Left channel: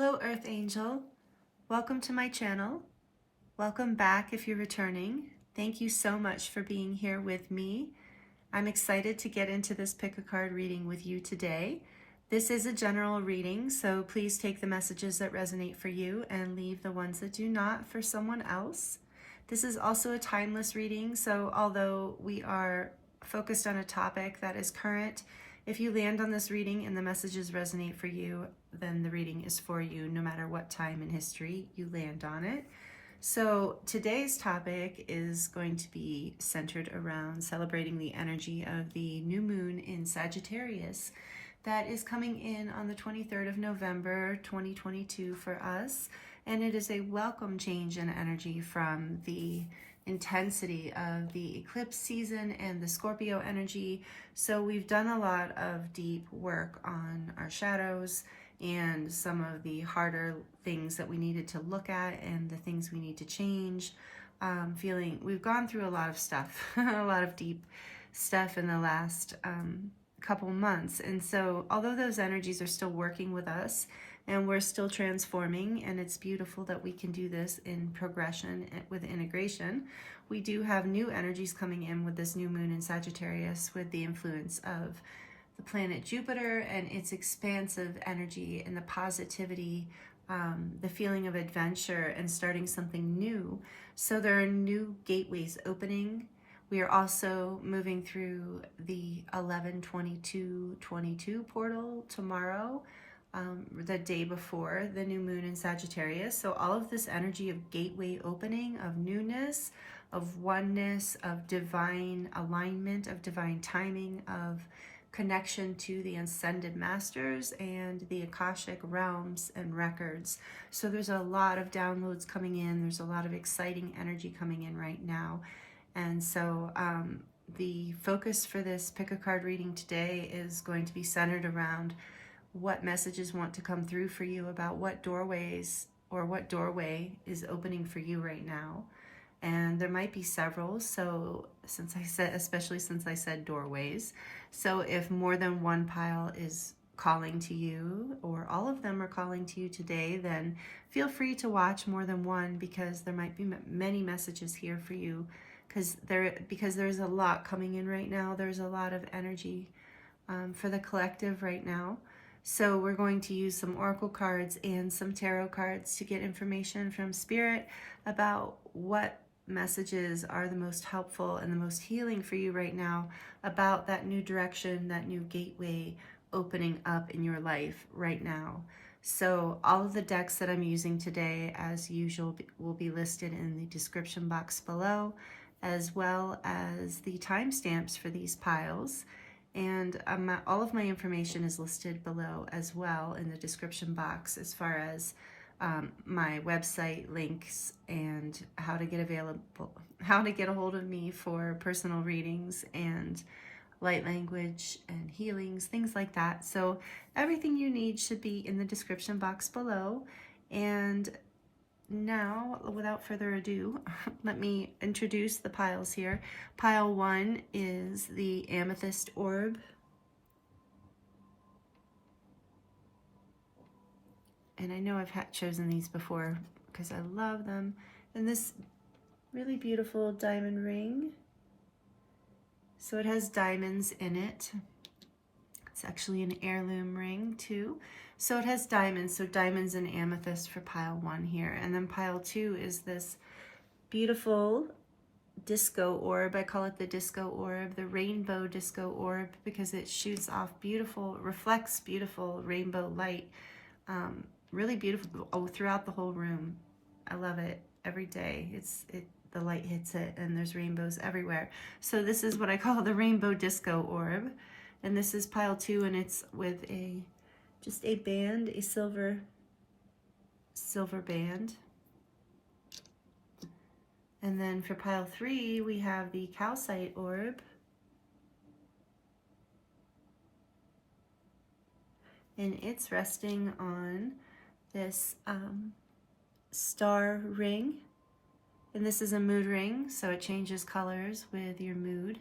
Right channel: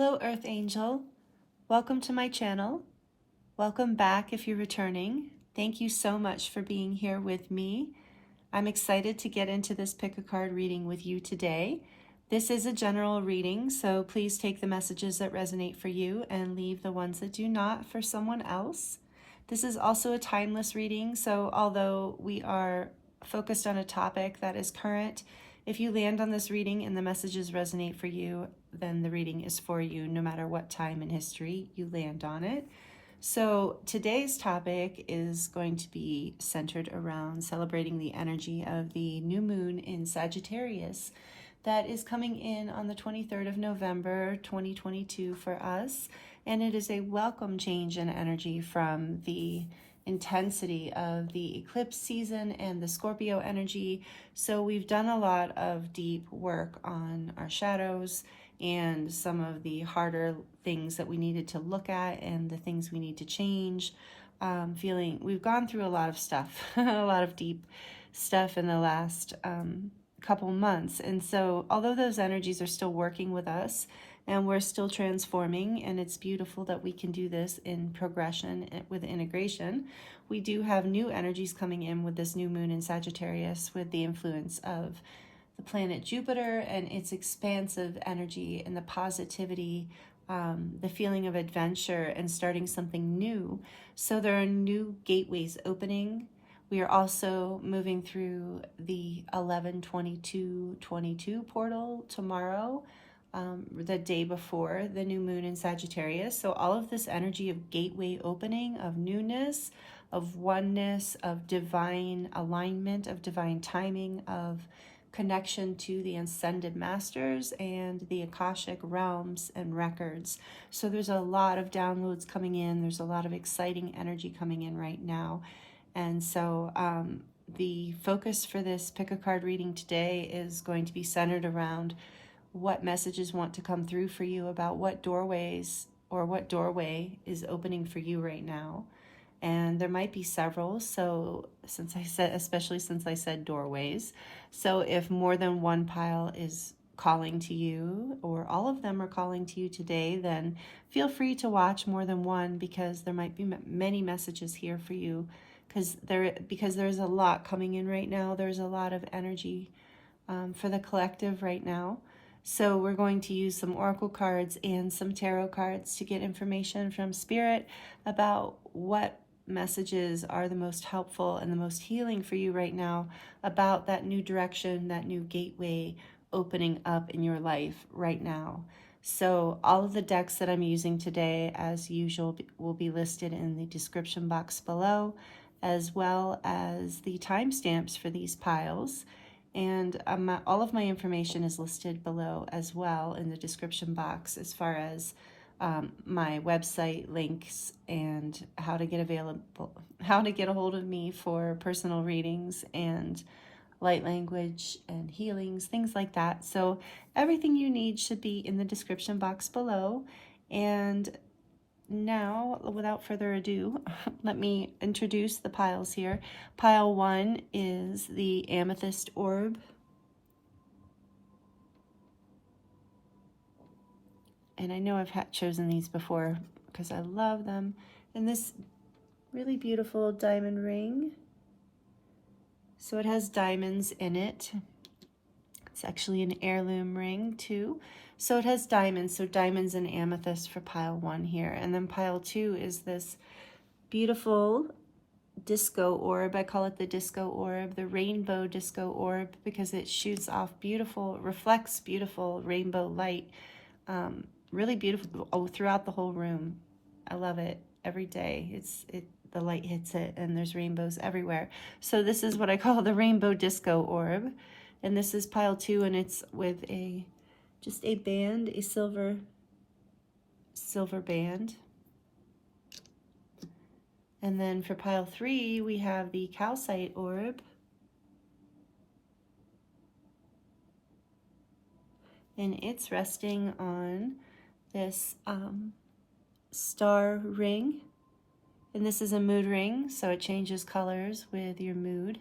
Hello, Earth Angel. Welcome to my channel. Welcome back if you're returning. Thank you so much for being here with me. I'm excited to get into this pick a card reading with you today. This is a general reading, so please take the messages that resonate for you and leave the ones that do not for someone else. This is also a timeless reading, so although we are focused on a topic that is current, if you land on this reading and the messages resonate for you, then the reading is for you no matter what time in history you land on it. So today's topic is going to be centered around celebrating the energy of the new moon in Sagittarius that is coming in on the 23rd of November 2022 for us. And it is a welcome change in energy from the intensity of the eclipse season and the Scorpio energy. So we've done a lot of deep work on our shadows and some of the harder things that we needed to look at and the things we need to change. We've gone through a lot of stuff, a lot of deep stuff in the last couple months. And so although those energies are still working with us and we're still transforming, and it's beautiful that we can do this in progression with integration, we do have new energies coming in with this new moon in Sagittarius with the influence of the planet Jupiter and its expansive energy and the positivity, the feeling of adventure and starting something new. So there are new gateways opening. We are also moving through the 11/22/22 portal tomorrow, the day before the new moon in Sagittarius. So all of this energy of gateway opening, of newness, of oneness, of divine alignment, of divine timing, of connection to the ascended masters and the Akashic realms and records. So there's a lot of downloads coming in. There's a lot of exciting energy coming in right now. And so the focus for this pick a card reading today is going to be centered around what messages want to come through for you about what doorways or what doorway is opening for you right now. And there might be several, so especially since I said doorways. So if more than one pile is calling to you, or all of them are calling to you today, then feel free to watch more than one, because there might be many messages here for you, because there's a lot coming in right now. There's a lot of energy for the collective right now. So we're going to use some oracle cards and some tarot cards to get information from Spirit about what messages are the most helpful and the most healing for you right now about that new direction, that new gateway opening up in your life right now. So all of the decks that I'm using today, as usual, will be listed in the description box below, as well as the timestamps for these piles. And all of my information is listed below as well in the description box, as far as my website links and how to get a hold of me for personal readings and light language and healings, things like that. So everything you need should be in the description box below. And now, without further ado, let me introduce the piles here. Pile 1 is the Amethyst Orb. And I know I've chosen these before because I love them. And this really beautiful diamond ring. So it has diamonds in it. It's actually an heirloom ring too. So it has diamonds, so diamonds and amethyst for pile 1 here. And then pile 2 is this beautiful disco orb. I call it the disco orb, the rainbow disco orb, because it shoots off reflects beautiful rainbow light. Really beautiful throughout the whole room. I love it every day. The light hits it and there's rainbows everywhere. So this is what I call the rainbow disco orb. And this is pile 2, and it's with just a band, a silver band. And then for pile 3, we have the Calcite Orb. And it's resting on this star ring. And this is a mood ring, so it changes colors with your mood.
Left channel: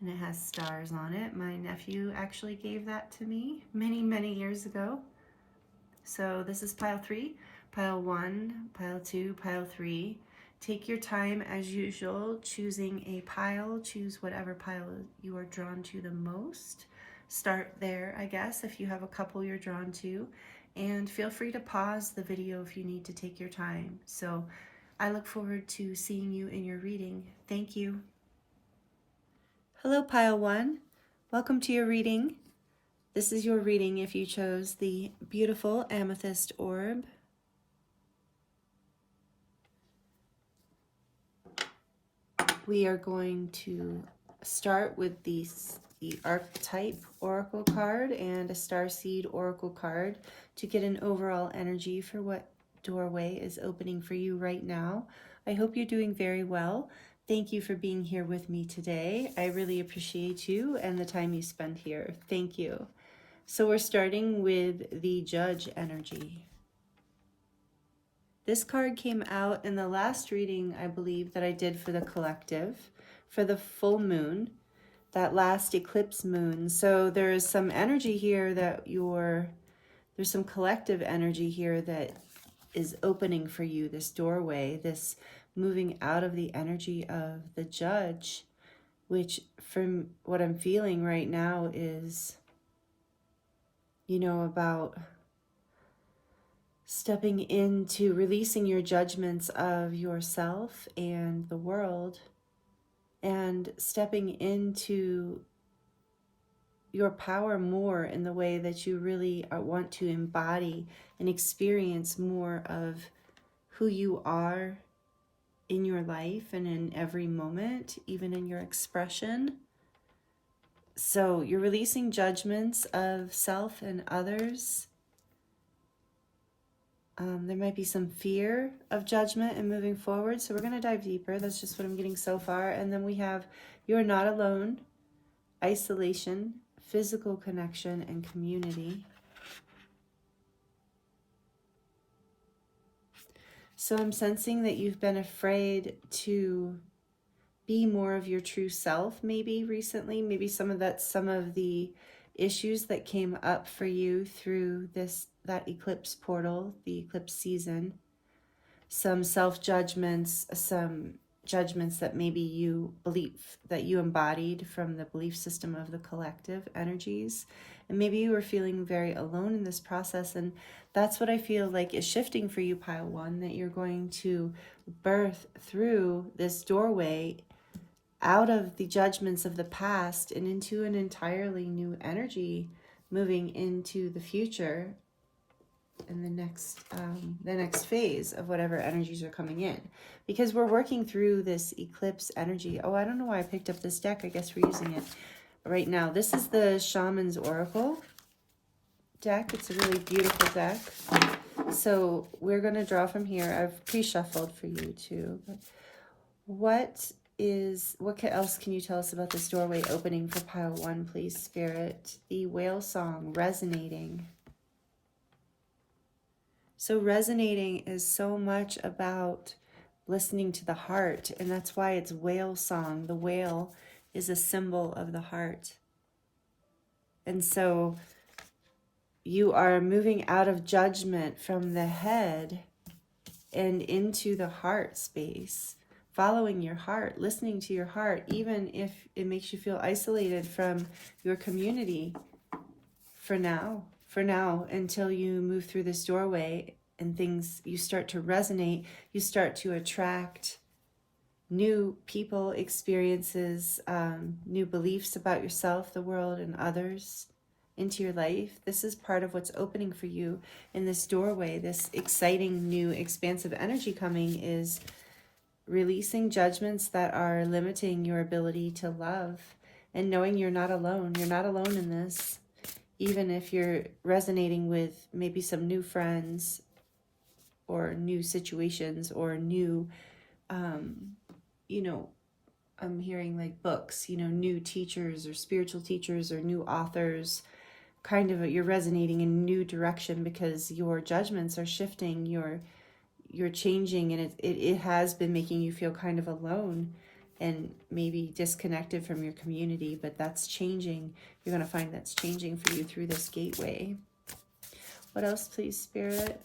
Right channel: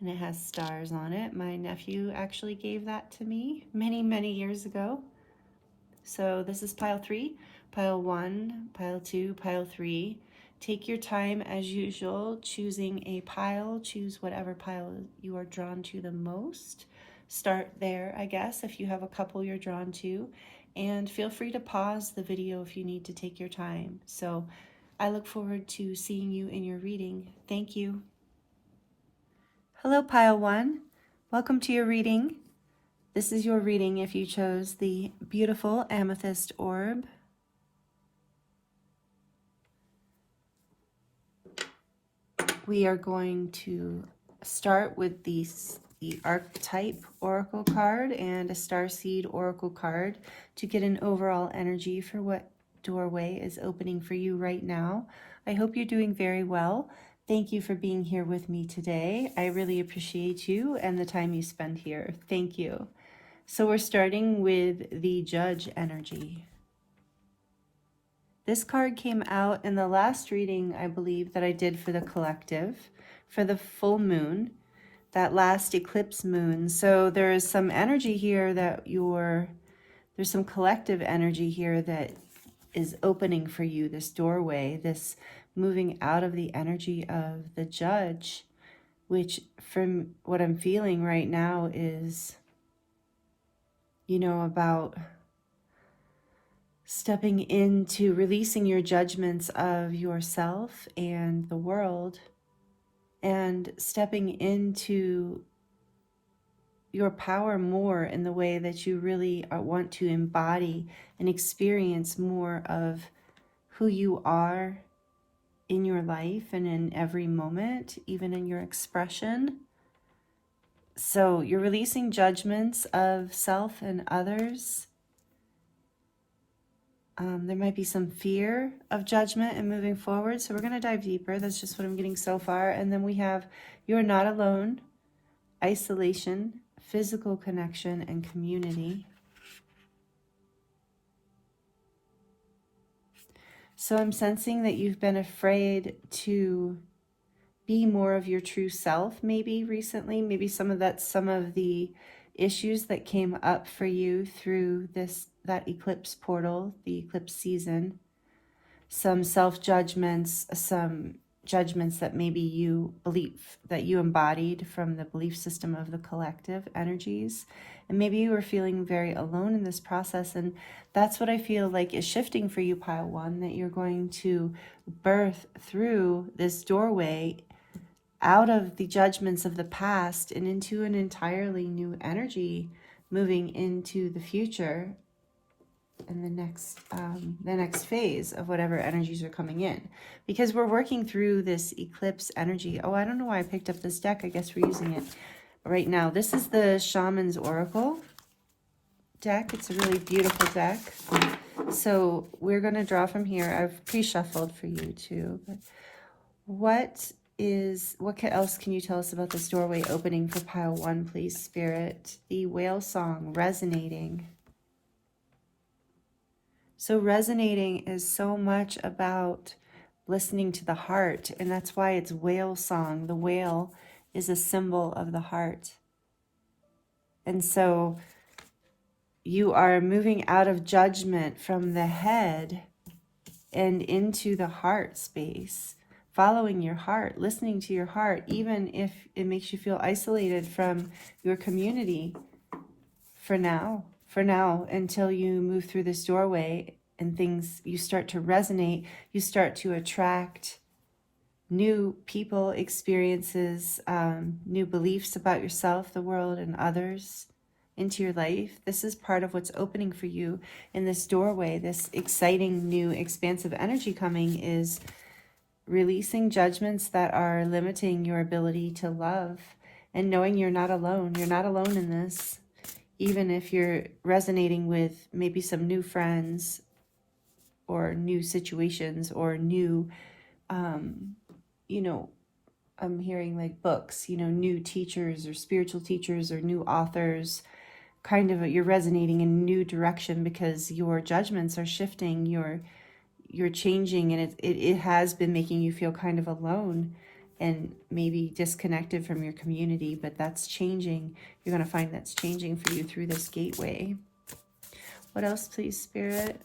And it has stars on it. My nephew actually gave that to me many, many years ago. So this is pile 3, pile 1, pile 2, pile 3. Take your time as usual, choosing a pile. Choose whatever pile you are drawn to the most. Start there, I guess, if you have a couple you're drawn to. And feel free to pause the video if you need to take your time. So I look forward to seeing you in your reading. Thank you. Hello, pile 1. Welcome to your reading. This is your reading if you chose the beautiful Amethyst Orb. We are going to start with the Archetype Oracle card and a Starseed Oracle card to get an overall energy for what doorway is opening for you right now. I hope you're doing very well. Thank you for being here with me today. I really appreciate you and the time you spend here. Thank you. So we're starting with the Judge energy. This card came out in the last reading, I believe, that I did for the collective, for the full moon, that last eclipse moon. So there is some energy here that there's some collective energy here that is opening for you, this doorway, this moving out of the energy of the Judge, which from what I'm feeling right now is, about stepping into releasing your judgments of yourself and the world, and stepping into your power more in the way that you really want to embody and experience more of who you are in your life and in every moment, even in your expression. So you're releasing judgments of self and others. There might be some fear of judgment and moving forward. So we're going to dive deeper. That's just what I'm getting so far. And then we have you're not alone, isolation, physical connection, and community. So I'm sensing that you've been afraid to be more of your true self maybe recently. Maybe some of the issues that came up for you through that eclipse portal, the eclipse season. Some self-judgments, some judgments that maybe you embodied from the belief system of the collective energies. And maybe you were feeling very alone in this process. And that's what I feel like is shifting for you, pile 1, that you're going to birth through this doorway out of the judgments of the past and into an entirely new energy moving into the future and the next phase of whatever energies are coming in, because we're working through this eclipse energy. Oh, I don't know why I picked up this deck. I guess we're using it right now. This is the Shaman's Oracle deck. It's a really beautiful deck. So we're going to draw from here. I've pre-shuffled for you too. What else can you tell us about this doorway opening for pile 1, please, Spirit? The whale song resonating. So resonating is so much about listening to the heart, and that's why it's whale song. The whale is a symbol of the heart. And so you are moving out of judgment from the head and into the heart space, following your heart, listening to your heart, even if it makes you feel isolated from your community for now, until you move through this doorway and you start to resonate, you start to attract new people, experiences, new beliefs about yourself, the world, and others into your life. This is part of what's opening for you in this doorway. This exciting, new, expansive energy coming is releasing judgments that are limiting your ability to love and knowing you're not alone. You're not alone in this. Even if you're resonating with maybe some new friends or new situations or new, I'm hearing like books, new teachers or spiritual teachers or new authors, you're resonating in a new direction because your judgments are shifting, you're changing, and it has been making you feel kind of alone and maybe disconnected from your community, but that's changing. You're going to find that's changing for you through this gateway. What else, please, Spirit?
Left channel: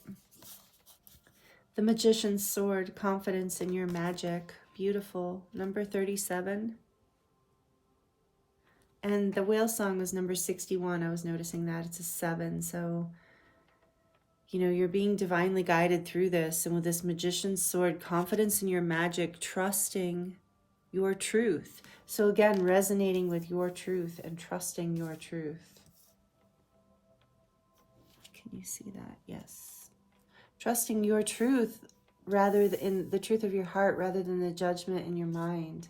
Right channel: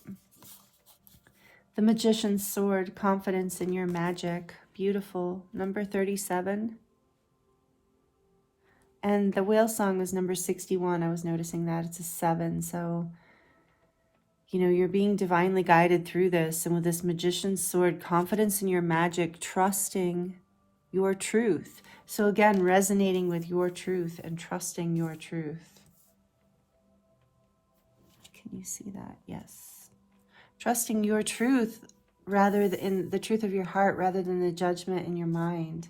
The Magician's Sword, confidence in your magic. Beautiful. Number 37. And the whale song was number 61. I was noticing that. It's a 7. So, you know, you're being divinely guided through this. And with this Magician's Sword, confidence in your magic, trusting your truth. So again, resonating with your truth and trusting your truth. Can you see that? Yes. Trusting your truth rather than the truth of your heart rather than the judgment in your mind.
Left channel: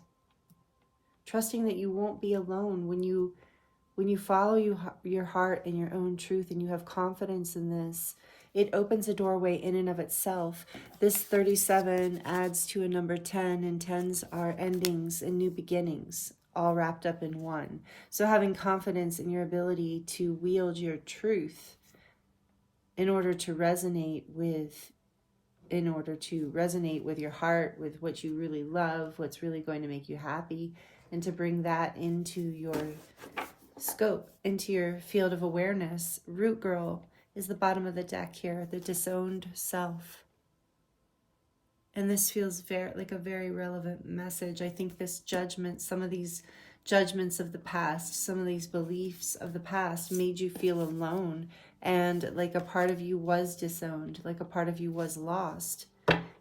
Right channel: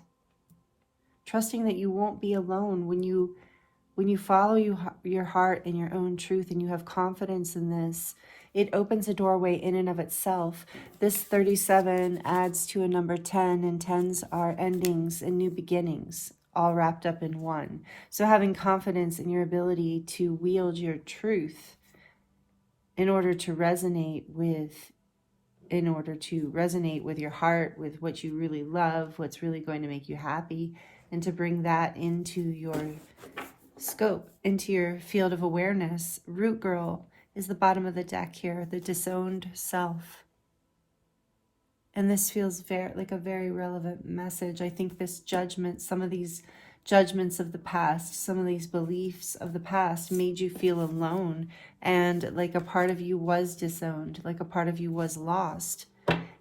Trusting that you won't be alone when you follow your heart and your own truth, and you have confidence in this. It opens a doorway in and of itself. This 37 adds to a number 10, and 10s are endings and new beginnings, all wrapped up in one. So having confidence in your ability to wield your truth in order to resonate with your heart, with what you really love, what's really going to make you happy, and to bring that into your scope, into your field of awareness. Root Girl is the bottom of the deck here, the disowned self. And this feels like a very relevant message. I think this judgment, some of these judgments of the past, some of these beliefs of the past made you feel alone, and like a part of you was disowned, like a part of you was lost.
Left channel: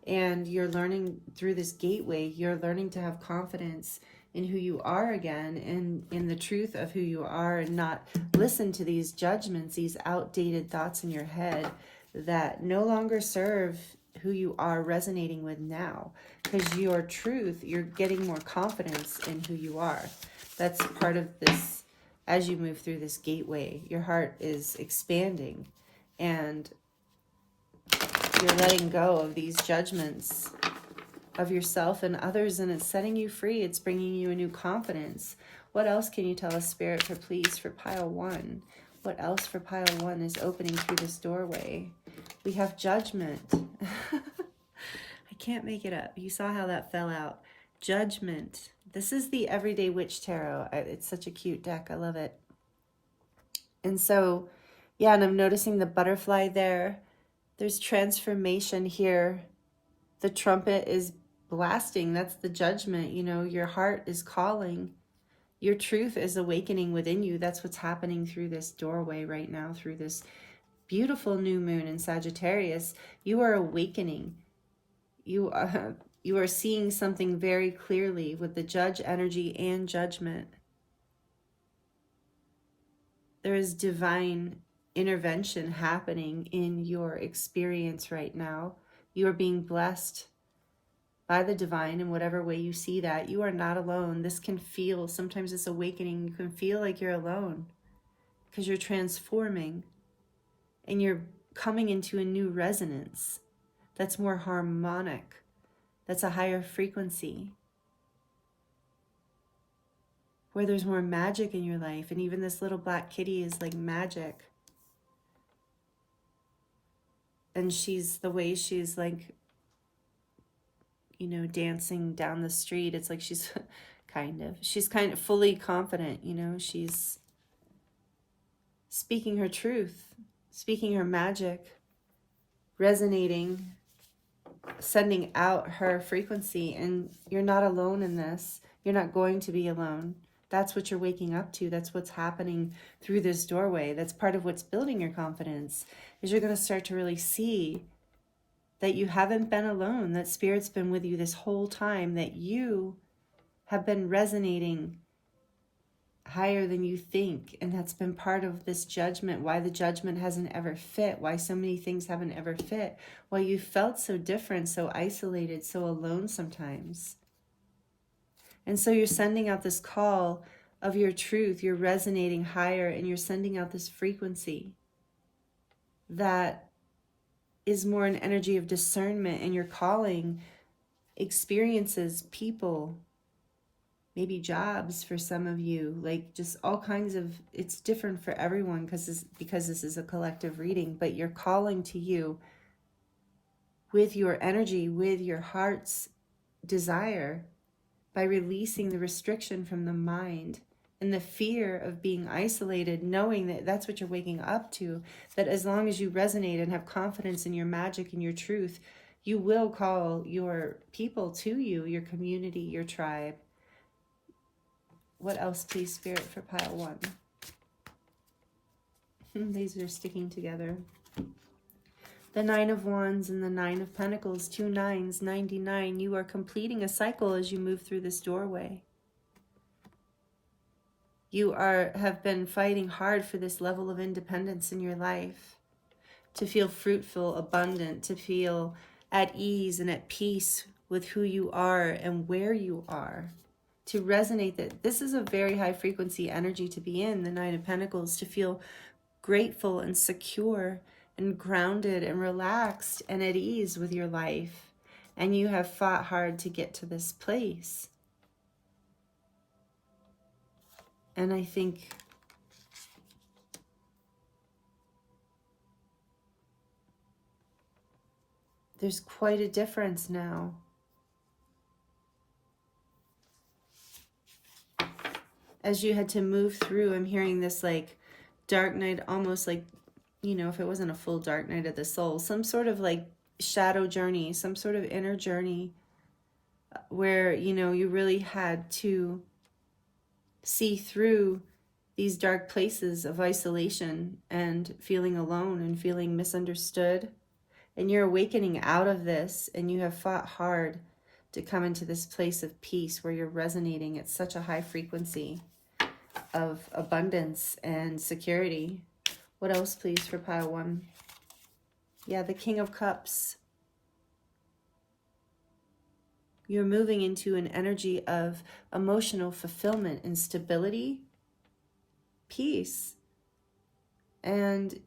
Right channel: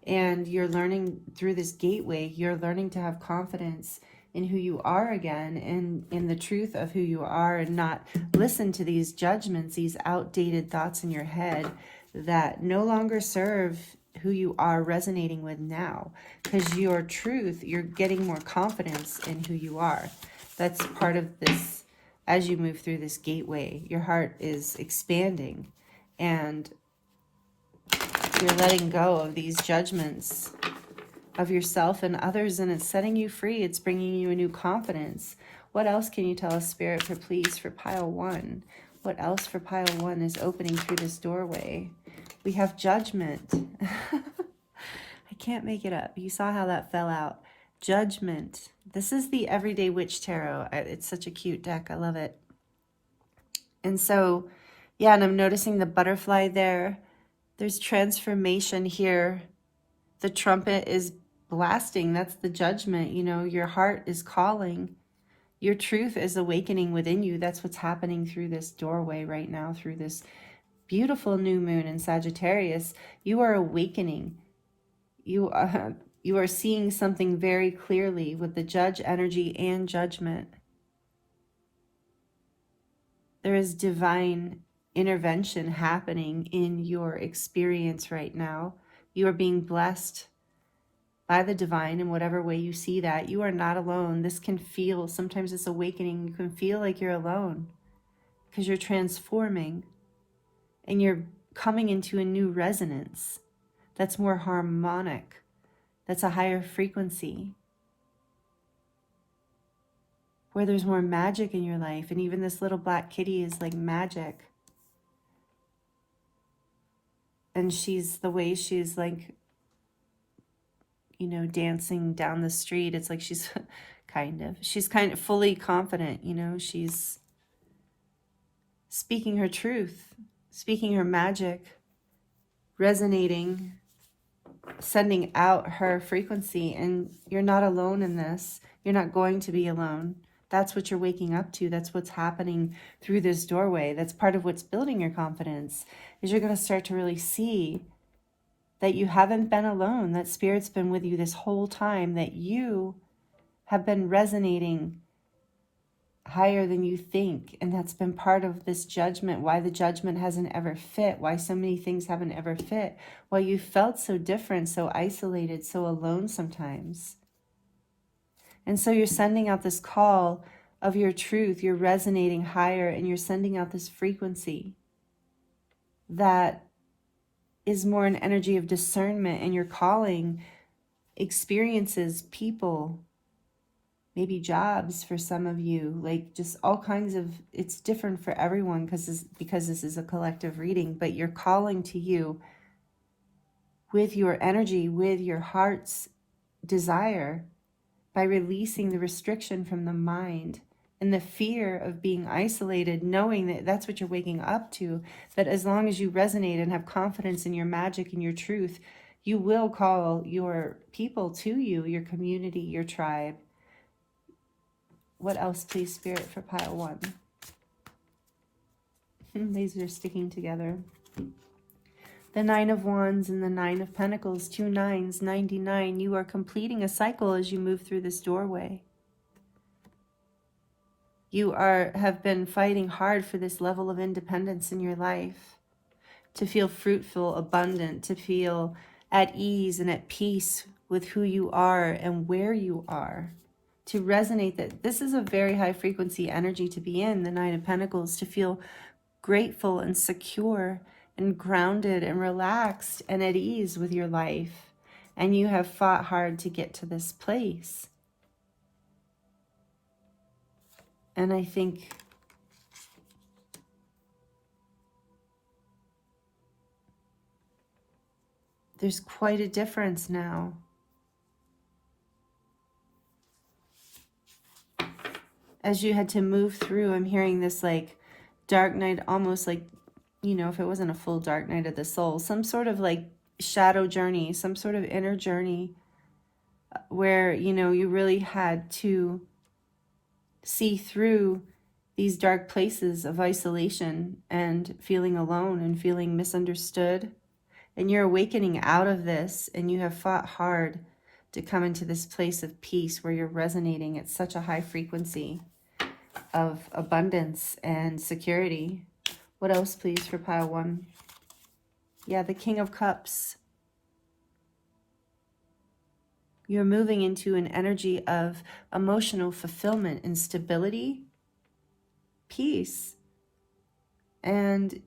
And you're learning through this gateway, you're learning to have confidence in who you are again, and in the truth of who you are, and not listen to these judgments, these outdated thoughts in your head that no longer serve who you are resonating with now. Because your truth, you're getting more confidence in who you are. That's part of this. As you move through this gateway, your heart is expanding, and you're letting go of these judgments of yourself and others, and it's setting you free. It's bringing you a new confidence. What else can you tell us, Spirit, for pile 1? What else for pile 1 is opening through this doorway? We have Judgment. I can't make it up. You saw how that fell out. Judgment. This is the Everyday Witch Tarot. It's such a cute deck. I love it. And so, yeah, and I'm noticing the butterfly there. There's transformation here. The trumpet is blasting. That's the judgment. You know, your heart is calling. Your truth is awakening within you. That's what's happening through this doorway right now, through this beautiful new moon in Sagittarius. You are awakening. You are seeing something very clearly with the judge energy and judgment. There is divine intervention happening in your experience right now. You are being blessed by the divine in whatever way you see that. You are not alone. This can feel, sometimes this awakening, you can feel like you're alone because you're transforming and you're coming into a new resonance that's more harmonic, that's a higher frequency, where there's more magic in your life. And even this little black kitty is like magic. And the way she's like, you know, dancing down the street, it's like she's kind of fully confident, you know, she's speaking her truth, speaking her magic, resonating, sending out her frequency. And you're not alone in this. You're not going to be alone. That's what you're waking up to. That's what's happening through this doorway. That's part of what's building your confidence, is you're going to start to really see that you haven't been alone, that Spirit's been with you this whole time, that you have been resonating higher than you think. And that's been part of this judgment, why the judgment hasn't ever fit, why so many things haven't ever fit, why you felt so different, so isolated, so alone sometimes. And so you're sending out this call of your truth, you're resonating higher, and you're sending out this frequency that is more an energy of discernment, and you're calling experiences, people, maybe jobs for some of you, like just all kinds of, it's different for everyone because this is a collective reading, but you're calling to you with your energy, with your heart's desire, by releasing the restriction from the mind and the fear of being isolated, knowing that that's what you're waking up to, that as long as you resonate and have confidence in your magic and your truth, you will call your people to you, your community, your tribe. What else, please, Spirit, for pile 1? These are sticking together. The 9 of Wands and the 9 of Pentacles, 2 9s, 99. You are completing a cycle as you move through this doorway. You have been fighting hard for this level of independence in your life, to feel fruitful, abundant, to feel at ease and at peace with who you are and where you are, to resonate that this is a very high frequency energy to be in, the 9 of Pentacles, to feel grateful and secure and grounded and relaxed and at ease with your life. And you have fought hard to get to this place. And I think there's quite a difference now. As you had to move through, I'm hearing this like dark night, almost like, you know, if it wasn't a full dark night of the soul, some sort of like shadow journey, some sort of inner journey where, you know, you really had to see through these dark places of isolation and feeling alone and feeling misunderstood. And you're awakening out of this, and you have fought hard to come into this place of peace where you're resonating at such a high frequency of abundance and security. What else, please, for pile 1? Yeah, the King of Cups. You're moving into an energy of emotional fulfillment and stability, peace, and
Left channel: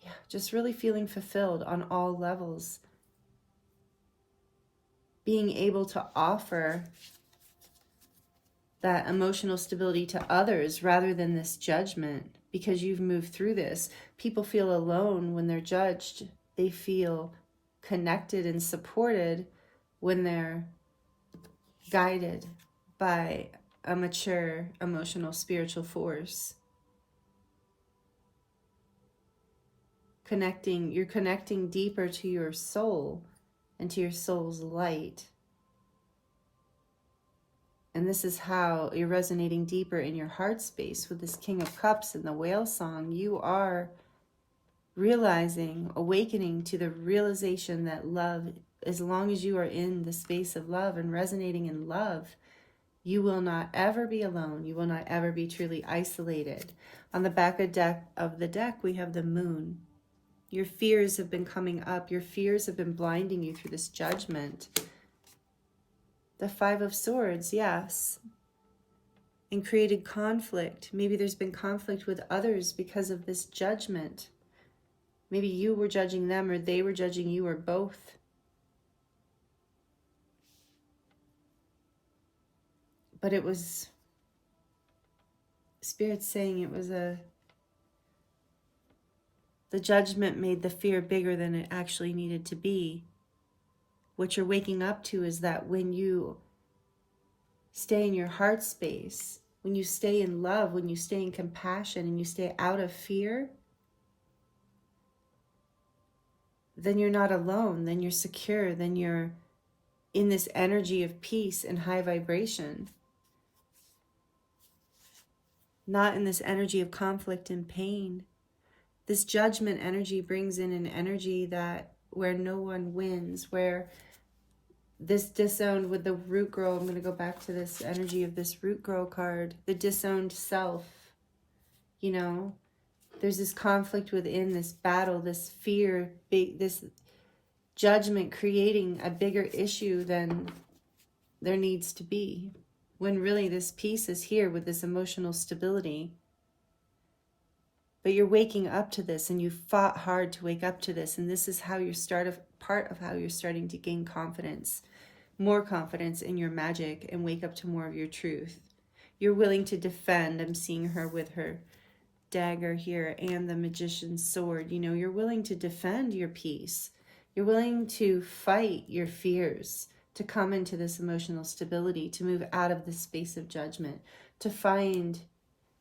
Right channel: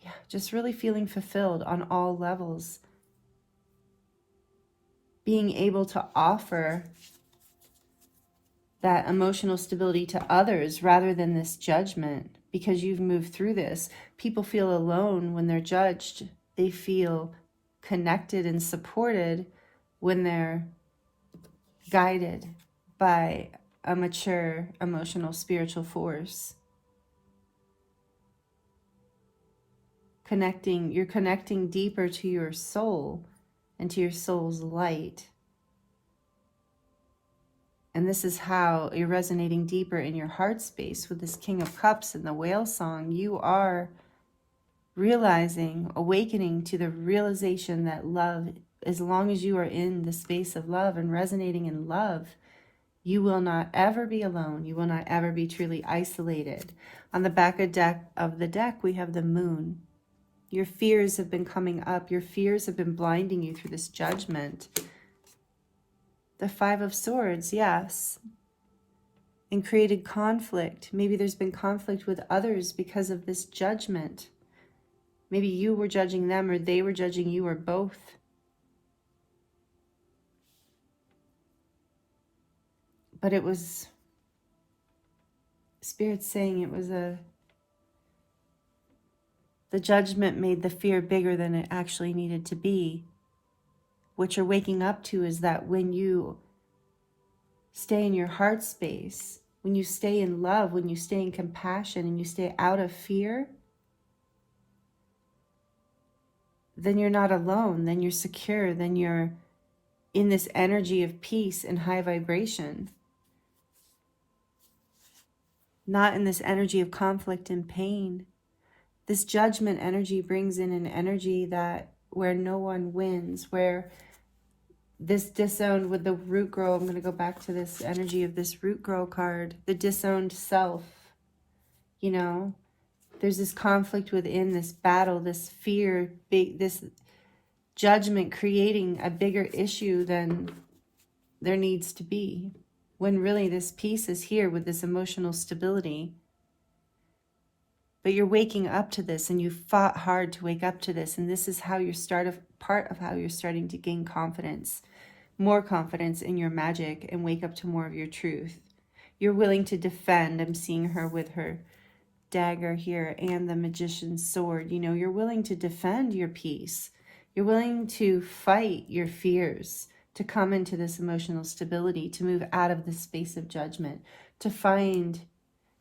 yeah, just really feeling fulfilled on all levels. Being able to offer that emotional stability to others rather than this judgment, because you've moved through this. People feel alone when they're judged. They feel connected and supported when they're guided by a mature, emotional, spiritual force. You're connecting deeper to your soul and to your soul's light. And this is how you're resonating deeper in your heart space with this King of Cups and the whale song. You are realizing, awakening to the realization that love, as long as you are in the space of love and resonating in love, you will not ever be alone. You will not ever be truly isolated. On the back of the deck, we have the moon. Your fears have been coming up. Your fears have been blinding you through this judgment. The 5 of Swords, yes. And created conflict. Maybe there's been conflict with others because of this judgment. Maybe you were judging them, or they were judging you, or both. But it was Spirit saying it was the judgment made the fear bigger than it actually needed to be. What you're waking up to is that when you stay in your heart space, when you stay in love, when you stay in compassion, and you stay out of fear, then you're not alone, then you're secure, then you're in this energy of peace and high vibration. Not in this energy of conflict and pain. This judgment energy brings in an energy where no one wins, where this disowned with the root grow, I'm going to go back to this energy of this root grow card, the disowned self, you know, there's this conflict within, this battle, this fear, this judgment creating a bigger issue than there needs to be, when really this peace is here with this emotional stability. But you're waking up to this, and you fought hard to wake up to this, and this is how you're part of how you're starting to gain confidence, more confidence in your magic, and wake up to more of your truth. You're willing to defend. I'm seeing her with her dagger here and the Magician's sword. You know, you're willing to defend your peace. You're willing to fight your fears, to come into this emotional stability, to move out of this space of judgment, to find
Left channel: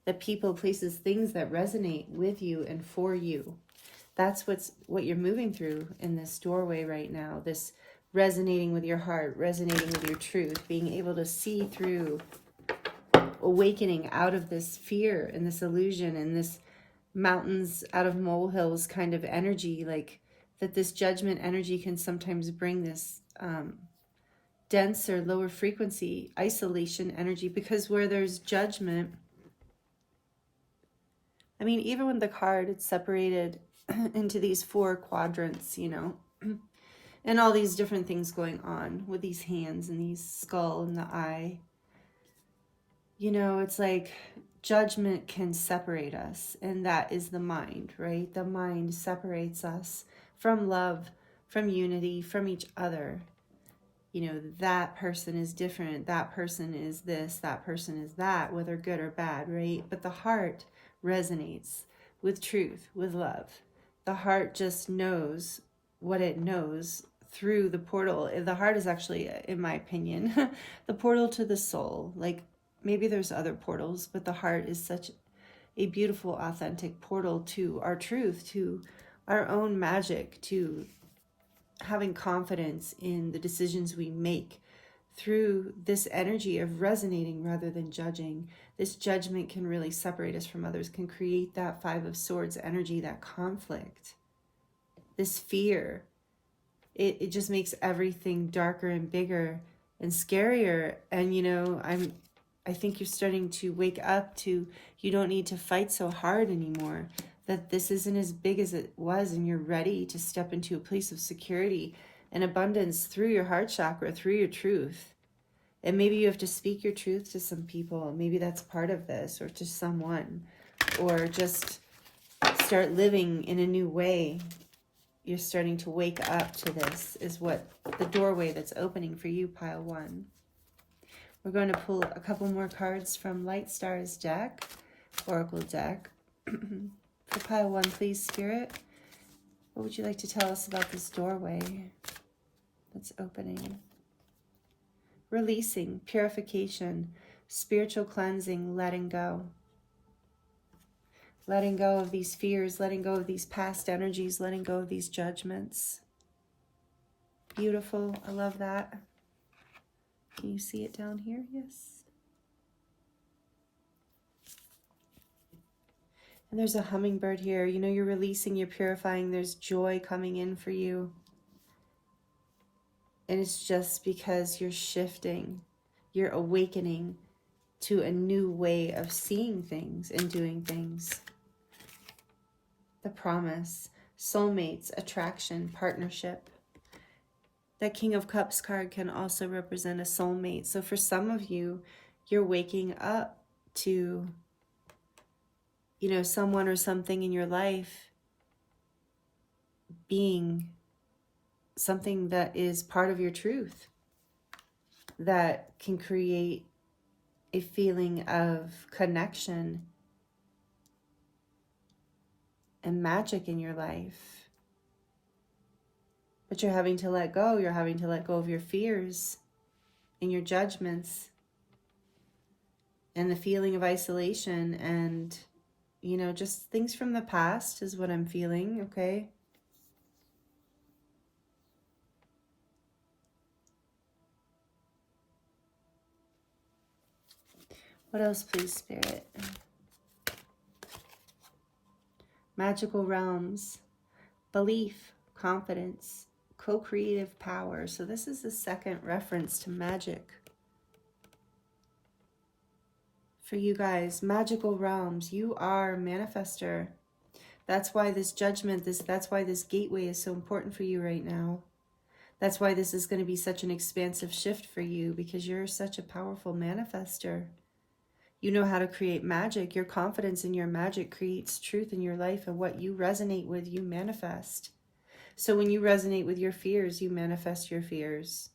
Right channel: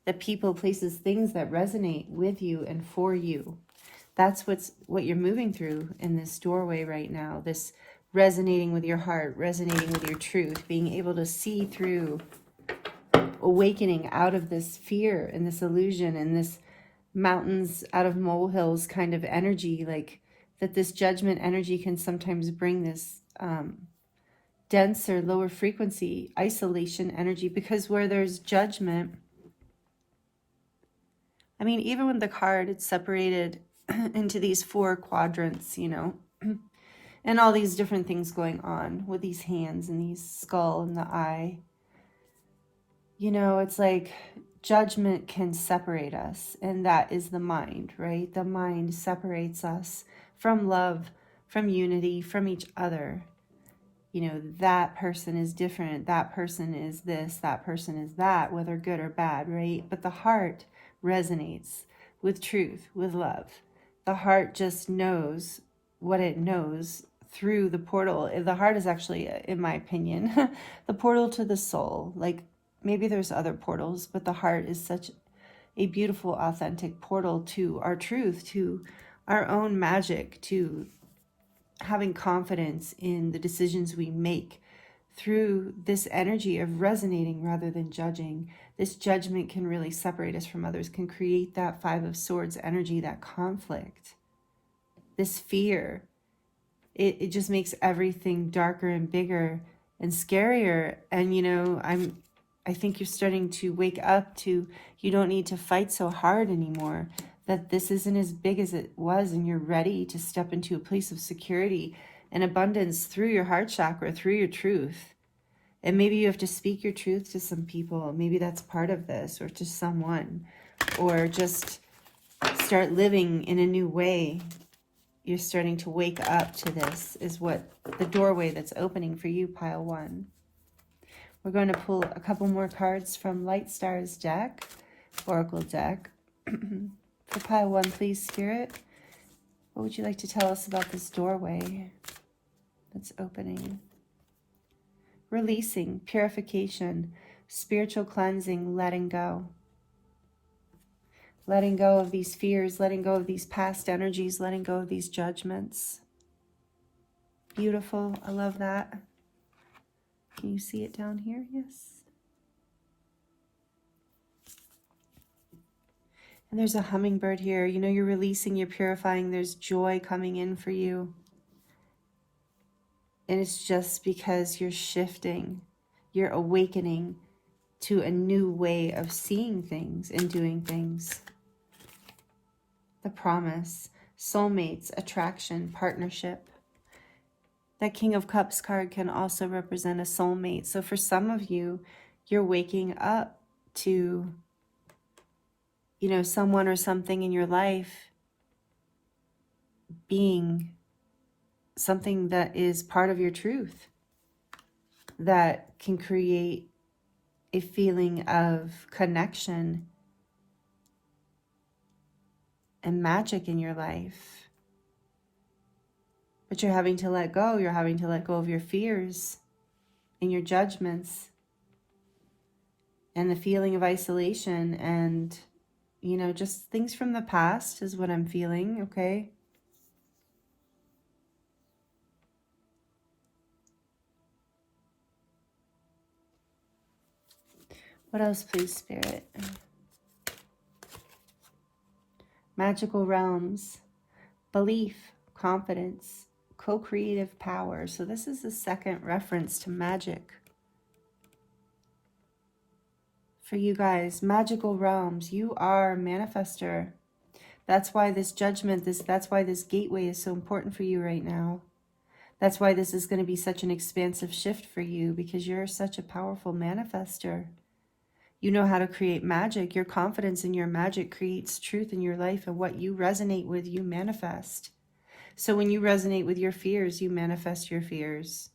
the people, places, things that resonate with you and for you. That's what you're moving through in this doorway right now. This resonating with your heart, resonating with your truth, being able to see through, awakening out of this fear and this illusion and this mountains out of molehills kind of energy, like that this judgment energy can sometimes bring this denser, lower frequency, isolation energy, because where there's judgment, I mean, even with the card, it's separated into these 4 quadrants, you know, and all these different things going on with these hands and these skull and the eye. You know, it's like judgment can separate us, and that is the mind, right? The mind separates us from love, from unity, from each other. You know, that person is different, that person is this, that person is that, whether good or bad, right? But the heart resonates with truth, with love. The heart just knows what it knows through the portal. The heart is actually, in my opinion, the portal to the soul. Like, maybe there's other portals, but the heart is such a beautiful, authentic portal to our truth, to our own magic, to having confidence in the decisions we make through this energy of resonating rather than judging. This judgment can really separate us from others, can create that 5 of Swords energy, that conflict, this fear. It just makes everything darker and bigger and scarier. And, you know, I think you're starting to wake up to, you don't need to fight so hard anymore, that this isn't as big as it was, and you're ready to step into a place of security and abundance through your heart chakra, through your truth. And maybe you have to speak your truth to some people. Maybe that's part of this, or to someone, or just start living in a new way. You're starting to wake up to this, is what the doorway that's opening for you, pile 1. We're going to pull a couple more cards from Light Star's deck, Oracle deck. For pile 1, please, Spirit. What would you like to tell us about this doorway that's opening? Releasing, purification, spiritual cleansing, letting go. Letting go of these fears, letting go of these past energies, letting go of these judgments. Beautiful. I love that. Can you see it down here? Yes. And there's a hummingbird here. You know, you're releasing, you're purifying. There's joy coming in for you. And it's just because you're shifting, you're awakening to a new way of seeing things and doing things. The promise, soulmates, attraction, partnership. That King of Cups card can also represent a soulmate. So for some of you, you're waking up to, you know, someone or something in your life being something that is part of your truth, that can create a feeling of connection and magic in your life. But you're having to let go. You're having to let go of your fears and your judgments and the feeling of isolation and, you know, just things from the past is what I'm feeling, okay? What else, please, Spirit? Magical realms, belief, confidence, co-creative power. So this is the second reference to magic. For you guys, magical realms, you are a manifester. That's why this judgment, that's why this gateway is so important for you right now. That's why this is going to be such an expansive shift for you, because you're such a powerful manifester. You know how to create magic. Your confidence in your magic creates truth in your life, and what you resonate with, you manifest. So when you resonate with your fears, you manifest your fears.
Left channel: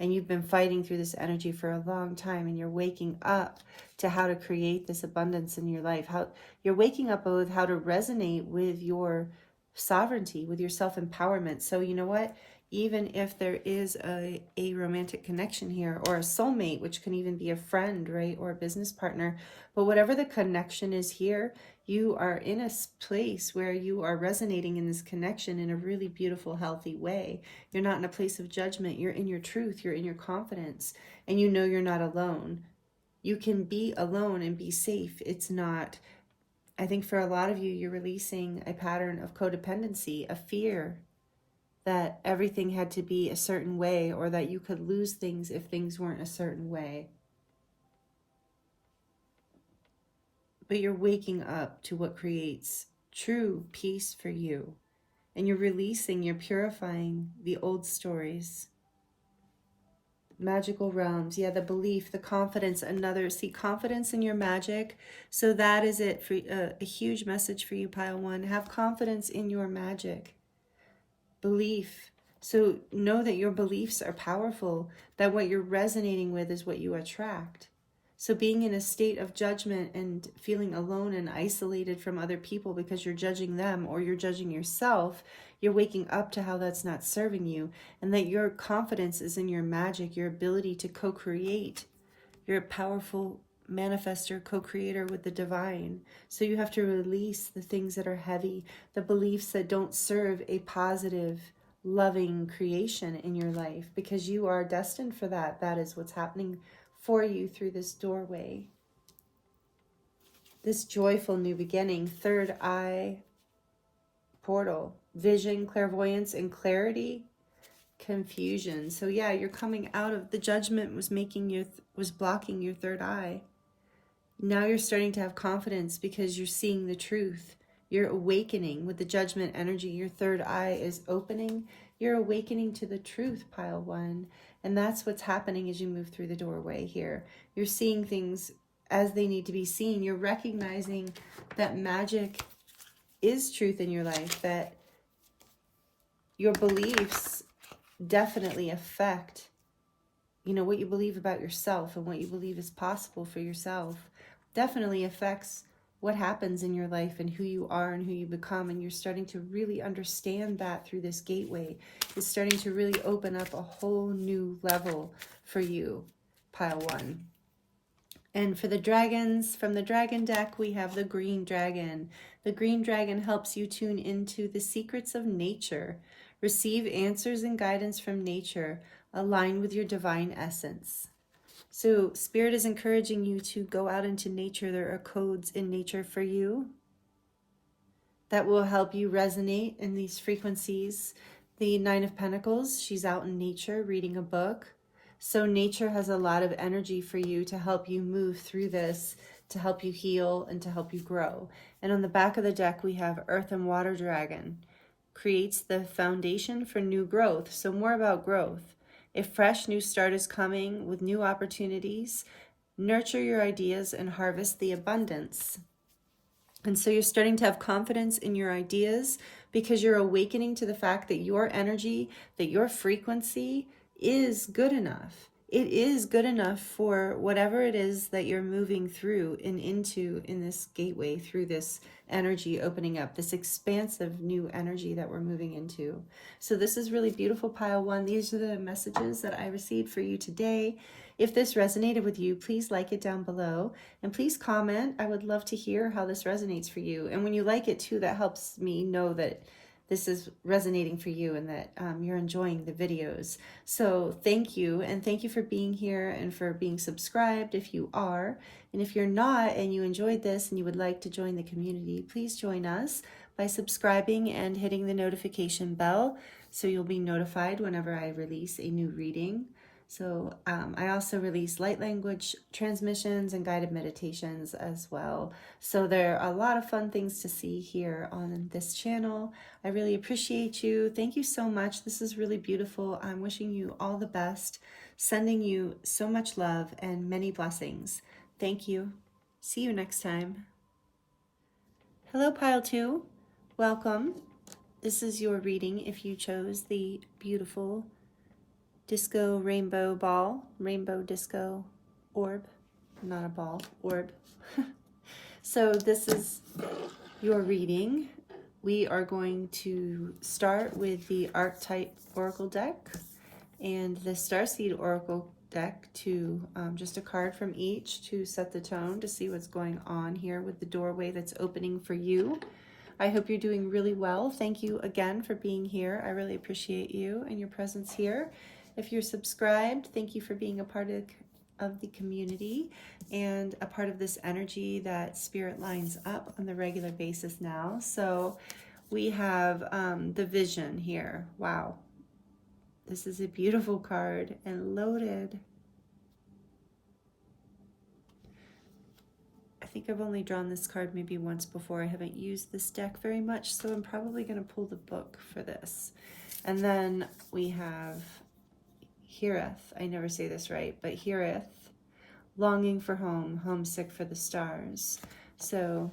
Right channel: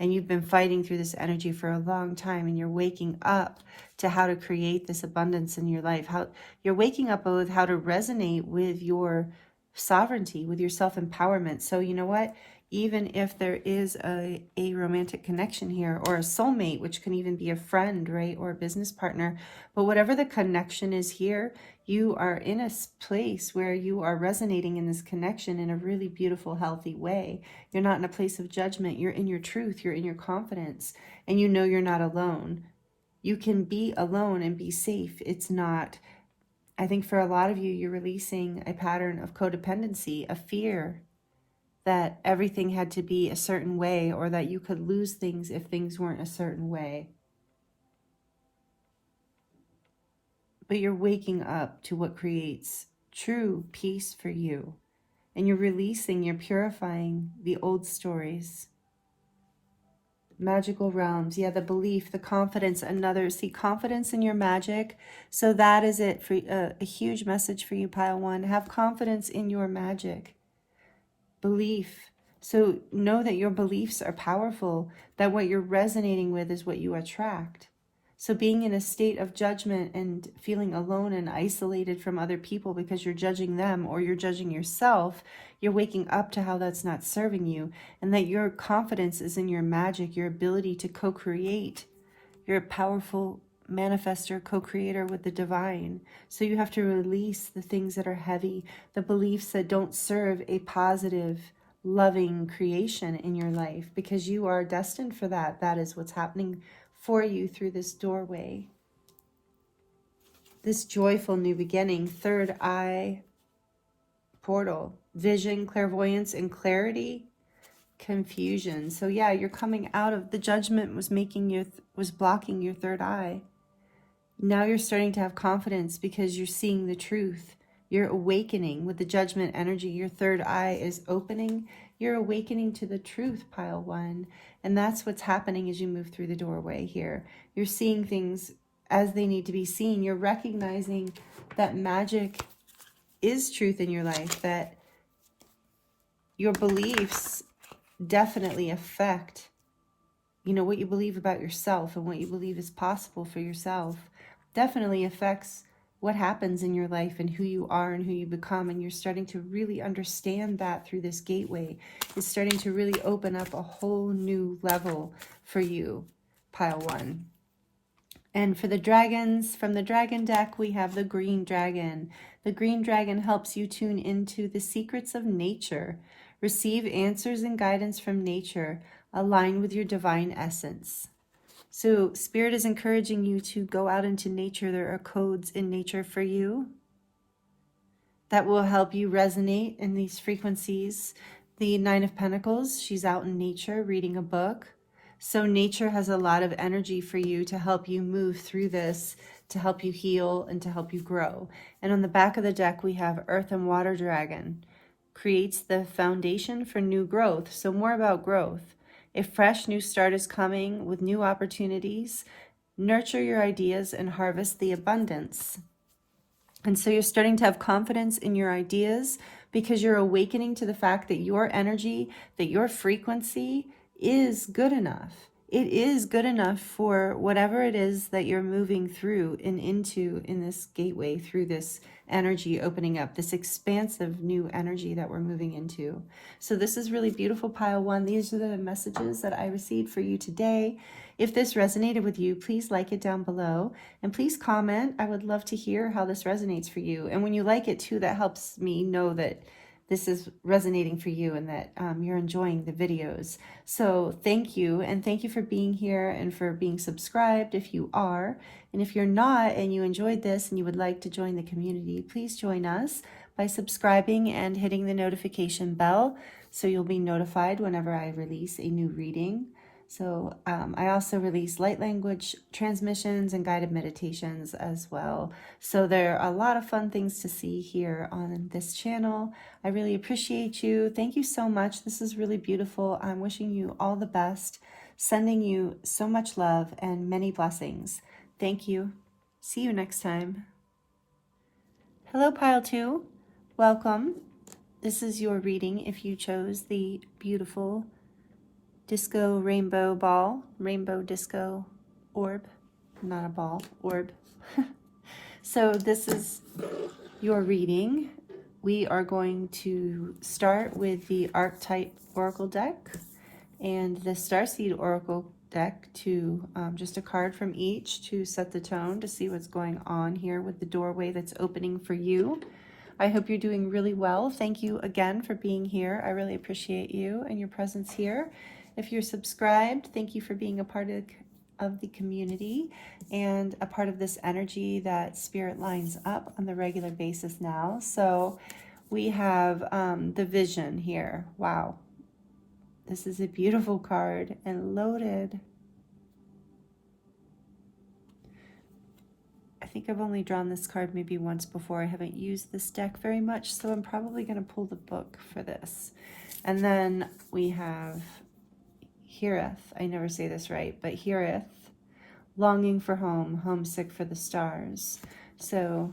And you've been fighting through this energy for a long time, and you're waking up to how to create this abundance in your life. How you're waking up with how to resonate with your sovereignty, with your self-empowerment. So you know what? even if there is a romantic connection here, or a soulmate, which can even be a friend, right, or a business partner. But whatever the connection is here, you are in a place where you are resonating in this connection in a really beautiful, healthy way. You're not in a place of judgment. You're in your truth. You're in your confidence. And you know you're not alone. You can be alone and be safe. It's not... I think for a lot of you, you're releasing a pattern of codependency, a fear that everything had to be a certain way, or that you could lose things if things weren't a certain way. But you're waking up to what creates true peace for you. And you're releasing, you're purifying the old stories. Magical realms, yeah, the belief, the confidence, see, confidence in your magic. So that is it for a huge message for you, pile one. Have confidence in your magic. Belief. So know that your beliefs are powerful, that what you're resonating with is what you attract. So being in a state of judgment and feeling alone and isolated from other people because you're judging them or you're judging yourself, you're waking up to how that's not serving you, and that your confidence is in your magic, your ability to co-create. You're a powerful manifester, co-creator with the divine. So you have to release the things that are heavy, the beliefs that don't serve a positive, loving creation in your life, because you are destined for that. That is what's happening for you through this doorway. This joyful new beginning, third eye portal, vision, clairvoyance, and clarity, confusion. So yeah, you're coming out of the judgment was blocking your third eye. Now you're starting to have confidence because you're seeing the truth. You're awakening with the judgment energy. Your third eye is opening. You're awakening to the truth, pile one. And that's what's happening as you move through the doorway here. You're seeing things as they need to be seen. You're recognizing that magic is truth in your life, that your beliefs definitely affect, what you believe about yourself, and what you believe is possible for yourself definitely affects what happens in your life and who you are and who you become. And you're starting to really understand that through this gateway. It's starting to really open up a whole new level for you, pile one. And for the dragons, from the dragon deck, we have the green dragon. The green dragon helps you tune into the secrets of nature. Receive answers and guidance from nature. Align with your divine essence. So Spirit is encouraging you to go out into nature. There are codes in nature for you that will help you resonate in these frequencies. The Nine of Pentacles, she's out in nature reading a book. So nature has a lot of energy for you to help you move through this, to help you heal and to help you grow. And on the back of the deck, we have Earth and Water Dragon. Creates the foundation for new growth. So more about growth. A fresh new start is coming with new opportunities. Nurture your ideas and harvest the abundance. And so you're starting to have confidence in your ideas because you're awakening to the fact that your energy, that your frequency is good enough. It is good enough for whatever it is that you're moving through and into in this gateway, through this energy opening up, this expansive new energy that we're moving into. So this is really beautiful, pile one. These are the messages that I received for you today. If this resonated with you, please like it down below and please comment. I would love to hear how this resonates for you. And when you like it too, that helps me know that this is resonating for you and that you're enjoying the videos. So thank you, and thank you for being here and for being subscribed if you are. And if you're not and you enjoyed this and you would like to join the community, please join us by subscribing and hitting the notification bell so you'll be notified whenever I release a new reading. So I also release light language transmissions and guided meditations as well. So there are a lot of fun things to see here on this channel. I really appreciate you. Thank you so much. This is really beautiful. I'm wishing you all the best, sending you so much love and many blessings. Thank you. See you next time. Hello, Pile 2. Welcome. This is your reading if you chose the beautiful disco rainbow ball, rainbow disco orb, not a ball, orb. So this is your reading. we are going to start with the Archetype Oracle deck and the Starseed Oracle deck to just a card from each to set the tone, to see what's going on here with the doorway that's opening for you. I hope you're doing really well. Thank you again for being here. I really appreciate you and your presence here. If you're subscribed, thank you for being a part of the community and a part of this energy that Spirit lines up on the regular basis now. So we have the Vision here. Wow. This is a beautiful card and loaded. I think I've only drawn this card maybe once before. I haven't used this deck very much, so I'm probably going to pull the book for this. And then we have Heareth. I never say this right, but Heareth, longing for home, homesick for the stars. So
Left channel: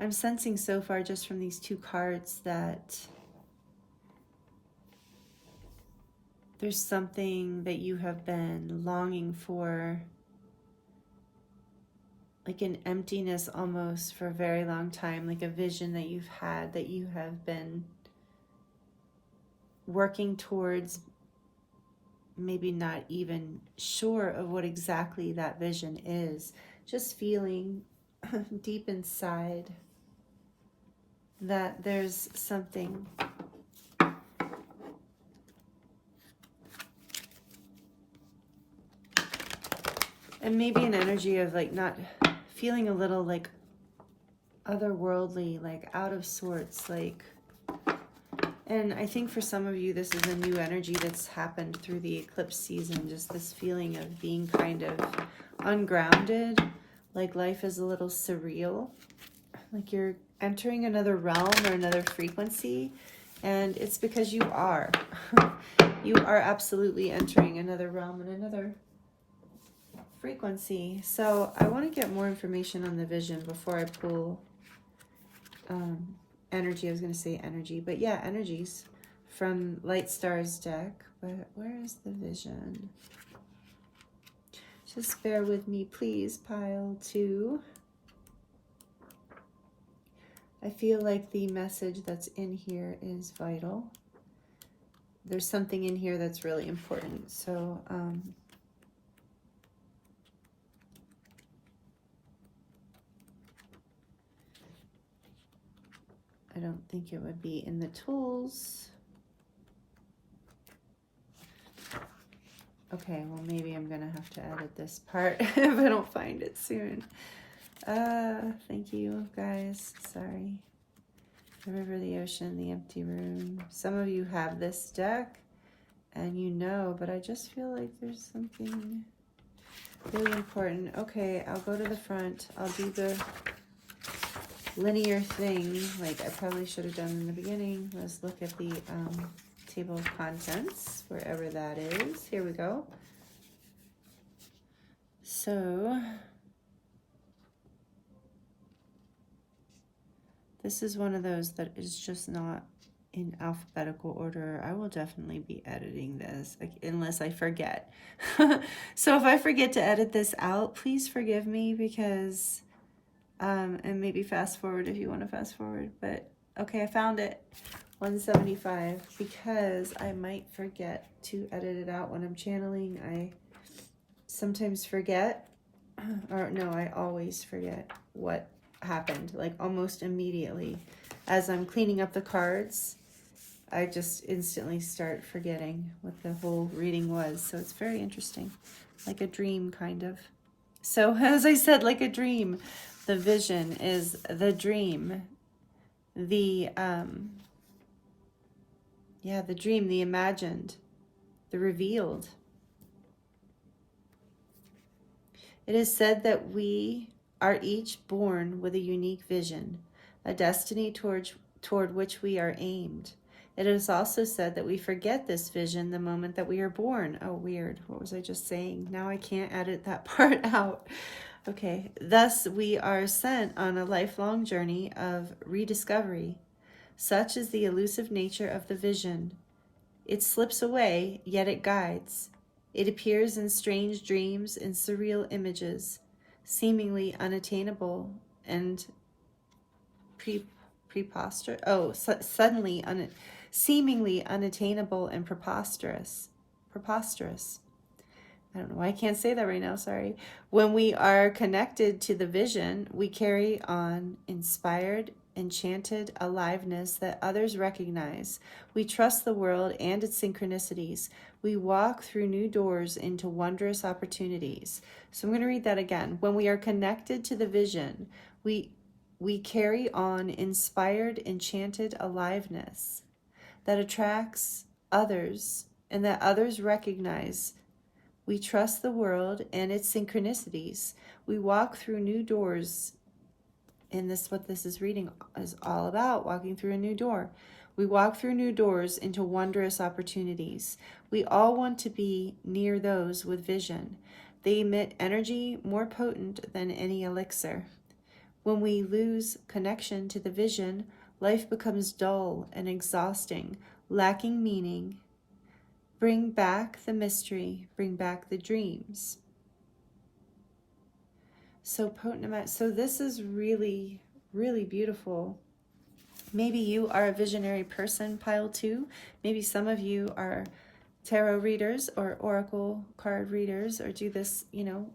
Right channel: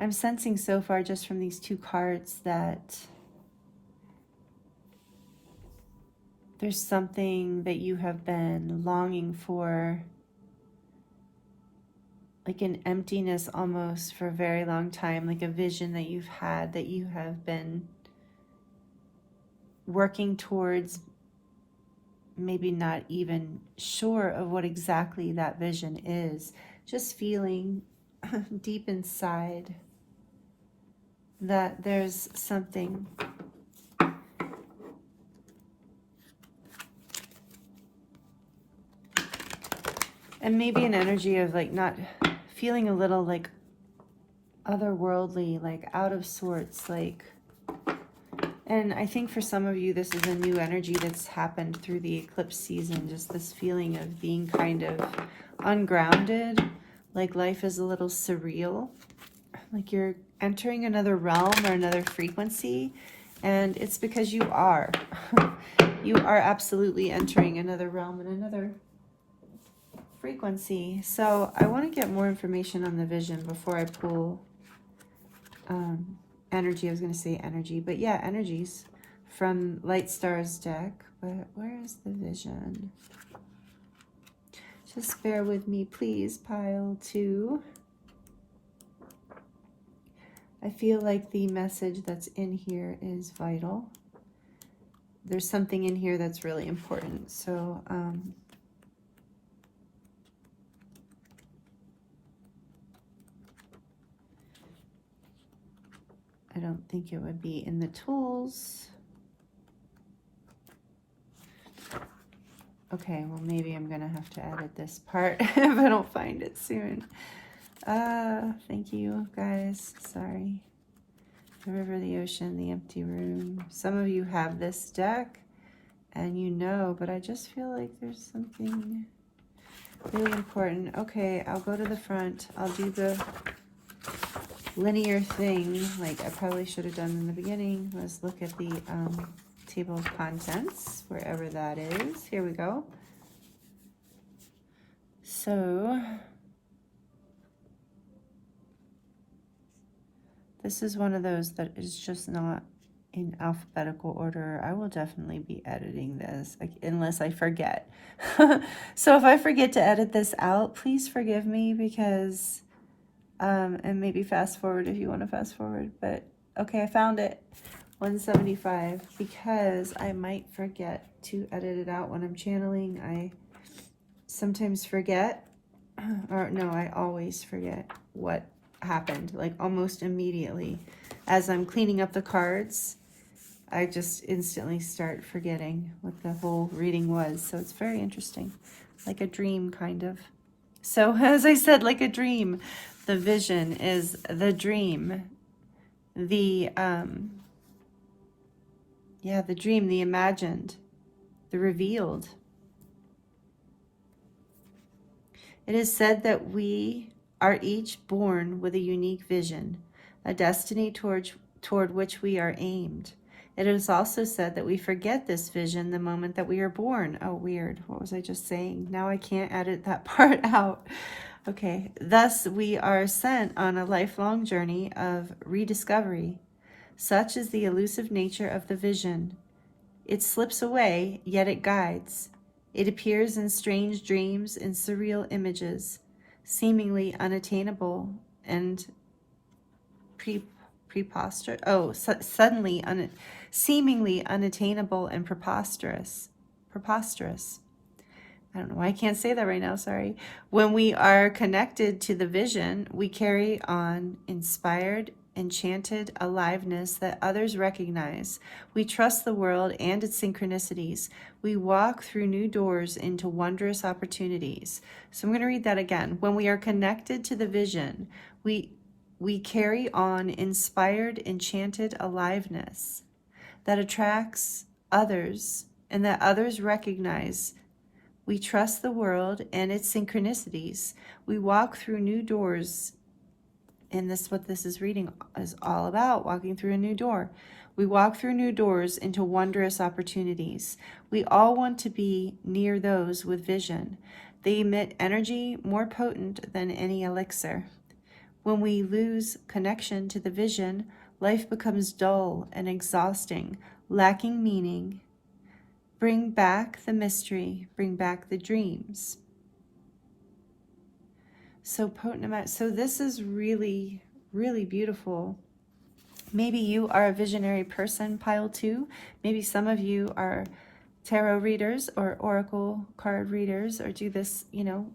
I'm sensing so far just from these two cards that there's something that you have been longing for, like an emptiness almost for a very long time, like a vision that you've had that you have been working towards, maybe not even sure of what exactly that vision is, just feeling deep inside that there's something and maybe an energy of like not feeling a little like otherworldly, like out of sorts, like, and I think for some of you this is a new energy that's happened through the eclipse season, just this feeling of being kind of ungrounded, like life is a little surreal, like you're entering another realm or another frequency, and it's because you are. You are absolutely entering another realm and another frequency. So I want to get more information on the vision before I pull energy. I was going to say energy, but yeah, energies from Light Stars deck. But where is the vision? Just bear with me, please, pile 2. I feel like the message that's in here is vital. There's something in here that's really important. So I don't think it would be in the tools. Okay, well maybe I'm gonna have to edit this part if I don't find it soon. Thank you guys, sorry. The river, the ocean, the empty room. Some of you have this deck and you know, but I just feel like there's something really important. Okay, I'll go to the front. I'll do the linear thing, like I probably should have done in the beginning. Let's look at the table of contents, wherever that is. Here we go. So this is one of those that is just not in alphabetical order. I will definitely be editing this, like, unless I forget. So if I forget to edit this out, please forgive me, because and maybe fast forward if you want to fast forward. But okay, I found it. 175, because I might forget to edit it out when I'm channeling. I sometimes forget, or no, I always forget what happened, like almost immediately. As I'm cleaning up the cards, I just instantly start forgetting what the whole reading was. So it's very interesting, like a dream kind of. So as I said, like a dream, the vision is the dream, the yeah, the dream, the imagined, the revealed. It is said that we are each born with a unique vision, a destiny toward which we are aimed. It is also said that we forget this vision the moment that we are born. Oh, weird. What was I just saying? Now I can't edit that part out. Okay. Thus, we are sent on a lifelong journey of rediscovery. Such is the elusive nature of the vision. It slips away, yet it guides. It appears in strange dreams, in surreal images. seemingly unattainable and preposterous. Oh, suddenly seemingly unattainable and preposterous. Preposterous. I don't know why I can't say that right now, sorry. When we are connected to the vision, we carry on inspired, enchanted aliveness that others recognize. We trust the world and its synchronicities. We walk through new doors into wondrous opportunities. So I'm going to read that again. When we are connected to the vision, we carry on inspired, enchanted aliveness that attracts others and that others recognize. We trust the world and its synchronicities. We walk through new doors. And this is what this is reading is all about, walking through a new door. We walk through new doors into wondrous opportunities. We all want to be near those with vision. They emit energy more potent than any elixir. When we lose connection to the vision, life becomes dull and exhausting, lacking meaning. Bring back the mystery, bring back the dreams. So potent amount. So this is really, really beautiful. Maybe you are a visionary person, pile 2. Maybe some of you are tarot readers or oracle card readers or do this, you know.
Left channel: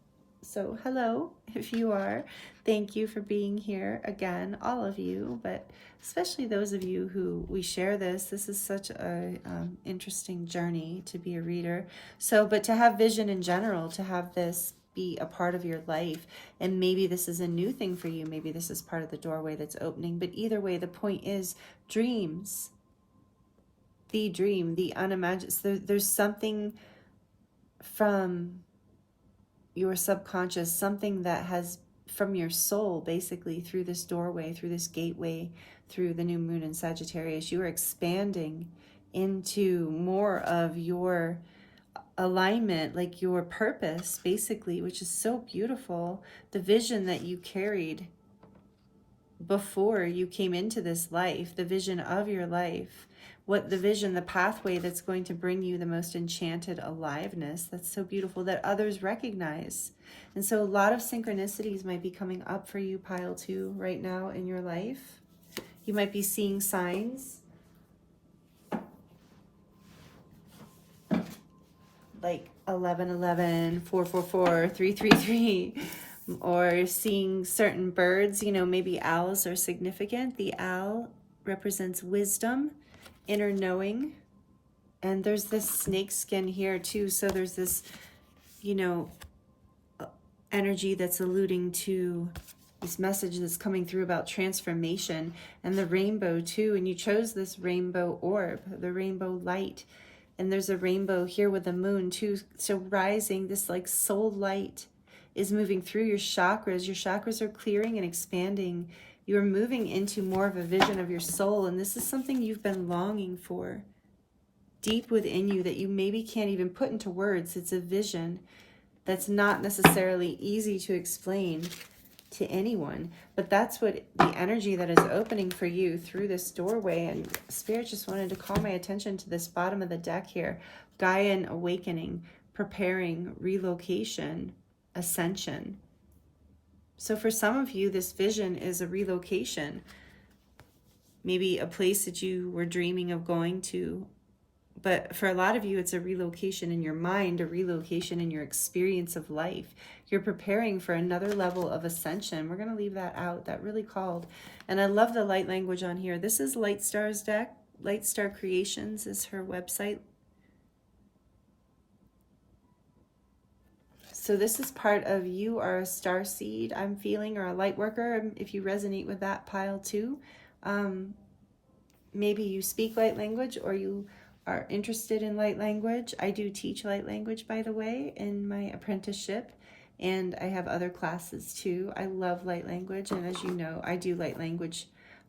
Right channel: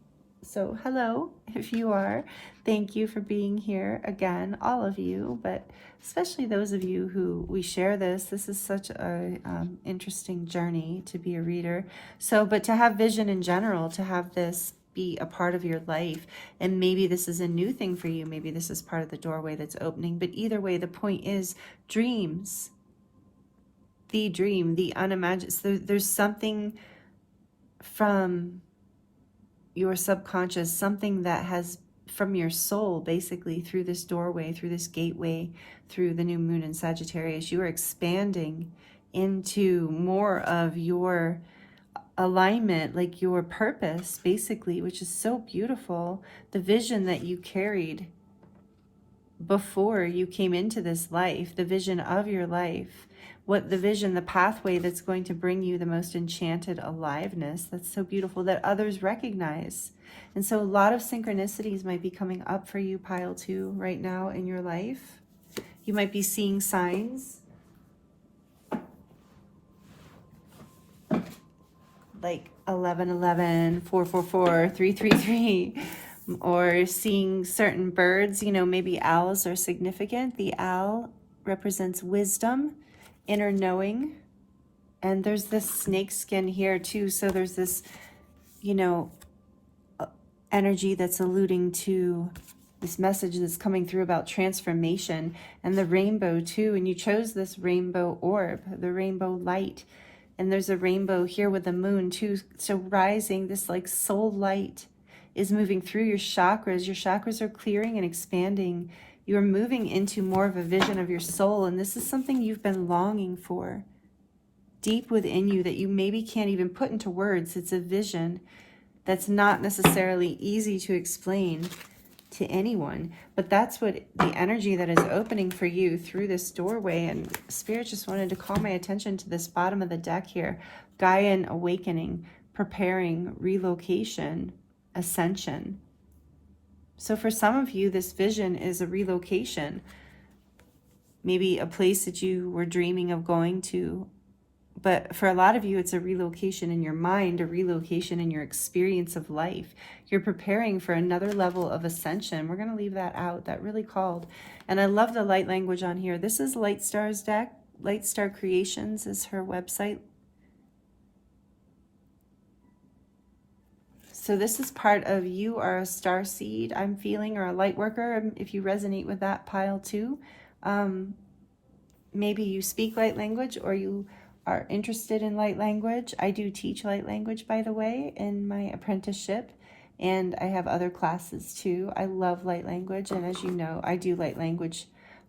So hello, if you are. Thank you for being here again, all of you, but especially those of you who we share this. This is such a interesting journey to be a reader. So, but to have vision in general, to have this be a part of your life, and maybe this is a new thing for you. Maybe this is part of the doorway that's opening, but either way, the point is dreams. The dream, the unimagined. So there's something from your subconscious, something that has from your soul, basically, through this doorway, through this gateway, through the new moon in Sagittarius. You are expanding into more of your alignment, like your purpose, basically, which is so beautiful. The vision that you carried before you came into this life, the vision of your life, what the vision, the pathway that's going to bring you the most enchanted aliveness. That's so beautiful that others recognize. And so a lot of synchronicities might be coming up for you, pile 2, right now in your life. You might be seeing signs like 1111, 444, 333, or seeing certain birds. You know, maybe owls are significant. The owl represents wisdom, inner knowing, and there's this snake skin here too. So there's this, you know, energy that's alluding to this message that's coming through about transformation, and the rainbow too. And you chose this rainbow orb, the rainbow light, and there's a rainbow here with the moon too. So rising, this like soul light is moving through your chakras. Your chakras are clearing and expanding. You're moving into more of a vision of your soul, and this is something you've been longing for deep within you that you maybe can't even put into words. It's a vision that's not necessarily easy to explain to anyone, but that's what the energy that is opening for you through this doorway. And Spirit just wanted to call my attention to this bottom of the deck here. Gaian awakening, preparing, relocation, ascension. So for some of you, this vision is a relocation, maybe a place that you were dreaming of going to. But for a lot of you, it's a relocation in your mind, a relocation in your experience of life. You're preparing for another level of ascension. We're going to leave that out. That really called. And I love the light language on here. This is Light Star's deck. Light Star Creations is her website. So this is part of you are a star seed, I'm feeling, or a light worker, if you resonate with that, pile 2. Maybe you speak light language, or you are interested in light language. I do teach light language, by the way, in my apprenticeship, and I have other classes too. I love light language, and as you know, I do light language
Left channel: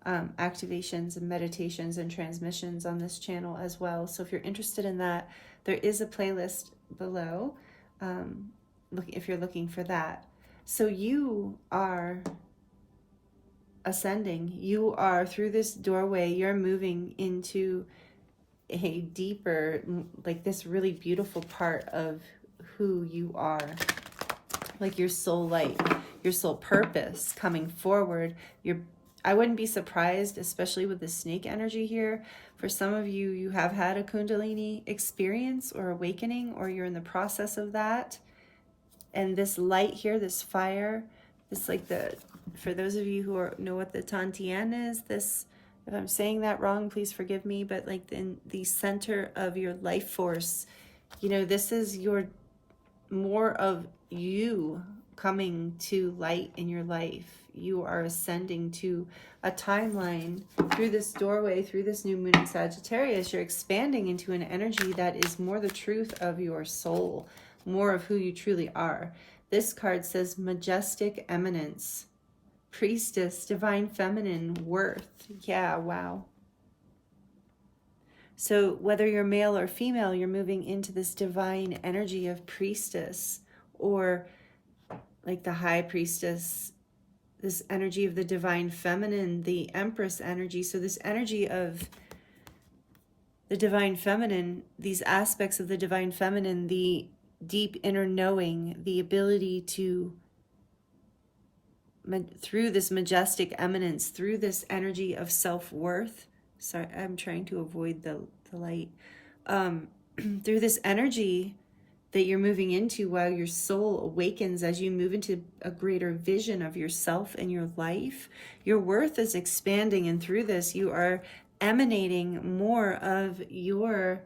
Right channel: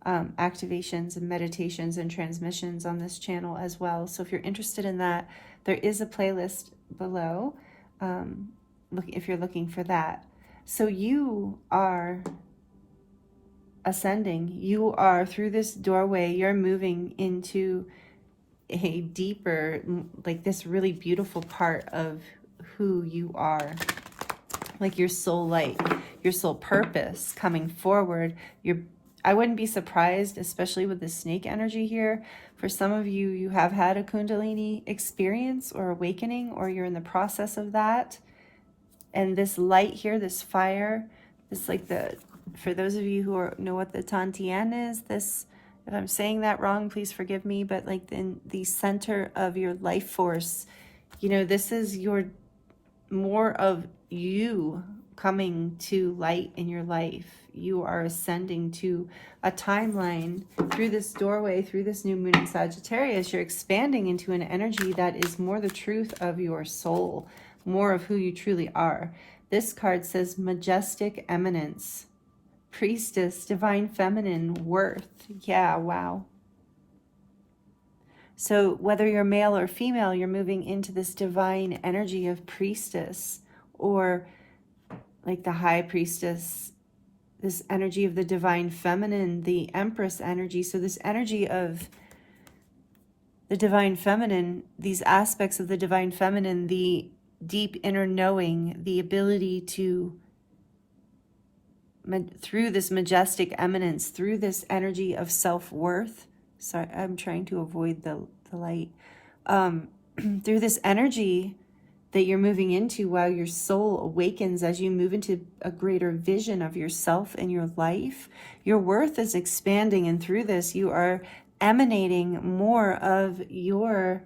activations and meditations and transmissions on this channel as well. So if you're interested in that, there is a playlist below if you're looking for that. So you are ascending. You are, through this doorway, you're moving into a deeper, like this really beautiful part of who you are. like your soul light, your soul purpose coming forward. I wouldn't be surprised, especially with the snake energy here. For some of you, you have had a Kundalini experience or awakening, or you're in the process of that. And this light here, this fire, this like for those of you who know what the Tantien is, this, if I'm saying that wrong, please forgive me, but like in the center of your life force, you know, this is more of you coming to light in your life. You are ascending to a timeline through this doorway, through this new moon in Sagittarius. You're expanding into an energy that is more the truth of your soul, more of who you truly are. This card says majestic eminence, priestess, divine feminine, worth. Yeah, wow. So whether you're male or female, you're moving into this divine energy of priestess, or like the high priestess, this energy of the divine feminine, the empress energy. So this energy of the divine feminine, these aspects of the divine feminine, the deep inner knowing, the ability to, through this majestic eminence, through this energy of self-worth. Sorry, I'm trying to avoid the light. Through this energy that you're moving into while your soul awakens, as you move into a greater vision of yourself and your life, your worth is expanding. And through this, you are emanating more of your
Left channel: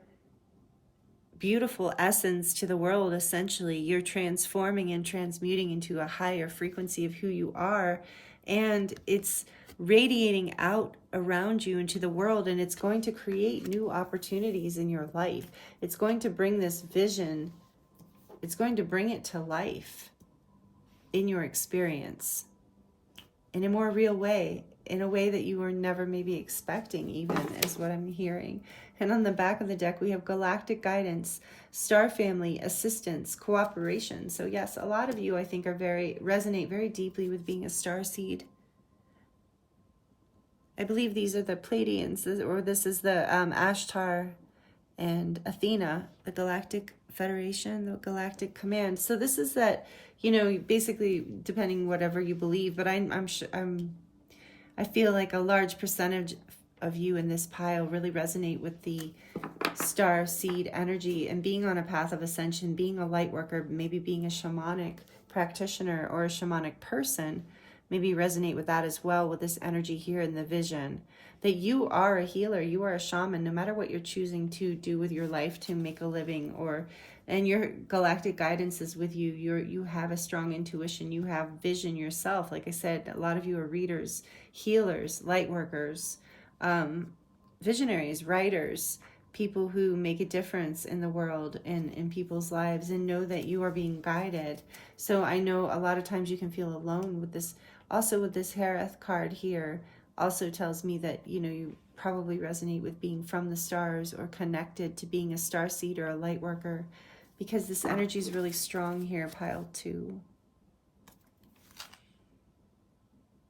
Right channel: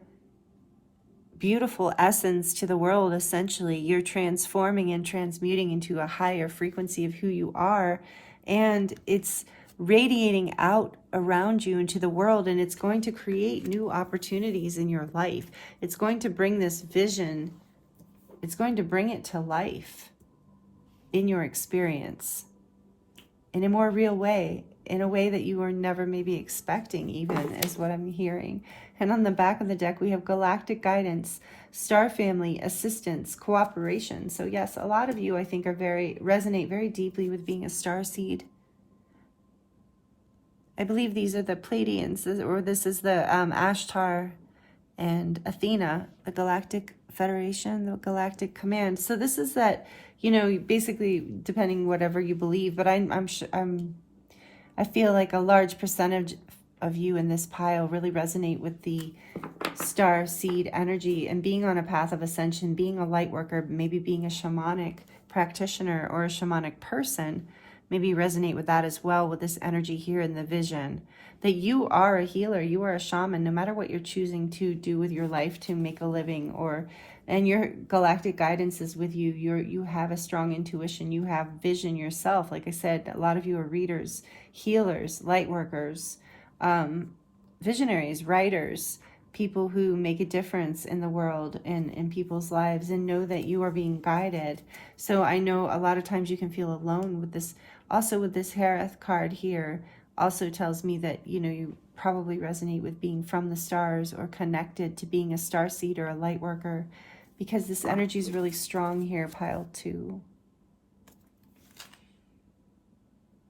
beautiful essence to the world. Essentially, you're transforming and transmuting into a higher frequency of who you are, and it's radiating out around you into the world, and it's going to create new opportunities in your life. It's going to bring this vision, it's going to bring it to life in your experience in a more real way, in a way that you were never maybe expecting, even, is what I'm hearing. And on the back of the deck, we have galactic guidance, star family, assistance, cooperation. So yes, a lot of you, I think, resonate very deeply with being a starseed. I believe these are the Pleiadians, or this is the Ashtar and Athena, the Galactic Federation, the Galactic Command. So this is that, you know, basically, depending whatever you believe, but I feel like a large percentage of you in this pile really resonate with the star seed energy and being on a path of ascension, being a light worker, maybe being a shamanic practitioner or a shamanic person. Maybe resonate with that as well, with this energy here in the vision, that you are a healer, you are a shaman, no matter what you're choosing to do with your life to make a living, and your galactic guidance is with you. You have a strong intuition, you have vision yourself. Like I said, a lot of you are readers, healers, light workers, visionaries, writers, people who make a difference in the world and in people's lives, and know that you are being guided. So I know a lot of times you can feel alone with this. Also with this Harith card here, also tells me that, you know, you probably resonate with being from the stars or connected to being a starseed or a light worker, because this energy is really strong here, pile 2.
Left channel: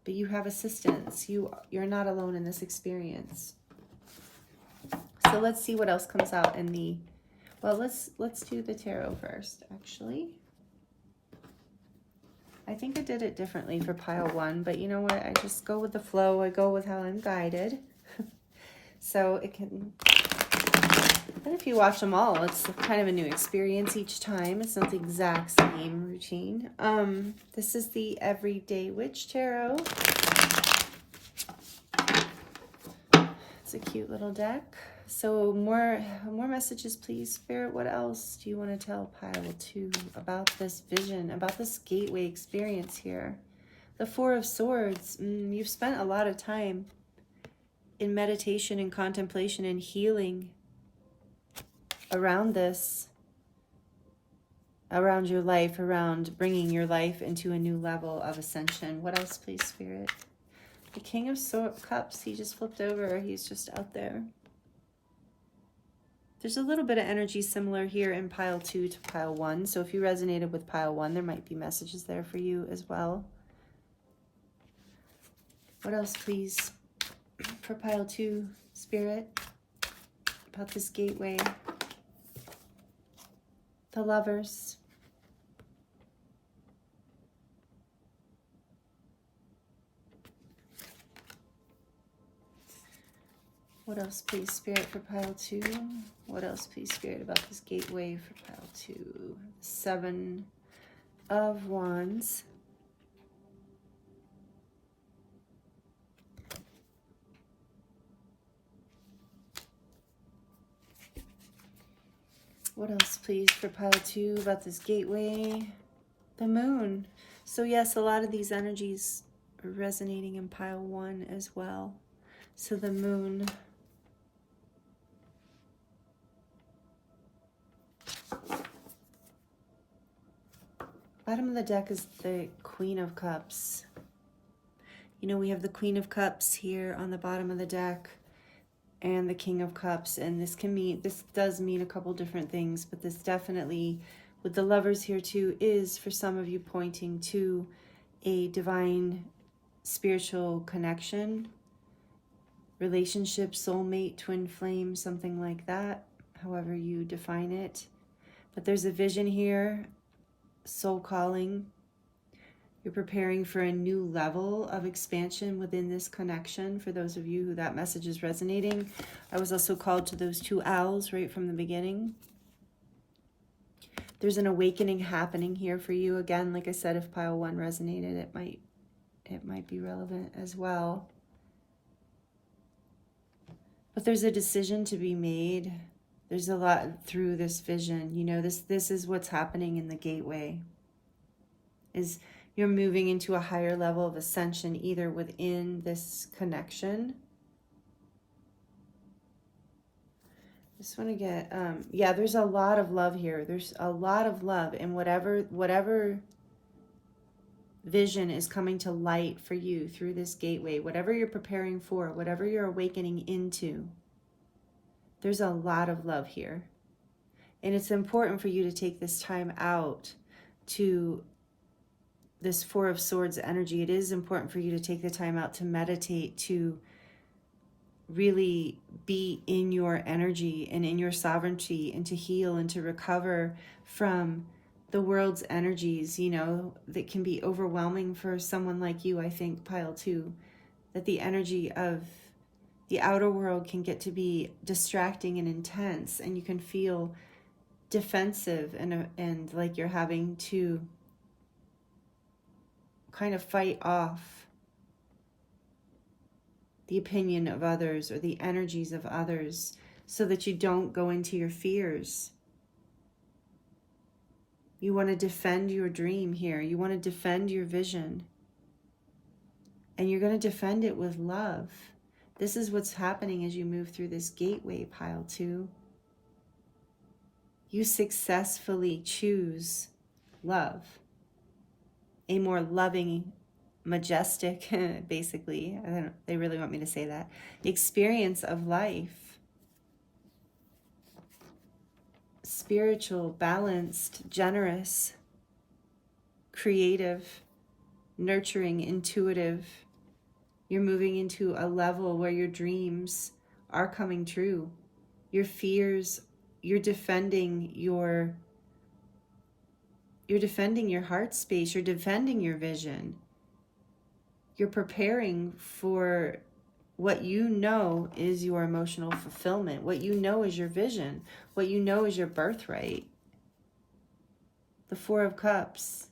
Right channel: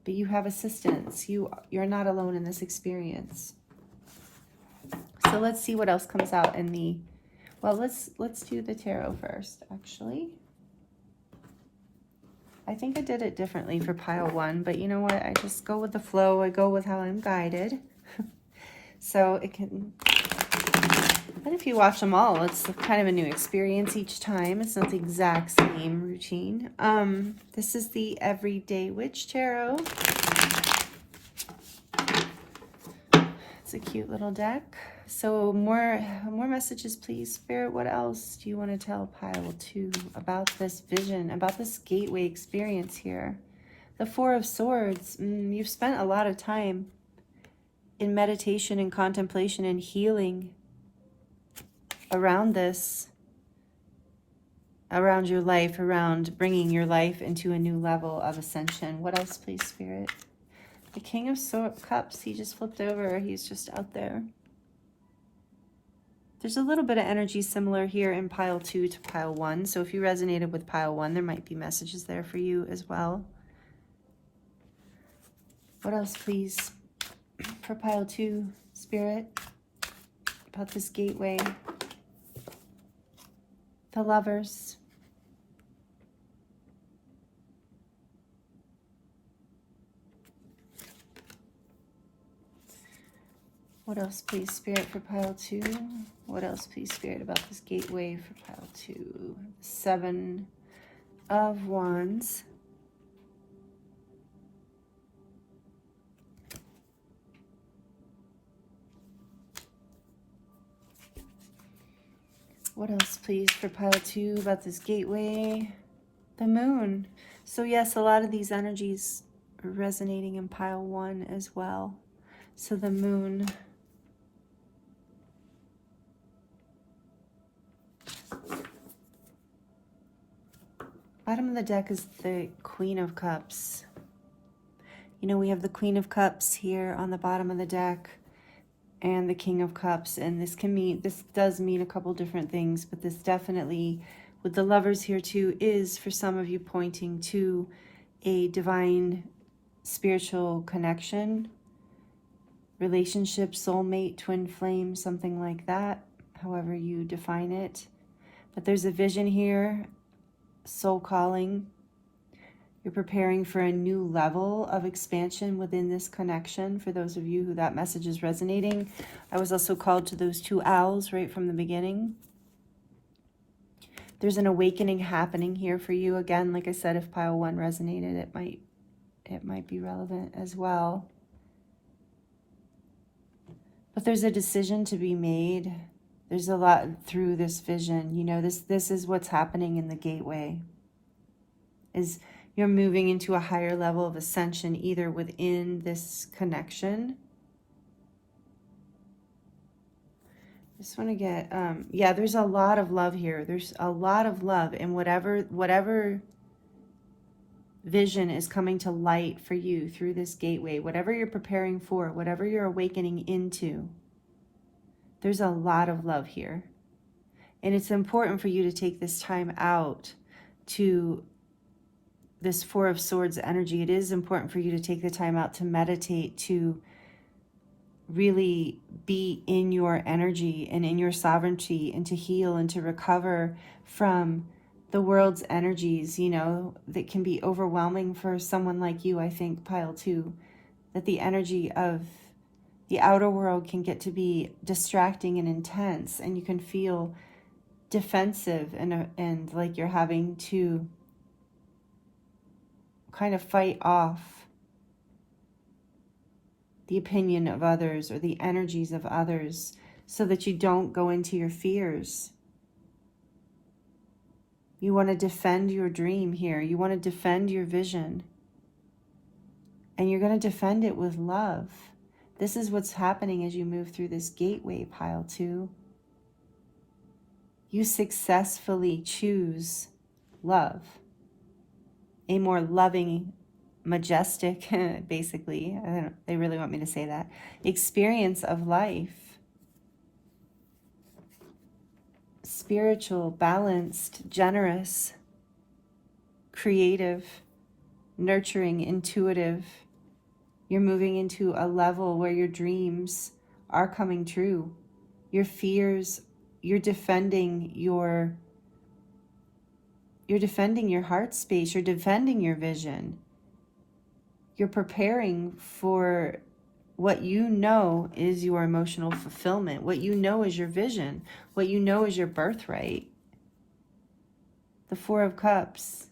But you have assistance. You're not alone in this experience. So let's see what else comes out in the, well, let's do the tarot first, actually. I think I did it differently for pile 1, but you know what? I just go with the flow. I go with how I'm guided. So it can, but if you watch them all, it's kind of a new experience each time. It's not the exact same routine. This is the Everyday Witch Tarot. It's a cute little deck. So more messages, please, Spirit. What else do you want to tell pile 2 about this vision, about this gateway experience here? The Four of Swords. You've spent a lot of time in meditation and contemplation and healing around this, around your life, around bringing your life into a new level of ascension. What else, please, Spirit? The King of Cups. He just flipped over. He's just out there. There's a little bit of energy similar here in pile 2 to pile 1. So if you resonated with pile 1, there might be messages there for you as well. What else, please, for pile 2, Spirit, about this gateway? The Lovers. What else, please, Spirit, for pile 2? What else, please, Spirit, about this gateway for pile 2? 7 of Wands. What else, please, for pile 2 about this gateway? The Moon. So yes, a lot of these energies are resonating in pile 1 as well. So the Moon. Bottom of the deck is the Queen of Cups. You know, we have the Queen of Cups here on the bottom of the deck and the King of Cups. And this does mean a couple different things, but this definitely, with the Lovers here too, is for some of you pointing to a divine spiritual connection, relationship, soulmate, twin flame, something like that, however you define it. But there's a vision here, soul calling. You're preparing for a new level of expansion within this connection. For those of you who that message is resonating, I was also called to those 2 owls right from the beginning. There's an awakening happening here for you. Again, like I said, if pile 1 resonated, it might be relevant as well. But there's a decision to be made. There's a lot through this vision. You know, this is what's happening in the gateway. Is you're moving into a higher level of ascension, either within this connection. Just want to get, yeah, there's a lot of love here. There's a lot of love, and whatever vision is coming to light for you through this gateway, whatever you're preparing for, whatever you're awakening into, there's a lot of love here. And it's important for you to take this time out to this 4 of Swords energy. It is important for you to take the time out to meditate, to really be in your energy and in your sovereignty, and to heal and to recover from the world's energies, you know, that can be overwhelming for someone like you. I think, pile 2, that the energy of the outer world can get to be distracting and intense, and you can feel defensive and like you're having to kind of fight off the opinion of others or the energies of others so that you don't go into your fears. You want to defend your dream here. You want to defend your vision. And you're going to defend it with love. This is what's happening as you move through this gateway, pile 2. You successfully choose love. A more loving, majestic, basically, they really want me to say that, experience of life. Spiritual, balanced, generous, creative, nurturing, intuitive. You're moving into a level where your dreams are coming true. Your fears, you're defending your heart space. You're defending your vision. You're preparing for what you know is your emotional fulfillment, what you know is your vision, what you know is your birthright. The 4 of Cups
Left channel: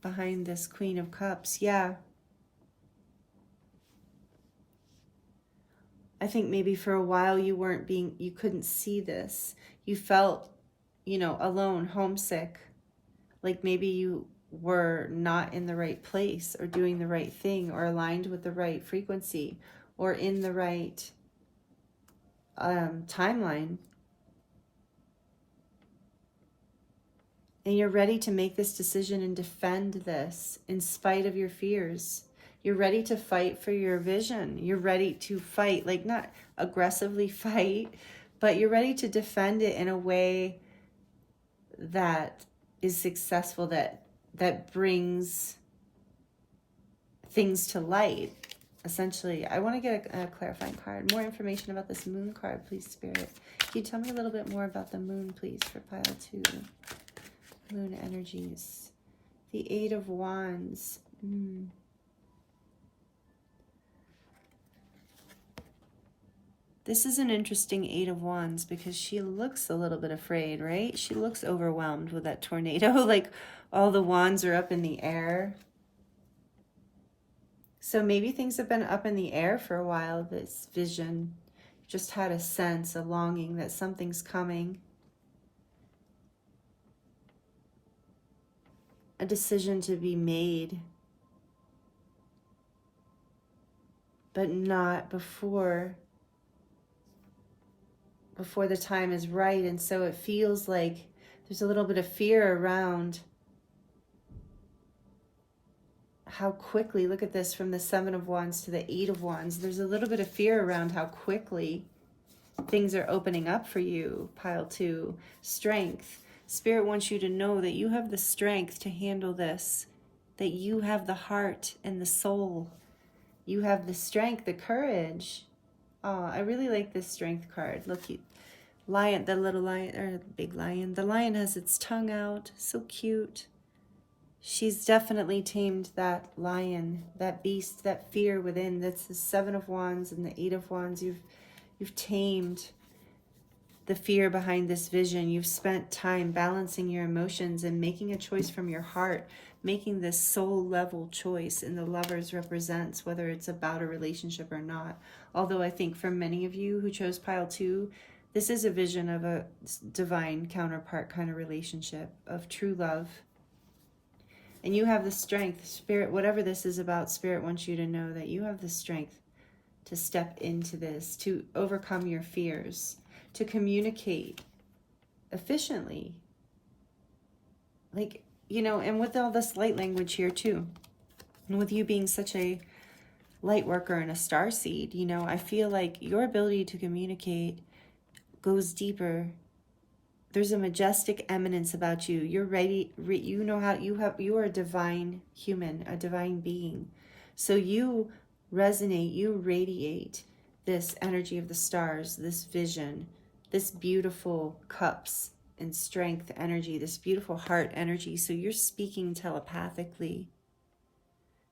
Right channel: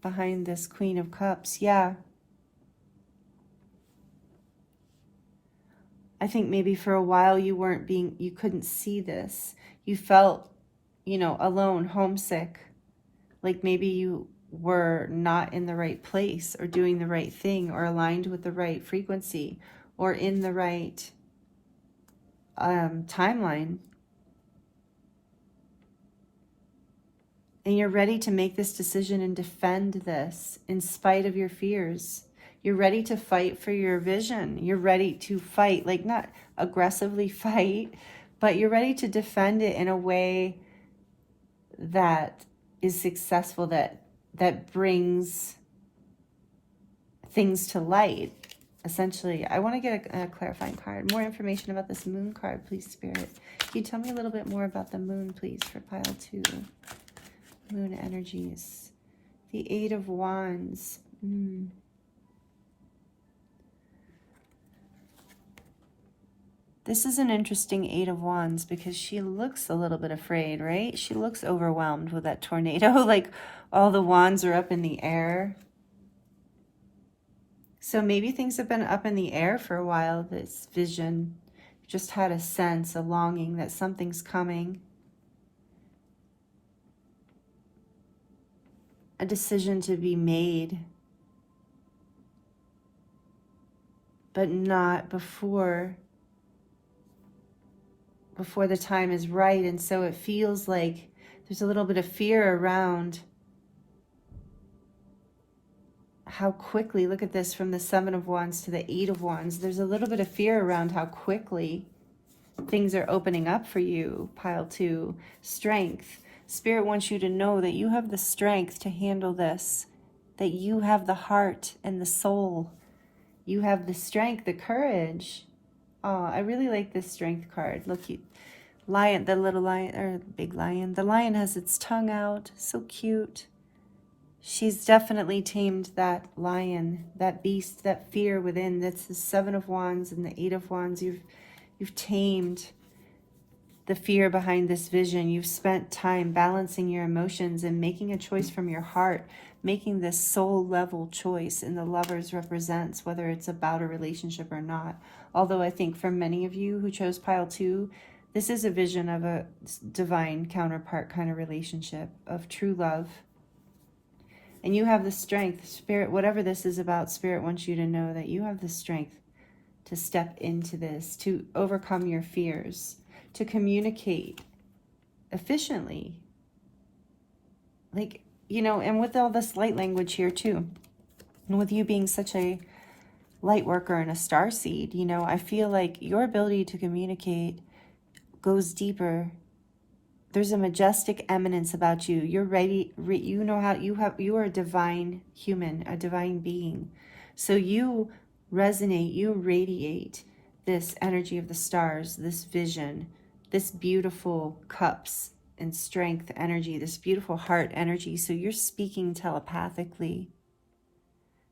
behind this Queen of Cups. Yeah. I think maybe for a while you couldn't see this. You felt, you know, alone, homesick, like maybe you were not in the right place or doing the right thing or aligned with the right frequency or in the right timeline. And you're ready to make this decision and defend this in spite of your fears. You're ready to fight for your vision. You're ready to fight, like not aggressively fight, but you're ready to defend it in a way that is successful, that brings things to light. Essentially, I want to get a clarifying card. More information about this Moon card, please, Spirit. Can you tell me a little bit more about the Moon, please, for pile 2? Moon energies. The 8 of Wands. This is an interesting Eight of Wands because she looks a little bit afraid, right? She looks overwhelmed with that tornado, like all the wands are up in the air. So maybe things have been up in the air for a while, this vision. Just had a sense, a longing that something's coming. A decision to be made. But not before the time is right. And so it feels like there's a little bit of fear around how quickly, look at this, from the Seven of Wands to the Eight of Wands, there's a little bit of fear around how quickly things are opening up for you. Pile 2, strength. Spirit wants you to know that you have the strength to handle this, that you have the heart and the soul. You have the strength, the courage. Oh, I really like this strength card. Look, lion, the little lion, or big lion. The lion has its tongue out. So cute. She's definitely tamed that lion, that beast, that fear within. That's the Seven of Wands and the Eight of Wands. You've tamed the fear behind this vision. You've spent time balancing your emotions and making a choice from your heart, making this soul level choice. And the Lovers represents whether it's about a relationship or not. Although I think for many of you who chose pile 2, this is a vision of a divine counterpart kind of relationship, of true love. And you have the strength, Spirit, whatever this is about, Spirit wants you to know that you have the strength to step into this, to overcome your fears, to communicate efficiently. Like, you know, and with all this light language here too, and with you being such a light worker and a starseed, you know, I feel like your ability to communicate goes deeper. There's a majestic eminence about you. You're ready. You know how you are a divine human, a divine being. So you resonate, you radiate this energy of the stars, this vision, this beautiful cups and strength energy, this beautiful heart energy. So you're speaking telepathically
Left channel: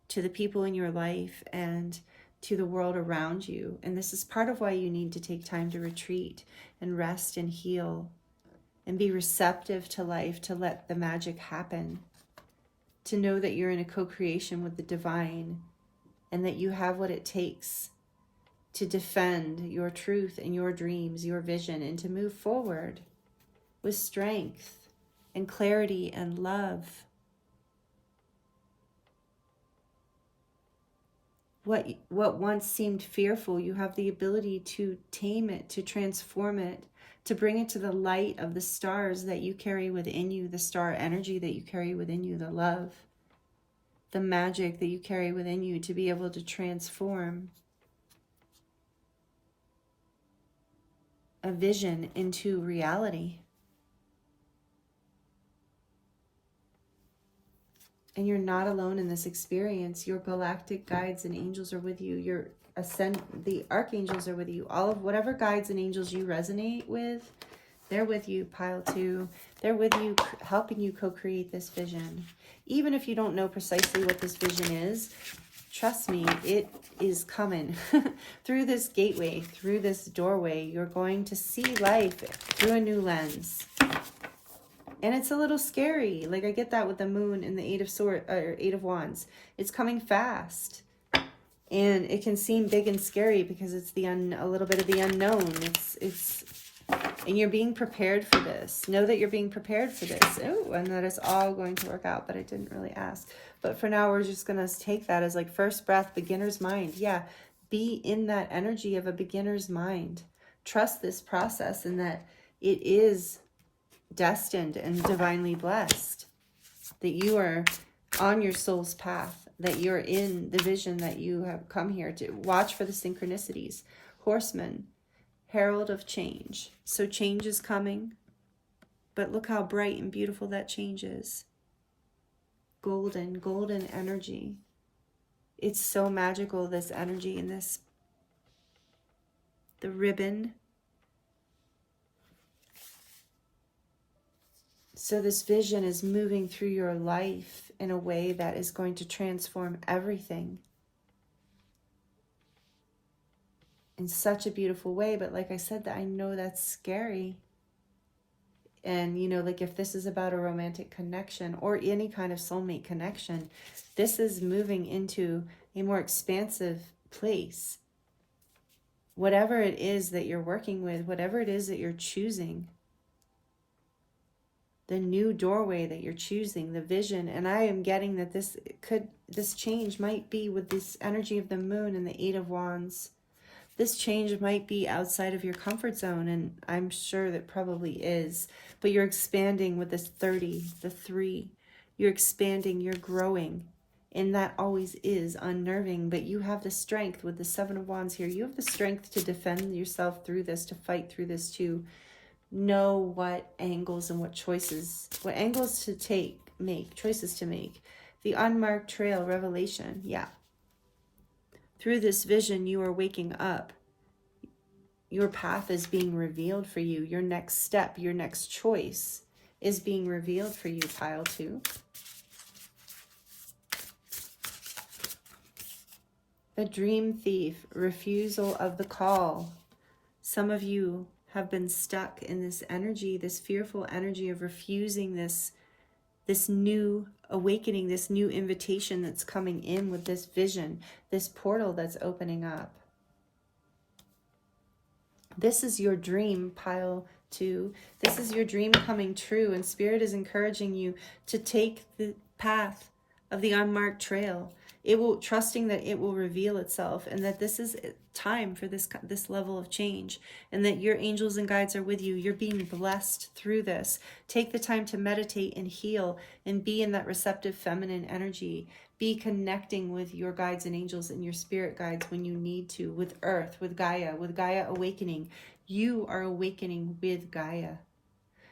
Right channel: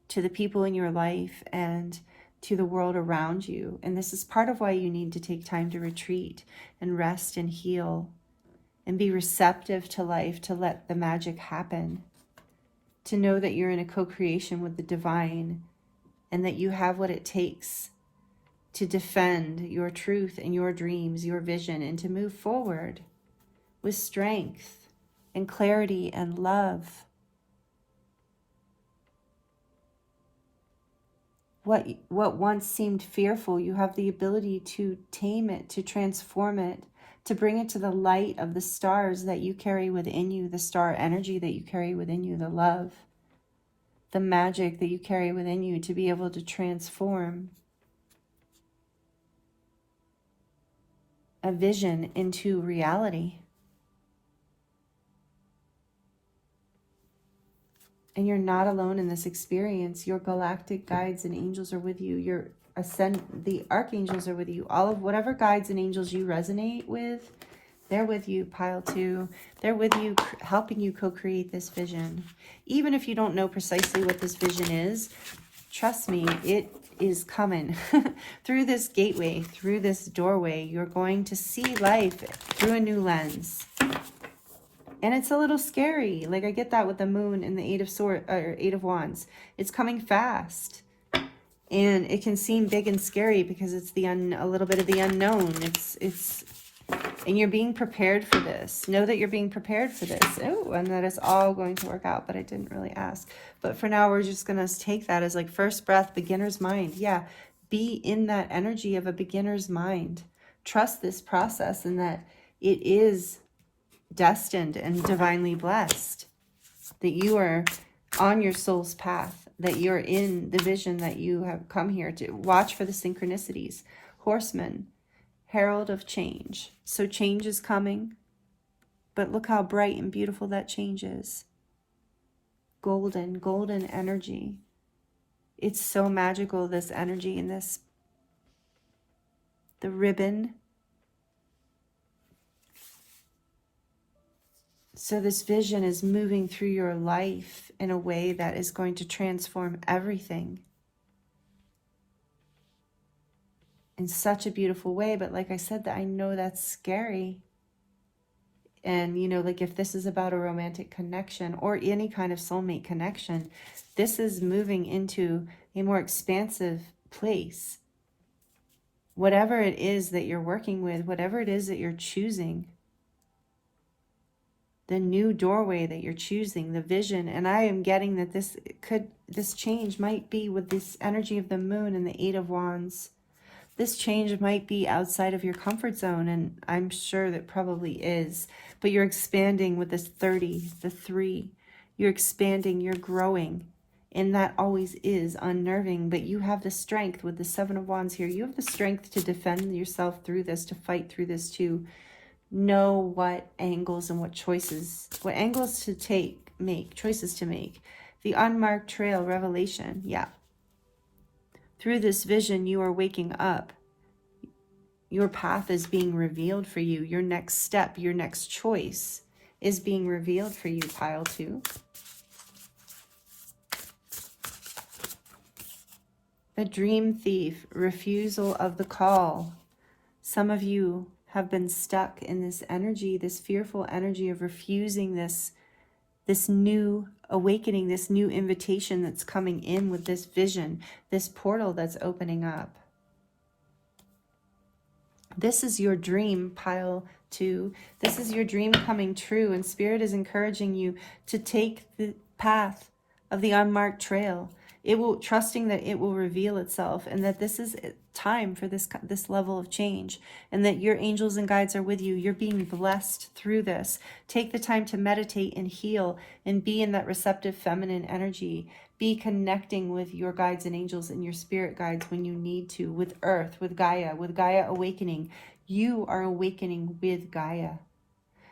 to the people in your life and to the world around you. And this is part of why you need to take time to retreat and rest and heal and be receptive to life, to let the magic happen, to know that you're in a co-creation with the divine and that you have what it takes to defend your truth and your dreams, your vision, and to move forward with strength and clarity and love. What once seemed fearful, you have the ability to tame it, to transform it, to bring it to the light of the stars that you carry within you, the star energy that you carry within you, the love, the magic that you carry within you, to be able to transform a vision into reality. And you're not alone in this experience. Your galactic guides and angels are with you. The archangels are with you. All of whatever guides and angels you resonate with, they're with you, pile 2. They're with you, helping you co-create this vision. Even if you don't know precisely what this vision is, trust me, it is coming. Through this gateway, through this doorway, you're going to see life through a new lens. And it's a little scary. Like, I get that with the moon and the Eight of Wands. It's coming fast. And it can seem big and scary because it's a little bit of the unknown. And you're being prepared for this. Know that you're being prepared for this. Oh, and that it's all going to work out, but I didn't really ask. But for now, we're just going to take that as like first breath, beginner's mind. Yeah, be in that energy of a beginner's mind. Trust this process and that it is destined and divinely blessed. That you are on your soul's path. That you're in the vision that you have come here to. Watch for the synchronicities. Horseman, herald of change. So change is coming, but look how bright and beautiful that change is. Golden energy. It's so magical, this energy and this. The ribbon. So this vision is moving through your life in a way that is going to transform everything. in such a beautiful way. But like I said, that I know that's scary. And, you know, like if this is about a romantic connection or any kind of soulmate connection, this is moving into a more expansive place. Whatever it is that you're working with, whatever it is that you're choosing, the new doorway that you're choosing, the vision. And I am getting that this change might be with this energy of the moon and the Eight of Wands. This change might be outside of your comfort zone, and I'm sure that probably is. But you're expanding with this 30, the 3. You're expanding, you're growing. And that always is unnerving, but you have the strength with the 7 of Wands here. You have the strength to defend yourself through this, to fight through this, to know what angles and what angles to make, choices to make. The unmarked trail, revelation, yeah. Through this vision, you are waking up. Your path is being revealed for you. Your next step, your next choice is being revealed for you, pile 2. The dream thief, refusal of the call. Some of you have been stuck in this energy, this fearful energy of refusing this new awakening, this new invitation that's coming in with this vision, this portal that's opening up. This is your dream, pile 2. This is your dream coming true, and Spirit is encouraging you to take the path of the unmarked trail. Trusting that it will reveal itself, and that this is time for this level of change, and that your angels and guides are with you. You're being blessed through this. Take the time to meditate and heal and be in that receptive feminine energy. Be connecting with your guides and angels and your spirit guides when you need to, with Earth, with Gaia awakening. You are awakening with Gaia.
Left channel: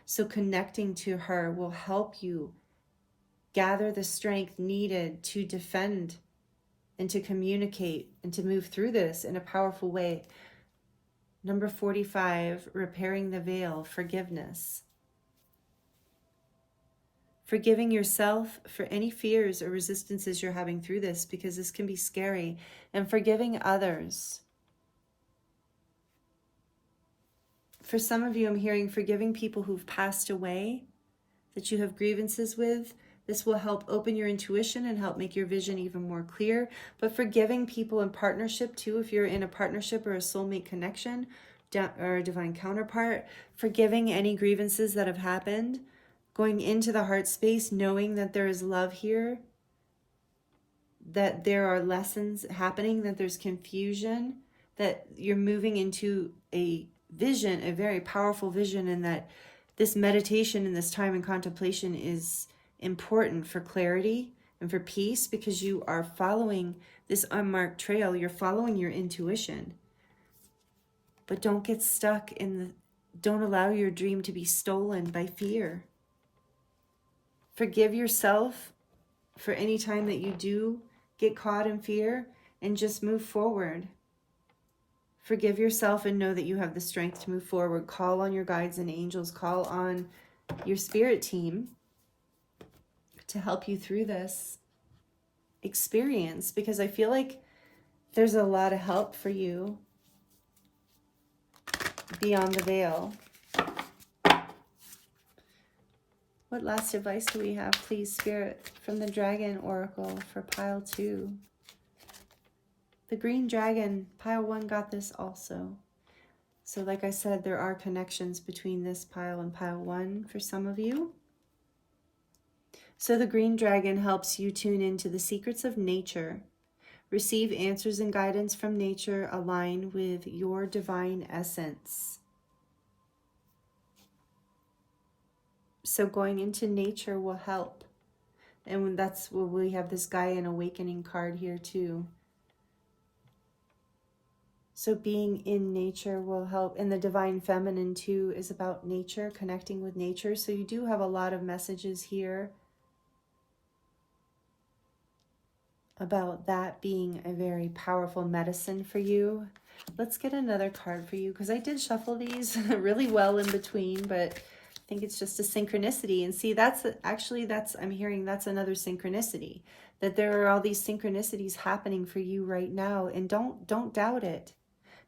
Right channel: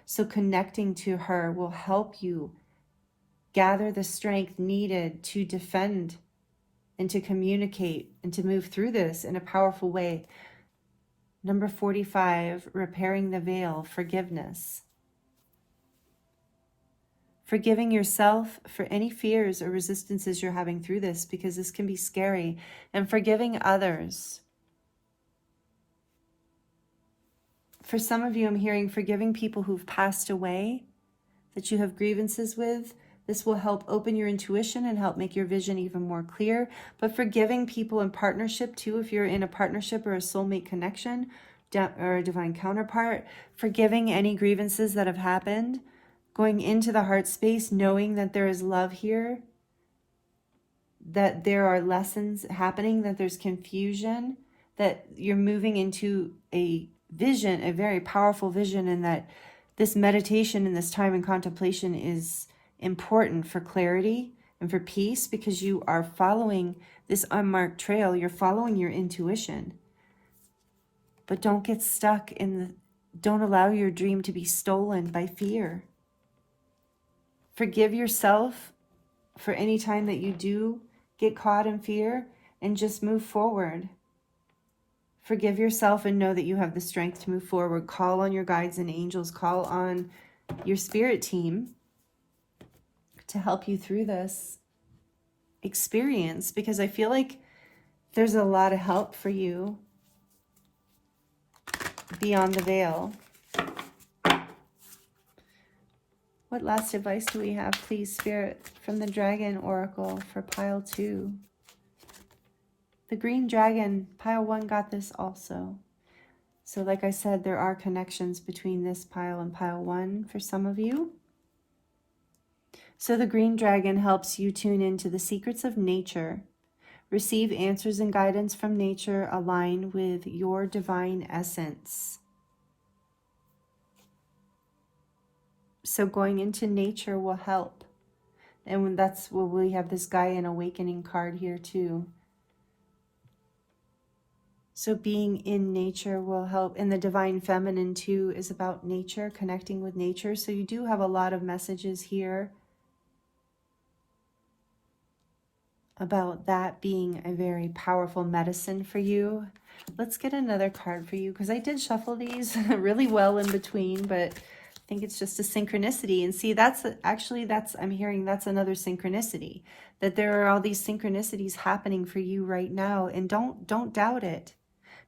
So connecting to her will help you gather the strength needed to defend and to communicate and to move through this in a powerful way. Number 45, repairing the veil, forgiveness. Forgiving yourself for any fears or resistances you're having through this, because this can be scary, and forgiving others. For some of you, I'm hearing forgiving people who've passed away, that you have grievances with. This will help open your intuition and help make your vision even more clear. But forgiving people in partnership too, if you're in a partnership or a soulmate connection or a divine counterpart, forgiving any grievances that have happened, going into the heart space, knowing that there is love here, that there are lessons happening, that there's confusion, that you're moving into a vision, a very powerful vision, and that this meditation and this time in contemplation is important for clarity and for peace, because you are following this unmarked trail. You're following your intuition. But don't get stuck don't allow your dream to be stolen by fear. Forgive yourself for any time that you do get caught in fear, and just move forward. Forgive yourself and know that you have the strength to move forward. Call on your guides and angels. Call on your spirit team to help you through this experience, because I feel like there's a lot of help for you beyond the veil. What last advice do we have, please, Spirit, from the Dragon Oracle for pile 2? The green dragon, pile 1, got this also. So like I said, there are connections between this pile and pile 1 for some of you. So the green dragon helps you tune into the secrets of nature, receive answers and guidance from nature, align with your divine essence. So going into nature will help. And that's where we have this Gaian Awakening card here too. So being in nature will help. And the divine feminine too is about nature, connecting with nature. So you do have a lot of messages here about that being a very powerful medicine for you. Let's get another card for you, because I did shuffle these really well in between, but I think it's just a synchronicity. And see, I'm hearing that's another synchronicity, that there are all these synchronicities happening for you right now, and don't doubt it.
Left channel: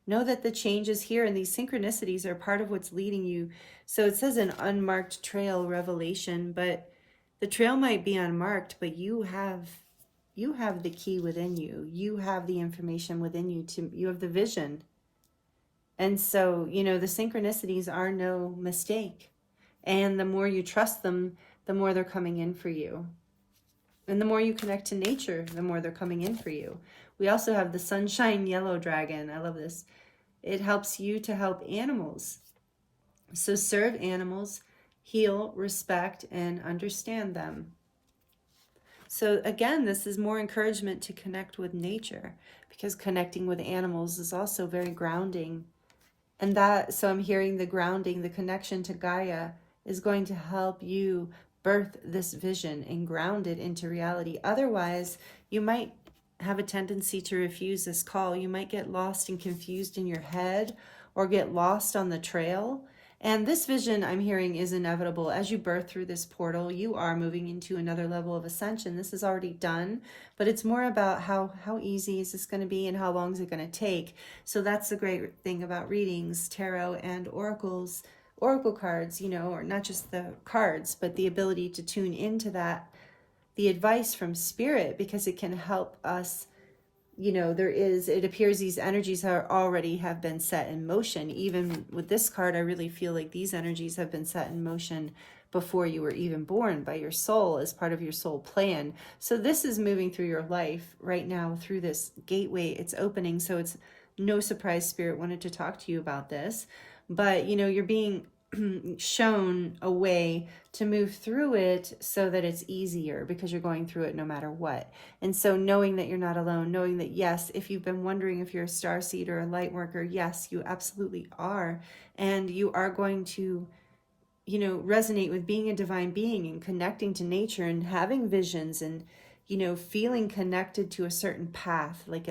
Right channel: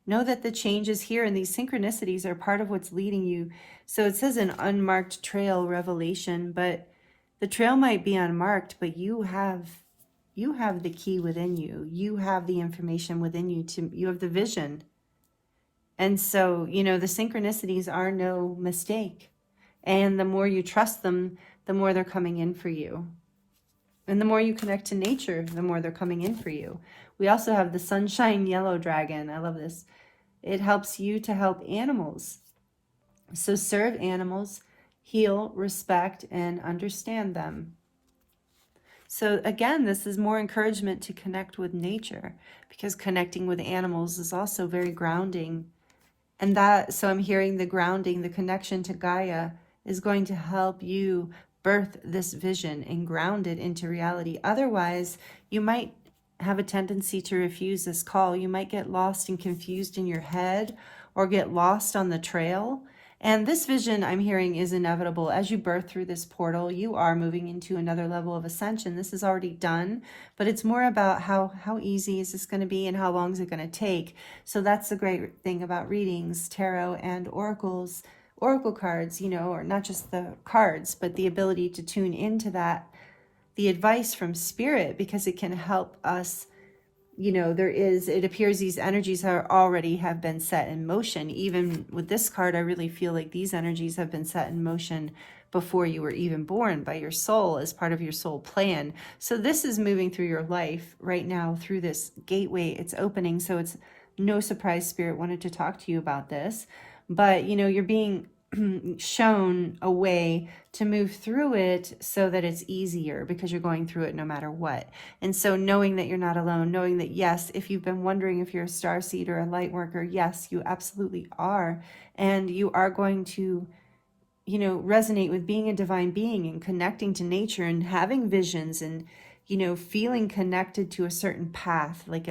Know that the change is here, and these synchronicities are part of what's leading you. So it says an unmarked trail revelation, but the trail might be unmarked, but you have the key within you. You have the information within you. You have the vision. And so, you know, the synchronicities are no mistake. And the more you trust them, the more they're coming in for you. And the more you connect to nature, the more they're coming in for you. We also have the sunshine yellow dragon. I love this. It helps you to help animals. So serve animals, heal, respect, and understand them. So again, this is more encouragement to connect with nature, because connecting with animals is also very grounding. And so I'm hearing the grounding, the connection to Gaia is going to help you birth this vision and ground it into reality. Otherwise, you might have a tendency to refuse this call. You might get lost and confused in your head, or get lost on the trail. And this vision, I'm hearing, is inevitable. As you birth through this portal, you are moving into another level of ascension. This is already done, but it's more about how easy is this going to be and how long is it going to take. So that's the great thing about readings, tarot, and oracles. Oracle cards, you know, or not just the cards, but the ability to tune into that, the advice from spirit, because it can help us. You know, it appears these energies already have been set in motion. Even with this card, I really feel like these energies have been set in motion before you were even born by your soul, as part of your soul plan. So this is moving through your life right now through this gateway. It's opening. So it's no surprise spirit wanted to talk to you about this. But, you know, you're being shown a way to move through it so that it's easier, because you're going through it no matter what. And so knowing that you're not alone, knowing that, yes, if you've been wondering if you're a starseed or a light worker, yes, you absolutely are. And you are going to, you know, resonate with being a divine being and connecting to nature and having visions and, you know, feeling connected to a certain path, like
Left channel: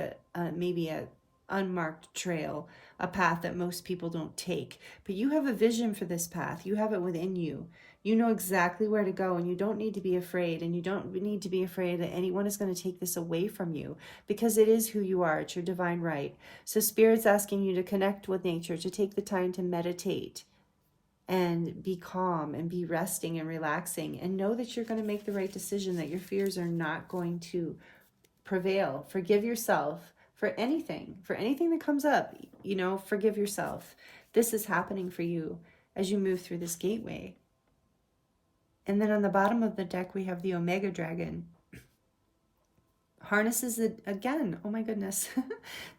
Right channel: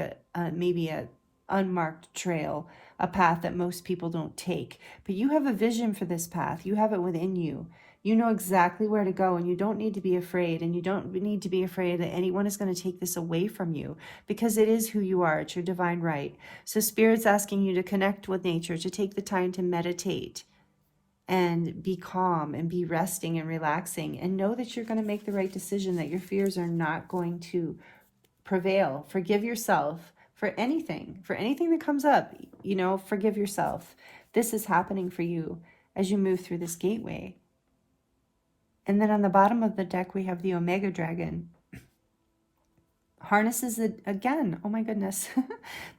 maybe a unmarked trail, a path that most people don't take. But you have a vision for this path. You have it within you. You know exactly where to go, and you don't need to be afraid, and you don't need to be afraid that anyone is going to take this away from you, because it is who you are. It's your divine right. So Spirit's asking you to connect with nature, to take the time to meditate and be calm and be resting and relaxing, and know that you're going to make the right decision, that your fears are not going to prevail. Forgive yourself for anything that comes up. You know, forgive yourself. This is happening for you as you move through this gateway. And then on the bottom of the deck, we have the Omega Dragon. Harnesses it again. Oh my goodness.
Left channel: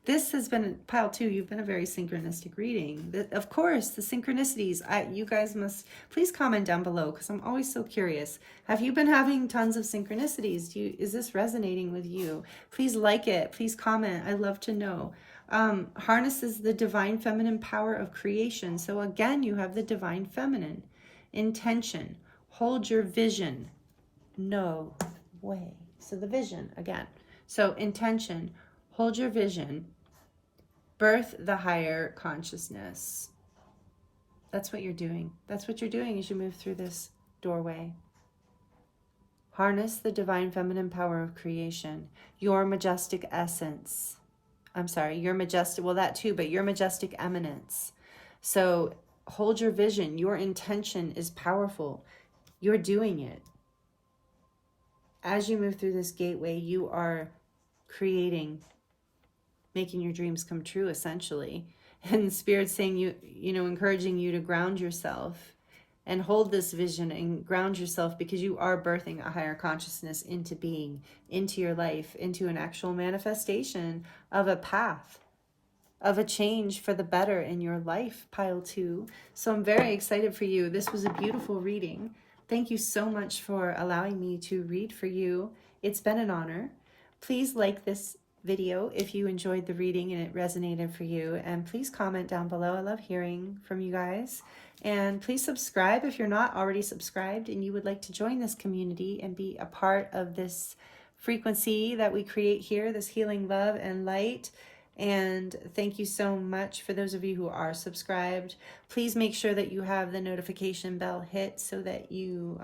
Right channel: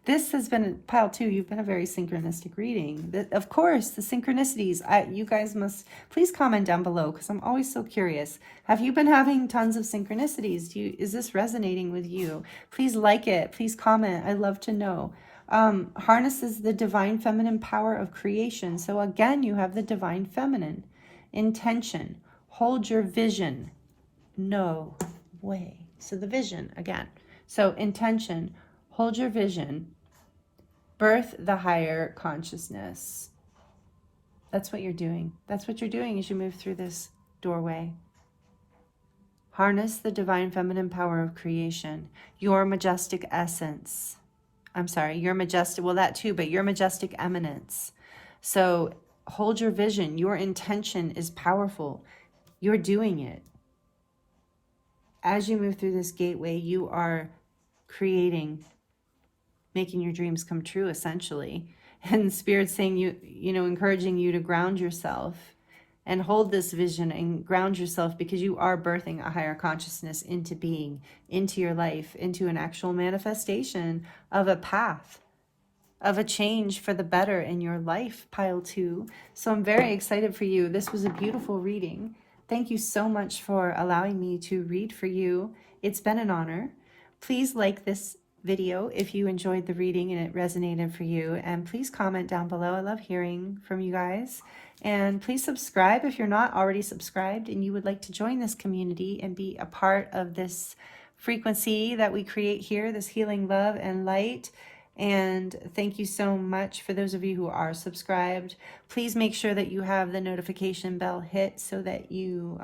This has been pile 2. You've been a very synchronistic reading. Of course, the synchronicities. You guys must please comment down below, because I'm always so curious. Have you been having tons of synchronicities? Is this resonating with you? Please like it. Please comment. I'd love to know. Harnesses the divine feminine power of creation. So again, you have the divine feminine. Intention. Hold your vision. No way. So the vision again. So intention, hold your vision, birth the higher consciousness. That's what you're doing. That's what you're doing as you move through this doorway. Harness the divine feminine power of creation, your majestic essence. I'm sorry, your majestic, well, that too, but your majestic eminence. So hold your vision. Your intention is powerful. You're doing it. As you move through this gateway, you are creating, making your dreams come true, essentially. And Spirit's saying, you know, encouraging you to ground yourself and hold this vision and ground yourself, because you are birthing a higher consciousness into being, into your life, into an actual manifestation of a path, of a change for the better in your life, pile 2. So I'm very excited for you. This was a beautiful reading. Thank you so much for allowing me to read for you. It's been an honor. Please like this video if you enjoyed the reading and it resonated for you. And please comment down below. I love hearing from you guys. And please subscribe if you're not already subscribed and you would like to join this community and be a part of this frequency that we create here, this healing love and light. And thank you so much for those of you who are subscribed. Please make sure that you have the notification bell hit so that you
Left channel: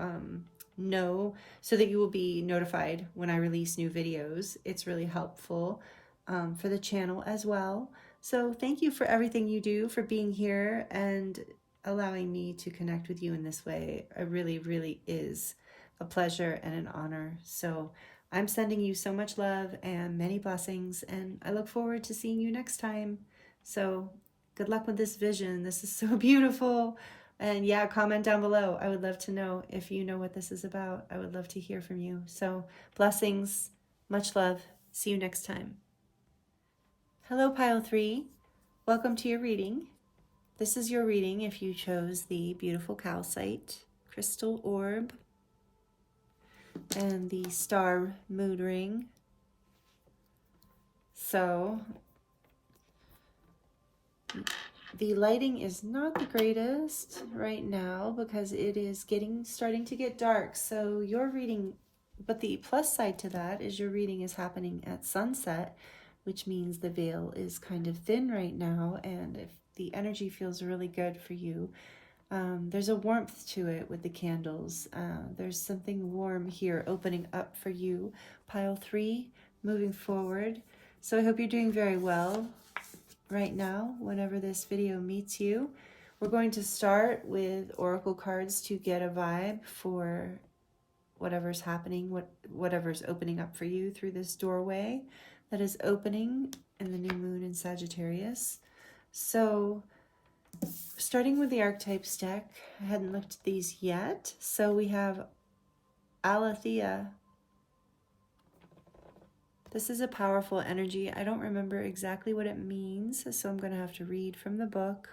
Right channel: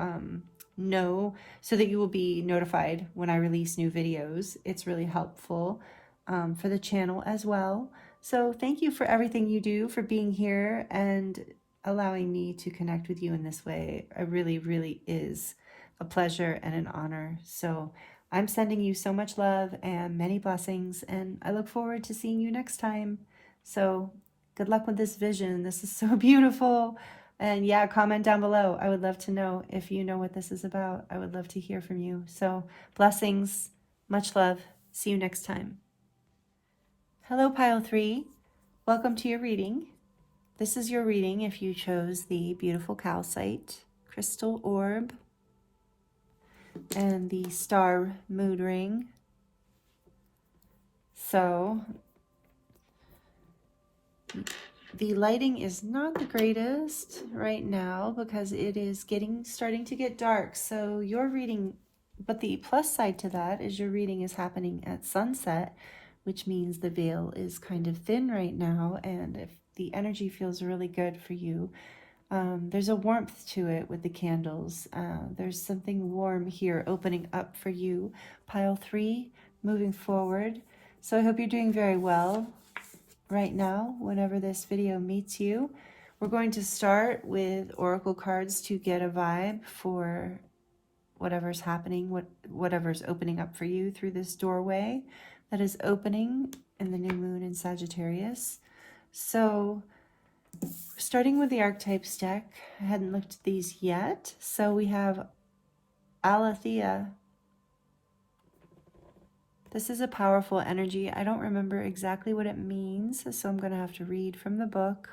know, so that you will be notified when I release new videos. It's really helpful for the channel as well. So thank you for everything you do, for being here and allowing me to connect with you in this way. It really, really is a pleasure and an honor. So I'm sending you so much love and many blessings, and I look forward to seeing you next time. So good luck with this vision. This is so beautiful. And yeah, comment down below. I would love to know if you know what this is about. I would love to hear from you. So blessings, much love. See you next time. Hello, Pile 3. Welcome to your reading. This is your reading if you chose the beautiful Calcite Crystal Orb and the Star Mood Ring. So, the lighting is not the greatest right now because it is starting to get dark. So your reading, but the plus side to that is your reading is happening at sunset, which means the veil is kind of thin right now. And if the energy feels really good for you, there's a warmth to it with the candles. There's something warm here opening up for you, Pile 3, moving forward. So I hope you're doing very well right now, whenever this video meets you. We're going to start with oracle cards to get a vibe for whatever's happening, whatever's opening up for you through this doorway that is opening in the new moon in Sagittarius. So starting with the Archetypes deck, I hadn't looked at these yet. So we have Aletheia. This is a powerful energy. I don't remember exactly what it means, so I'm going to have to read from the book.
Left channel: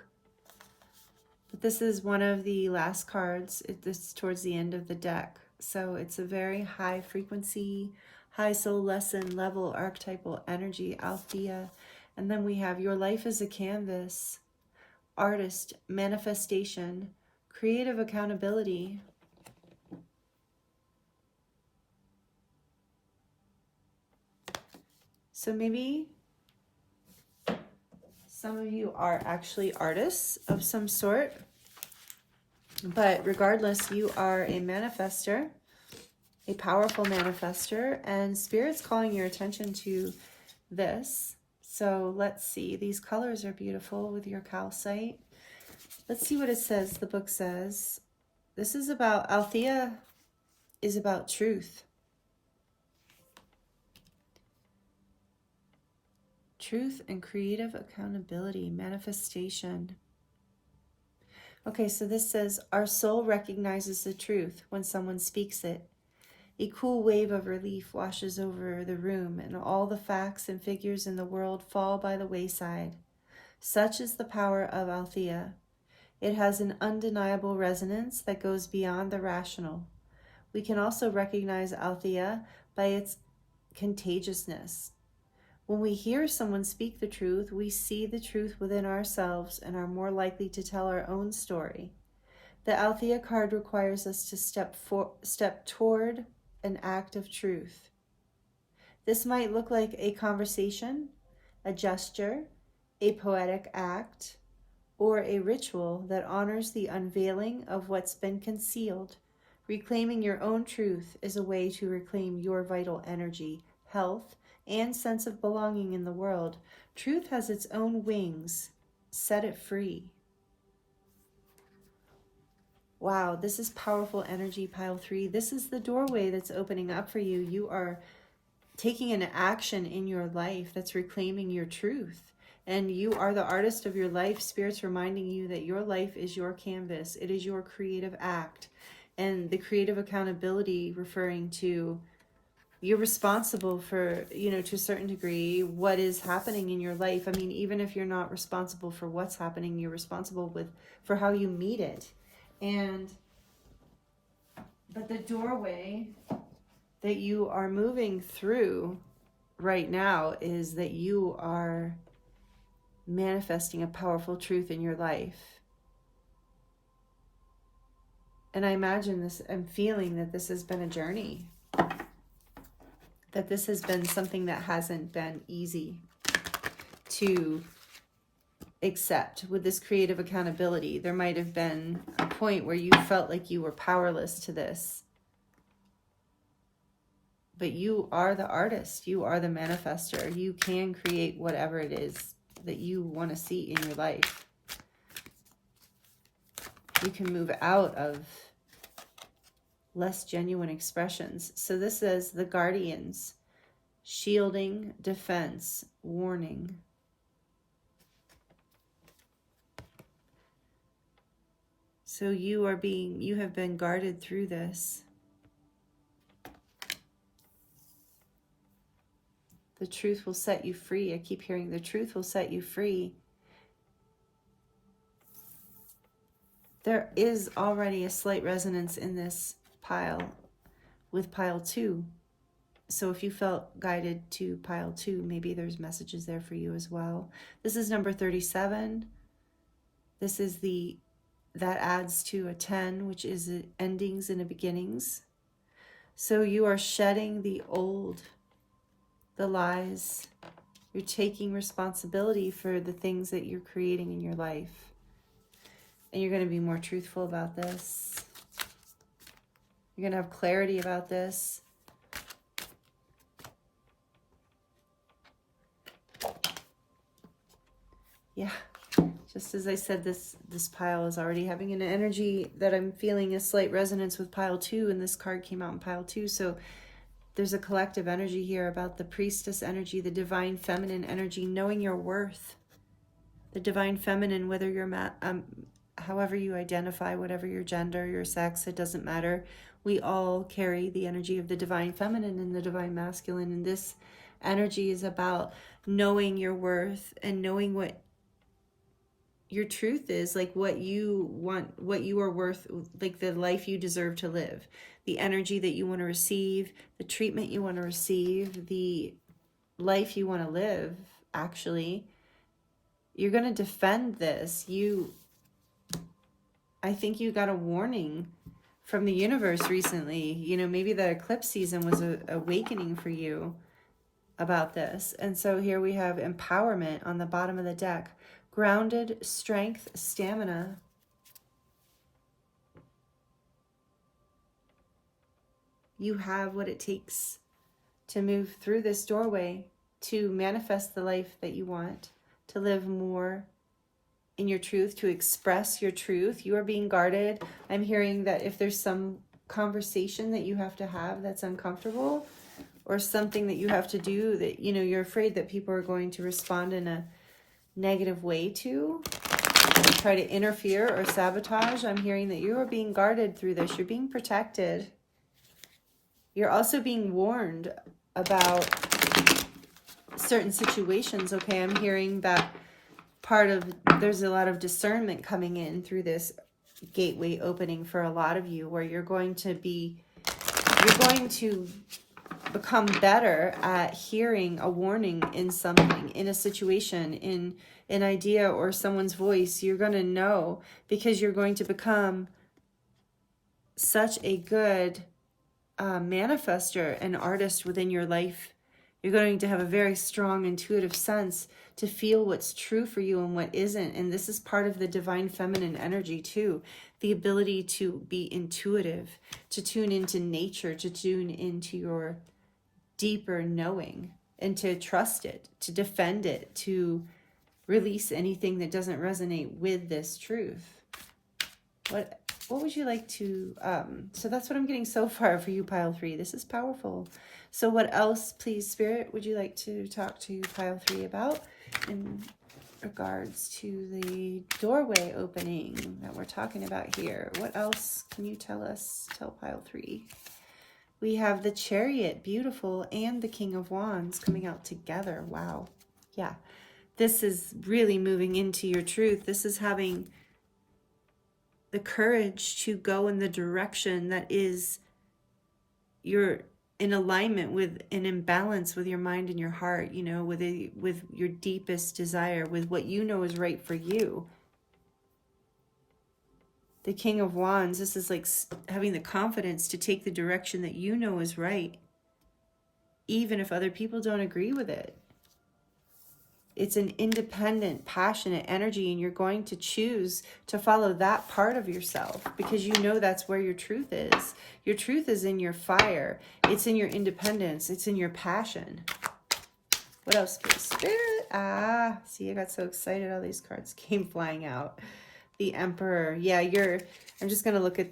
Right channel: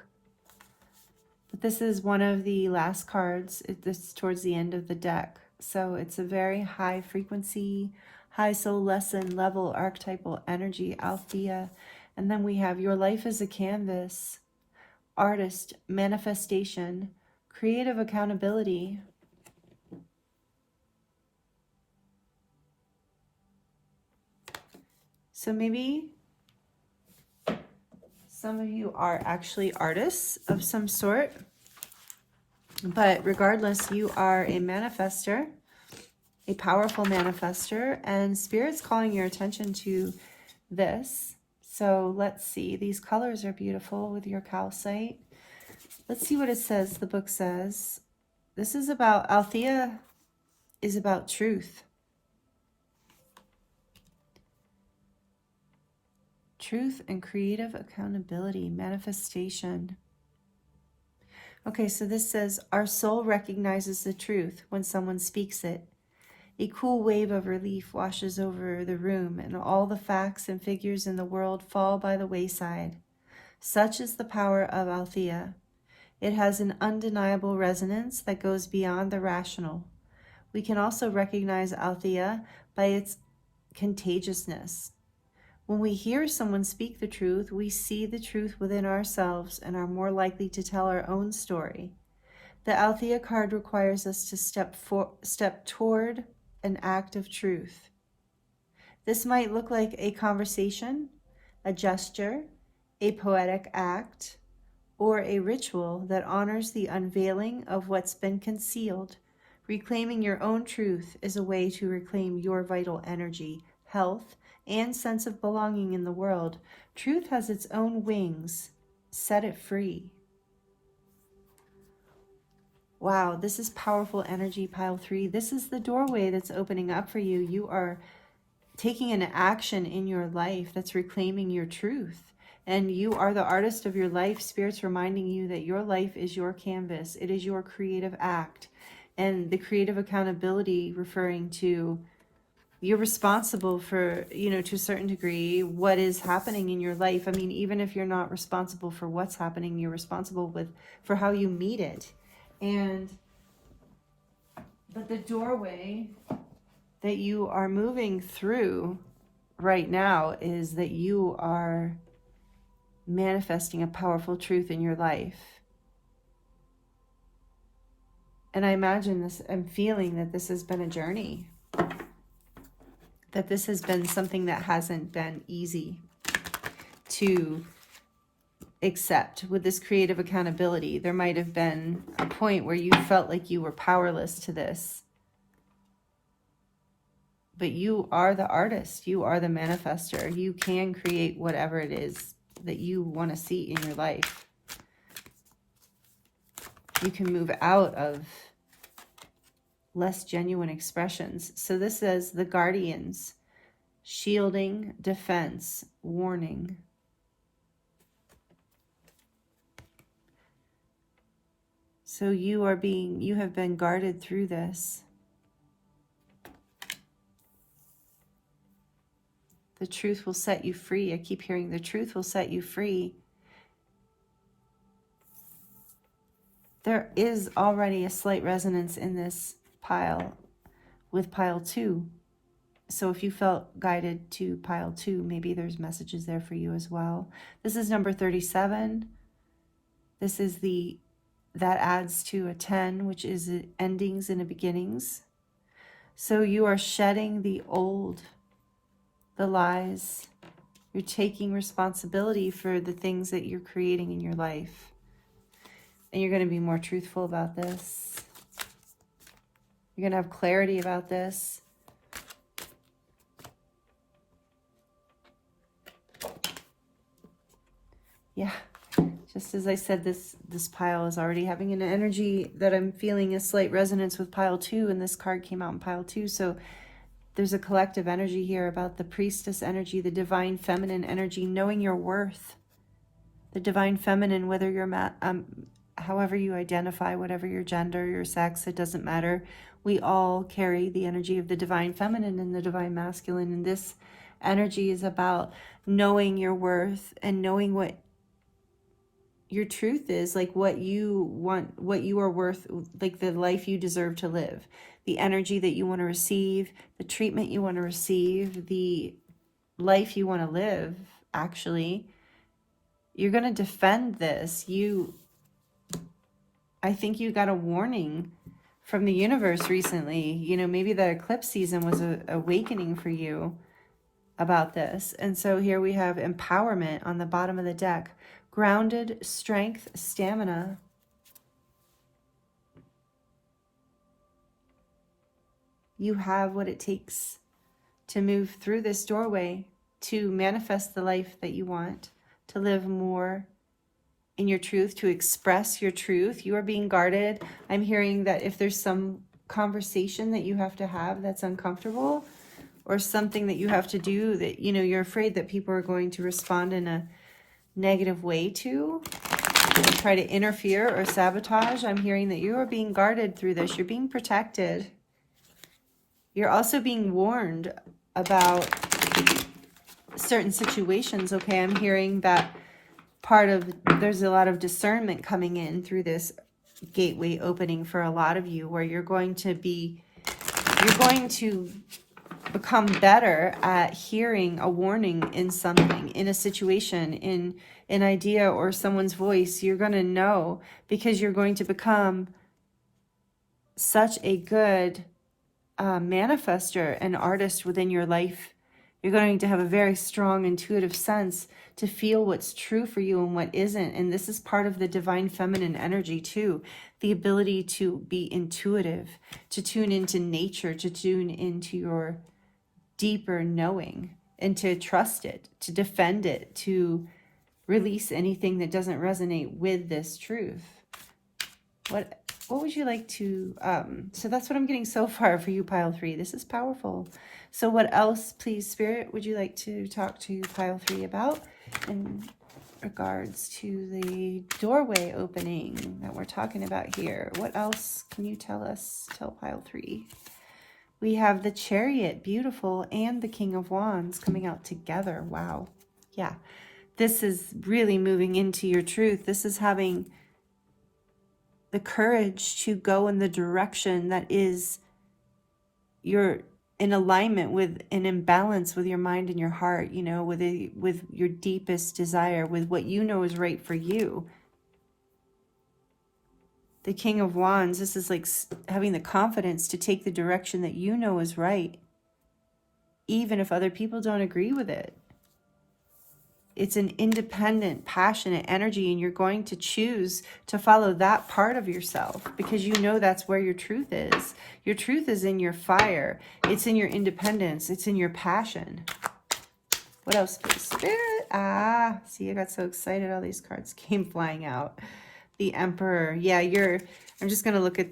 But this is one of the last cards. This is towards the end of the deck. So it's a very high frequency, high soul lesson level archetypal energy, Aletheia. And then we have your life as a canvas, artist, manifestation, creative accountability. So maybe some of you are actually artists of some sort, but regardless, you are a manifester, a powerful manifester, and Spirit's calling your attention to this. So let's see, these colors are beautiful with your calcite. Let's see what it says. The book says, this is about, Aletheia is about truth. Truth and creative accountability, manifestation. Okay, so this says, our soul recognizes the truth when someone speaks it. A cool wave of relief washes over the room, and all the facts and figures in the world fall by the wayside. Such is the power of Aletheia. It has an undeniable resonance that goes beyond the rational. We can also recognize Aletheia by its contagiousness. When we hear someone speak the truth, we see the truth within ourselves and are more likely to tell our own story. The Aletheia card requires us to step toward an act of truth. This might look like a conversation, a gesture, a poetic act, or a ritual that honors the unveiling of what's been concealed. Reclaiming your own truth is a way to reclaim your vital energy, health, and sense of belonging in the world. Truth has its own wings. Set it free. Wow, this is powerful energy, Pile 3. This is the doorway that's opening up for you. You are taking an action in your life that's reclaiming your truth. And you are the artist of your life. Spirit's reminding you that your life is your canvas. It is your creative act. And the creative accountability referring to you're responsible for, to a certain degree, what is happening in your life. I mean, even if you're not responsible for what's happening, you're responsible for how you meet it. But the doorway that you are moving through right now is that you are manifesting a powerful truth in your life. And I imagine this, I'm feeling that this has been a journey. That this has been something that hasn't been easy to accept. With this creative accountability, there might have been a point where you felt like you were powerless to this. But you are the artist. You are the manifester. You can create whatever it is that you want to see in your life. You can move out of less genuine expressions. So this says the guardians, shielding, defense, warning. So you have been guarded through this. The truth will set you free. I keep hearing the truth will set you free. There is already a slight resonance in this pile with pile 2. So if you felt guided to pile 2, maybe there's messages there for you as well. This is number 37. This is that adds to a 10, which is endings and beginnings. So you are shedding the old, the lies. You're taking responsibility for the things that you're creating in your life. And you're going to be more truthful about this. You're going to have clarity about this. Yeah, just as I said, this pile is already having an energy that I'm feeling a slight resonance with pile 2, and this card came out in pile 2. So there's a collective energy here about the priestess energy, the divine feminine energy, knowing your worth. The divine feminine, whether you're however you identify, whatever your gender, your sex, it doesn't matter. We all carry the energy of the divine feminine and the divine masculine. And this energy is about knowing your worth and knowing what your truth is, like what you want, what you are worth, like the life you deserve to live, the energy that you want to receive, the treatment you want to receive, the life you want to live. Actually, you're going to defend this. I think you got a warning from the universe recently. You know, maybe the eclipse season was an awakening for you about this. And so here we have empowerment on the bottom of the deck. Grounded, strength, stamina. You have what it takes to move through this doorway, to manifest the life that you want, to live more in your truth, to express your truth. You are being guarded. I'm hearing that if there's some conversation that you have to have that's uncomfortable, or something that you have to do that, you know, you're afraid that people are going to respond in a negative way to, try to interfere or sabotage, I'm hearing that you are being guarded through this. You're being protected. You're also being warned about certain situations. Okay, I'm hearing that there's a lot of discernment coming in through this gateway opening for a lot of you, where you're going to become better at hearing a warning in something, in a situation, in an idea or someone's voice. You're going to know, because you're going to become such a good manifester and artist within your life. You're going to have a very strong intuitive sense to feel what's true for you and what isn't. And this is part of the divine feminine energy too. The ability to be intuitive, to tune into nature, to tune into your deeper knowing, and to trust it, to defend it, to release anything that doesn't resonate with this truth. What would you like to, so that's what I'm getting so far for you, pile 3. This is powerful. So what else, please, Spirit, would you like to talk to pile 3 about in regards to the doorway opening that we're talking about here? What else can you tell pile 3? We have the Chariot, beautiful, and the King of Wands coming out together. Wow. Yeah. This is really moving into your truth. This is having the courage to go in the direction that is you're in alignment with, and in balance with your mind and your heart, you know, with your deepest desire, with what you know is right for you. The King of Wands, this is like having the confidence to take the direction that you know is right, even if other people don't agree with it. It's an independent, passionate energy, and you're going to choose to follow that part of yourself because you know that's where your truth is. Your truth is in your fire. It's in your independence. It's in your passion. What else, please, Spirit? Ah, see, I got so excited. All these cards came flying out. The Emperor. Yeah, I'm just going to look at,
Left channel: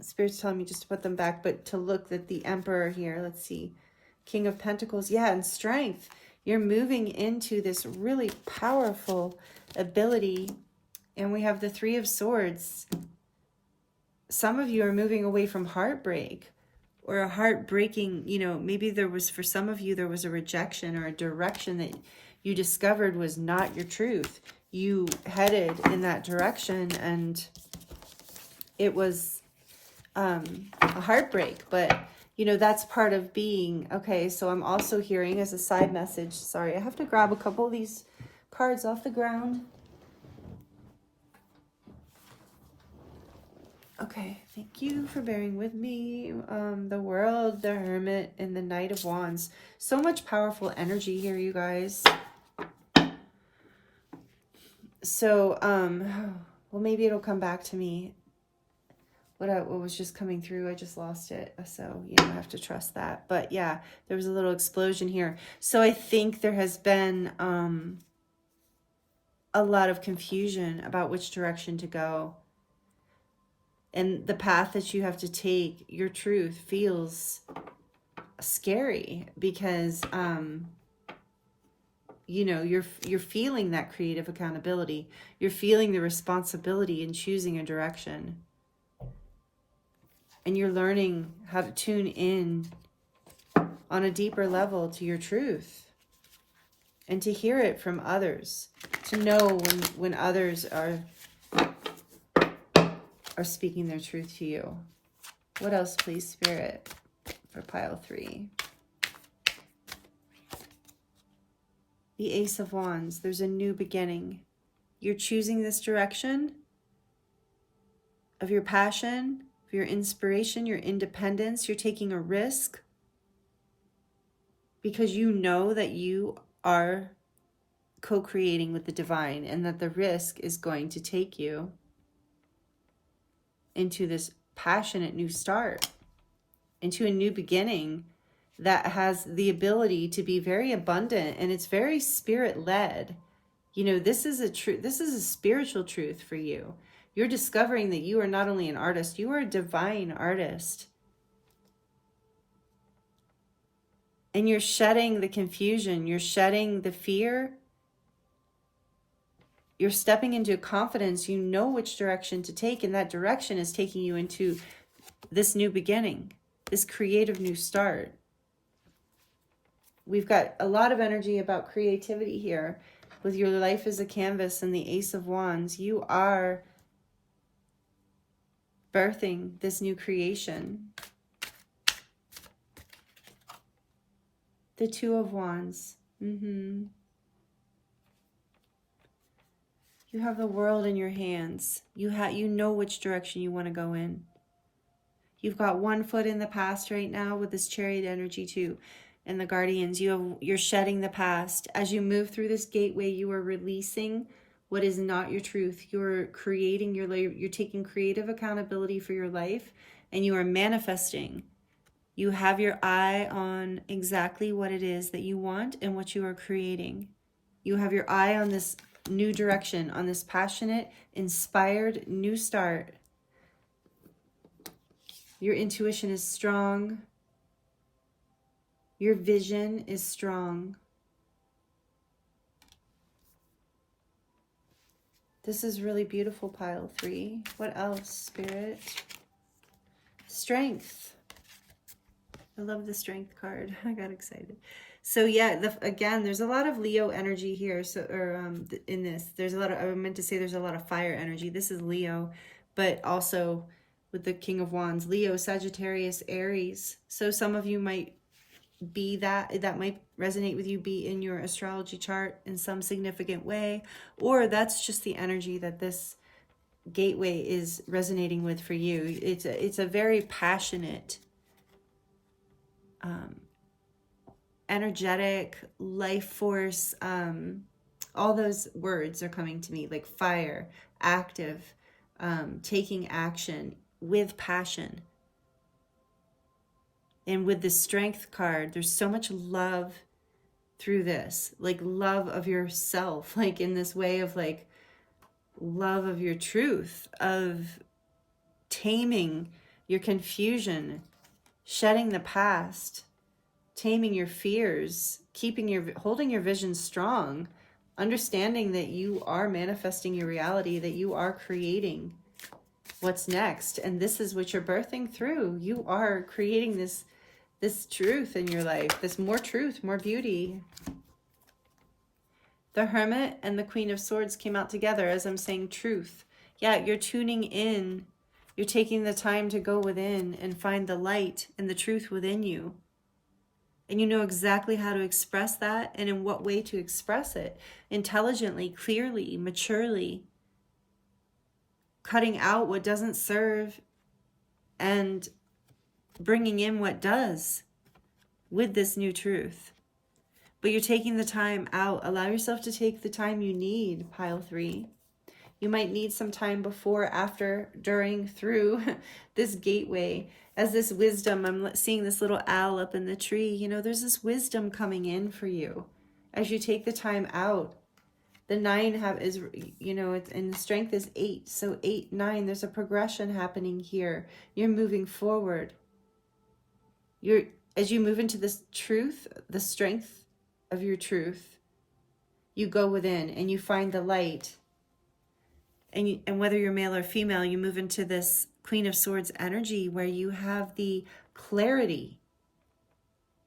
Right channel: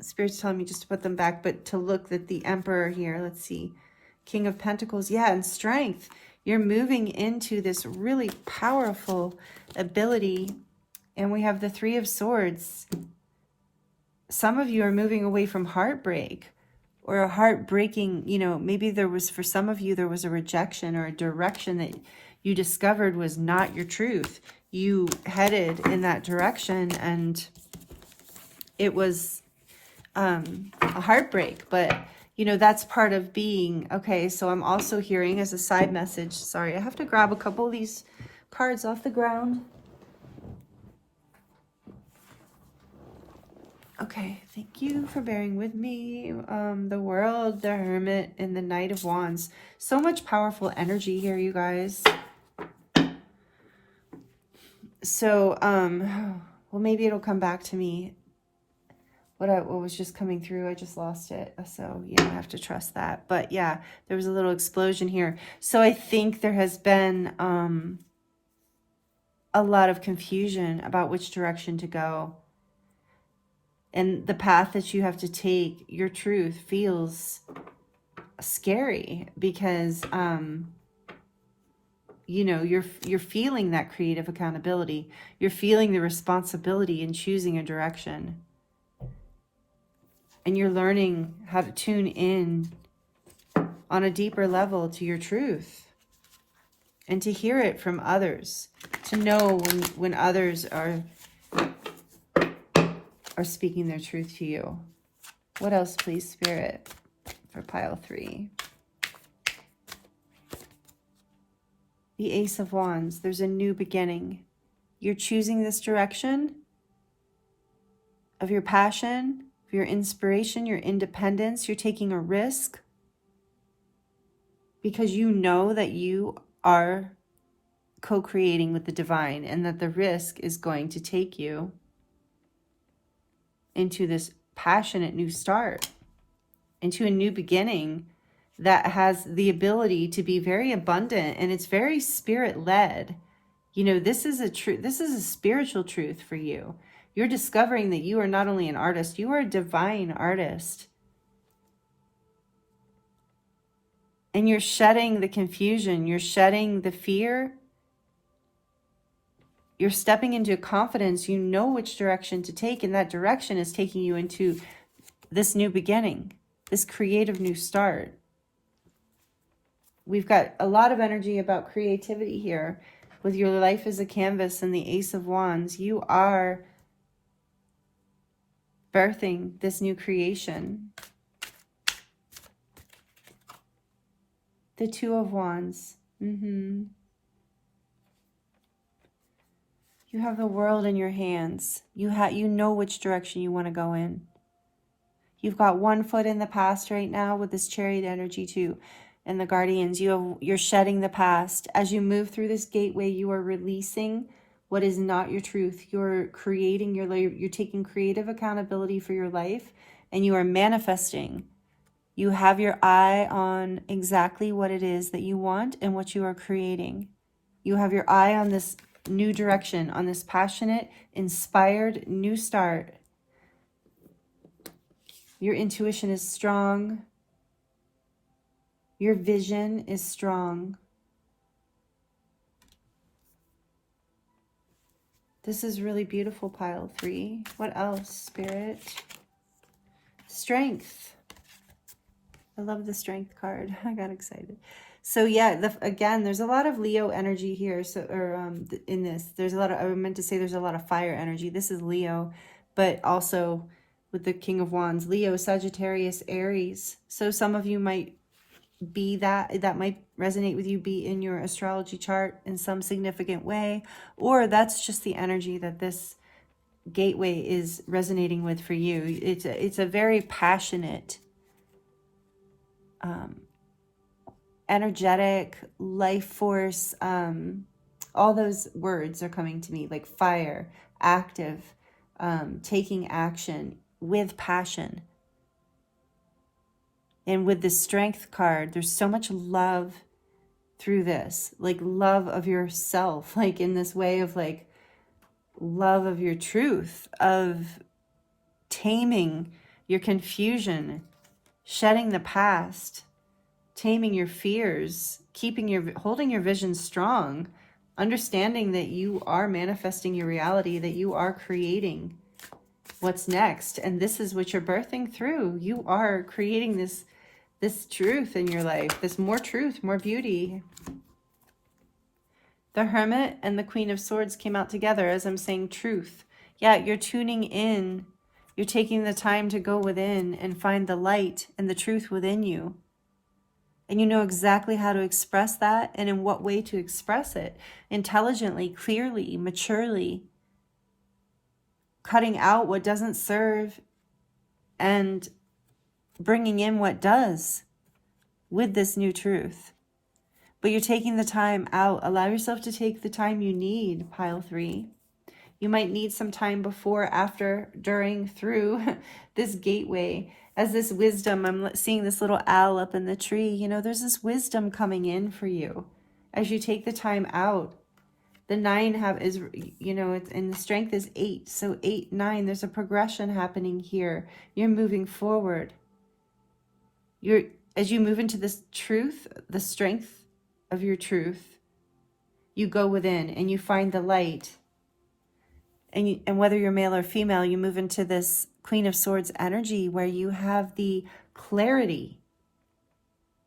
Spirit's telling me just to put them back, but to look at the Emperor here. Let's see. King of Pentacles. Yeah, and strength. You're moving into this really powerful ability. And we have the Three of Swords. Some of you are moving away from heartbreak or a heartbreaking, you know, maybe there was, for some of you, there was a rejection or a direction that you discovered was not your truth. You headed in that direction and it was a heartbreak, but you know, that's part of being, okay, so I'm also hearing as a side message, sorry, I have to grab a couple of these cards off the ground. Okay, thank you for bearing with me. The World, the Hermit, and the Knight of Wands. So much powerful energy here, you guys. So, well, maybe it'll come back to me. What was just coming through, I just lost it. So, yeah, I have to trust that. But, yeah, there was a little explosion here. So, I think there has been a lot of confusion about which direction to go. And the path that you have to take, your truth, feels scary because, you know, you're feeling that creative accountability. You're feeling the responsibility in choosing a direction. And you're learning how to tune in on a deeper level to your truth. And to hear it from others. To know when others are speaking their truth to you. What else, please, Spirit, for pile 3? The Ace of Wands. There's a new beginning. You're choosing this direction of your passion, of your inspiration, your independence. You're taking a risk because you know that you are co-creating with the divine and that the risk is going to take you into this passionate new start, into a new beginning that has the ability to be very abundant, and it's very spirit-led. You know, this is a truth. This is a spiritual truth for you. You're discovering that you are not only an artist, you are a divine artist. And you're shedding the confusion, you're shedding the fear. You're stepping into confidence. You know which direction to take, and that direction is taking you into this new beginning, this creative new start. We've got a lot of energy about creativity here. With your life as a canvas and the Ace of Wands, you are birthing this new creation. The Two of Wands. You have the world in your hands. You know which direction you want to go in. You've got one foot in the past right now with this Chariot energy too. And the Guardians, you're shedding the past. As you move through this gateway, you are releasing what is not your truth. You're creating you're taking creative accountability for your life, and you are manifesting. You have your eye on exactly what it is that you want and what you are creating. You have your eye on this new direction, on this passionate, inspired new start. Your intuition is strong. Your vision is strong. This is really beautiful, pile 3. What else, Spirit? Strength. I love the Strength card. I got excited. So yeah, again, there's a lot of Leo energy here. So, in this, there's a lot of, I meant to say there's a lot of fire energy. This is Leo, but also with the King of Wands, Leo, Sagittarius, Aries. So some of you might be that might resonate with you, be in your astrology chart in some significant way, or that's just the energy that this gateway is resonating with for you. It's a very passionate, energetic, life force. All those words are coming to me, like fire, active, taking action with passion. And with the Strength card, there's so much love through this, like love of yourself, like in this way of like love of your truth, of taming your confusion, shedding the past, taming your fears, holding your vision strong, understanding that you are manifesting your reality, that you are creating what's next. And this is what you're birthing through. You are creating this truth in your life, this more truth, more beauty. The Hermit and the Queen of Swords came out together as I'm saying truth. Yeah, you're tuning in. You're taking the time to go within and find the light and the truth within you. And you know exactly how to express that and in what way to express it. Intelligently, clearly, maturely. Cutting out what doesn't serve and bringing in what does with this new truth. But you're taking the time out. Allow yourself to take the time you need, pile 3. You might need some time before, after, during, through this gateway. As this wisdom, I'm seeing this little owl up in the tree. You know, there's this wisdom coming in for you as you take the time out. The 9 is, you know, and the strength is 8. So 8, 9, there's a progression happening here. You're moving forward. As you move into this truth, the strength of your truth, you go within and you find the light. And whether you're male or female, you move into this Queen of Swords energy where you have the clarity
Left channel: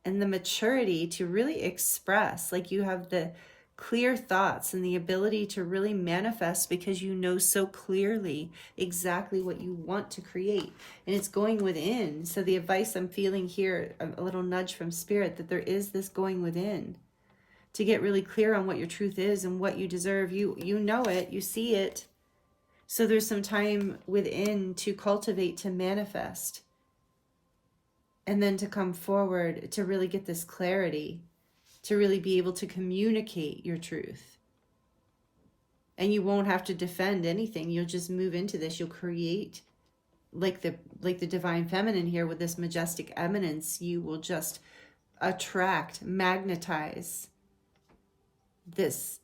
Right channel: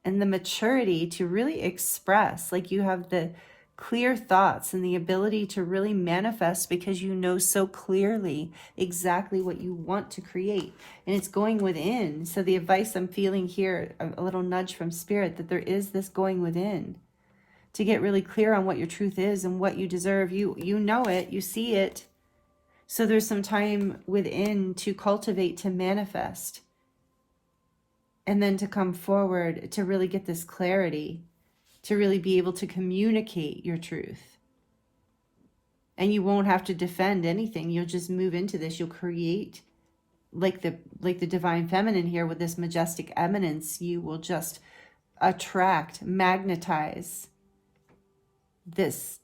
and the maturity to really express, like you have the clear thoughts and the ability to really manifest because you know so clearly exactly what you want to create. And it's going within. So the advice I'm feeling here, a little nudge from Spirit, that there is this going within to get really clear on what your truth is and what you deserve. You know it, you see it. So there's some time within to cultivate, to manifest, and then to come forward to really get this clarity, to really be able to communicate your truth. And you won't have to defend anything. You'll just move into this. You'll create like the divine feminine here with this majestic eminence. You will just attract, magnetize this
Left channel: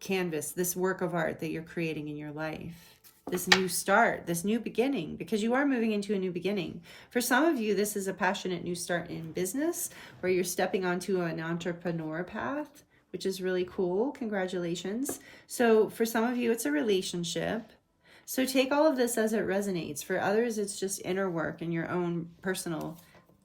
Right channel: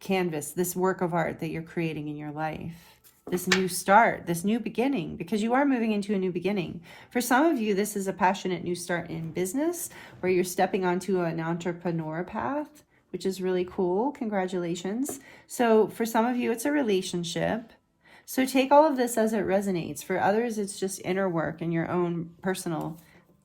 canvas, this work of art that you're creating in your life, this new start, this new beginning, because you are moving into a new beginning. For some of you, this is a passionate new start in business, where you're stepping onto an entrepreneur path, which is really cool. Congratulations. So for some of you, it's a relationship. So take all of this as it resonates. For others, it's just inner work and your own personal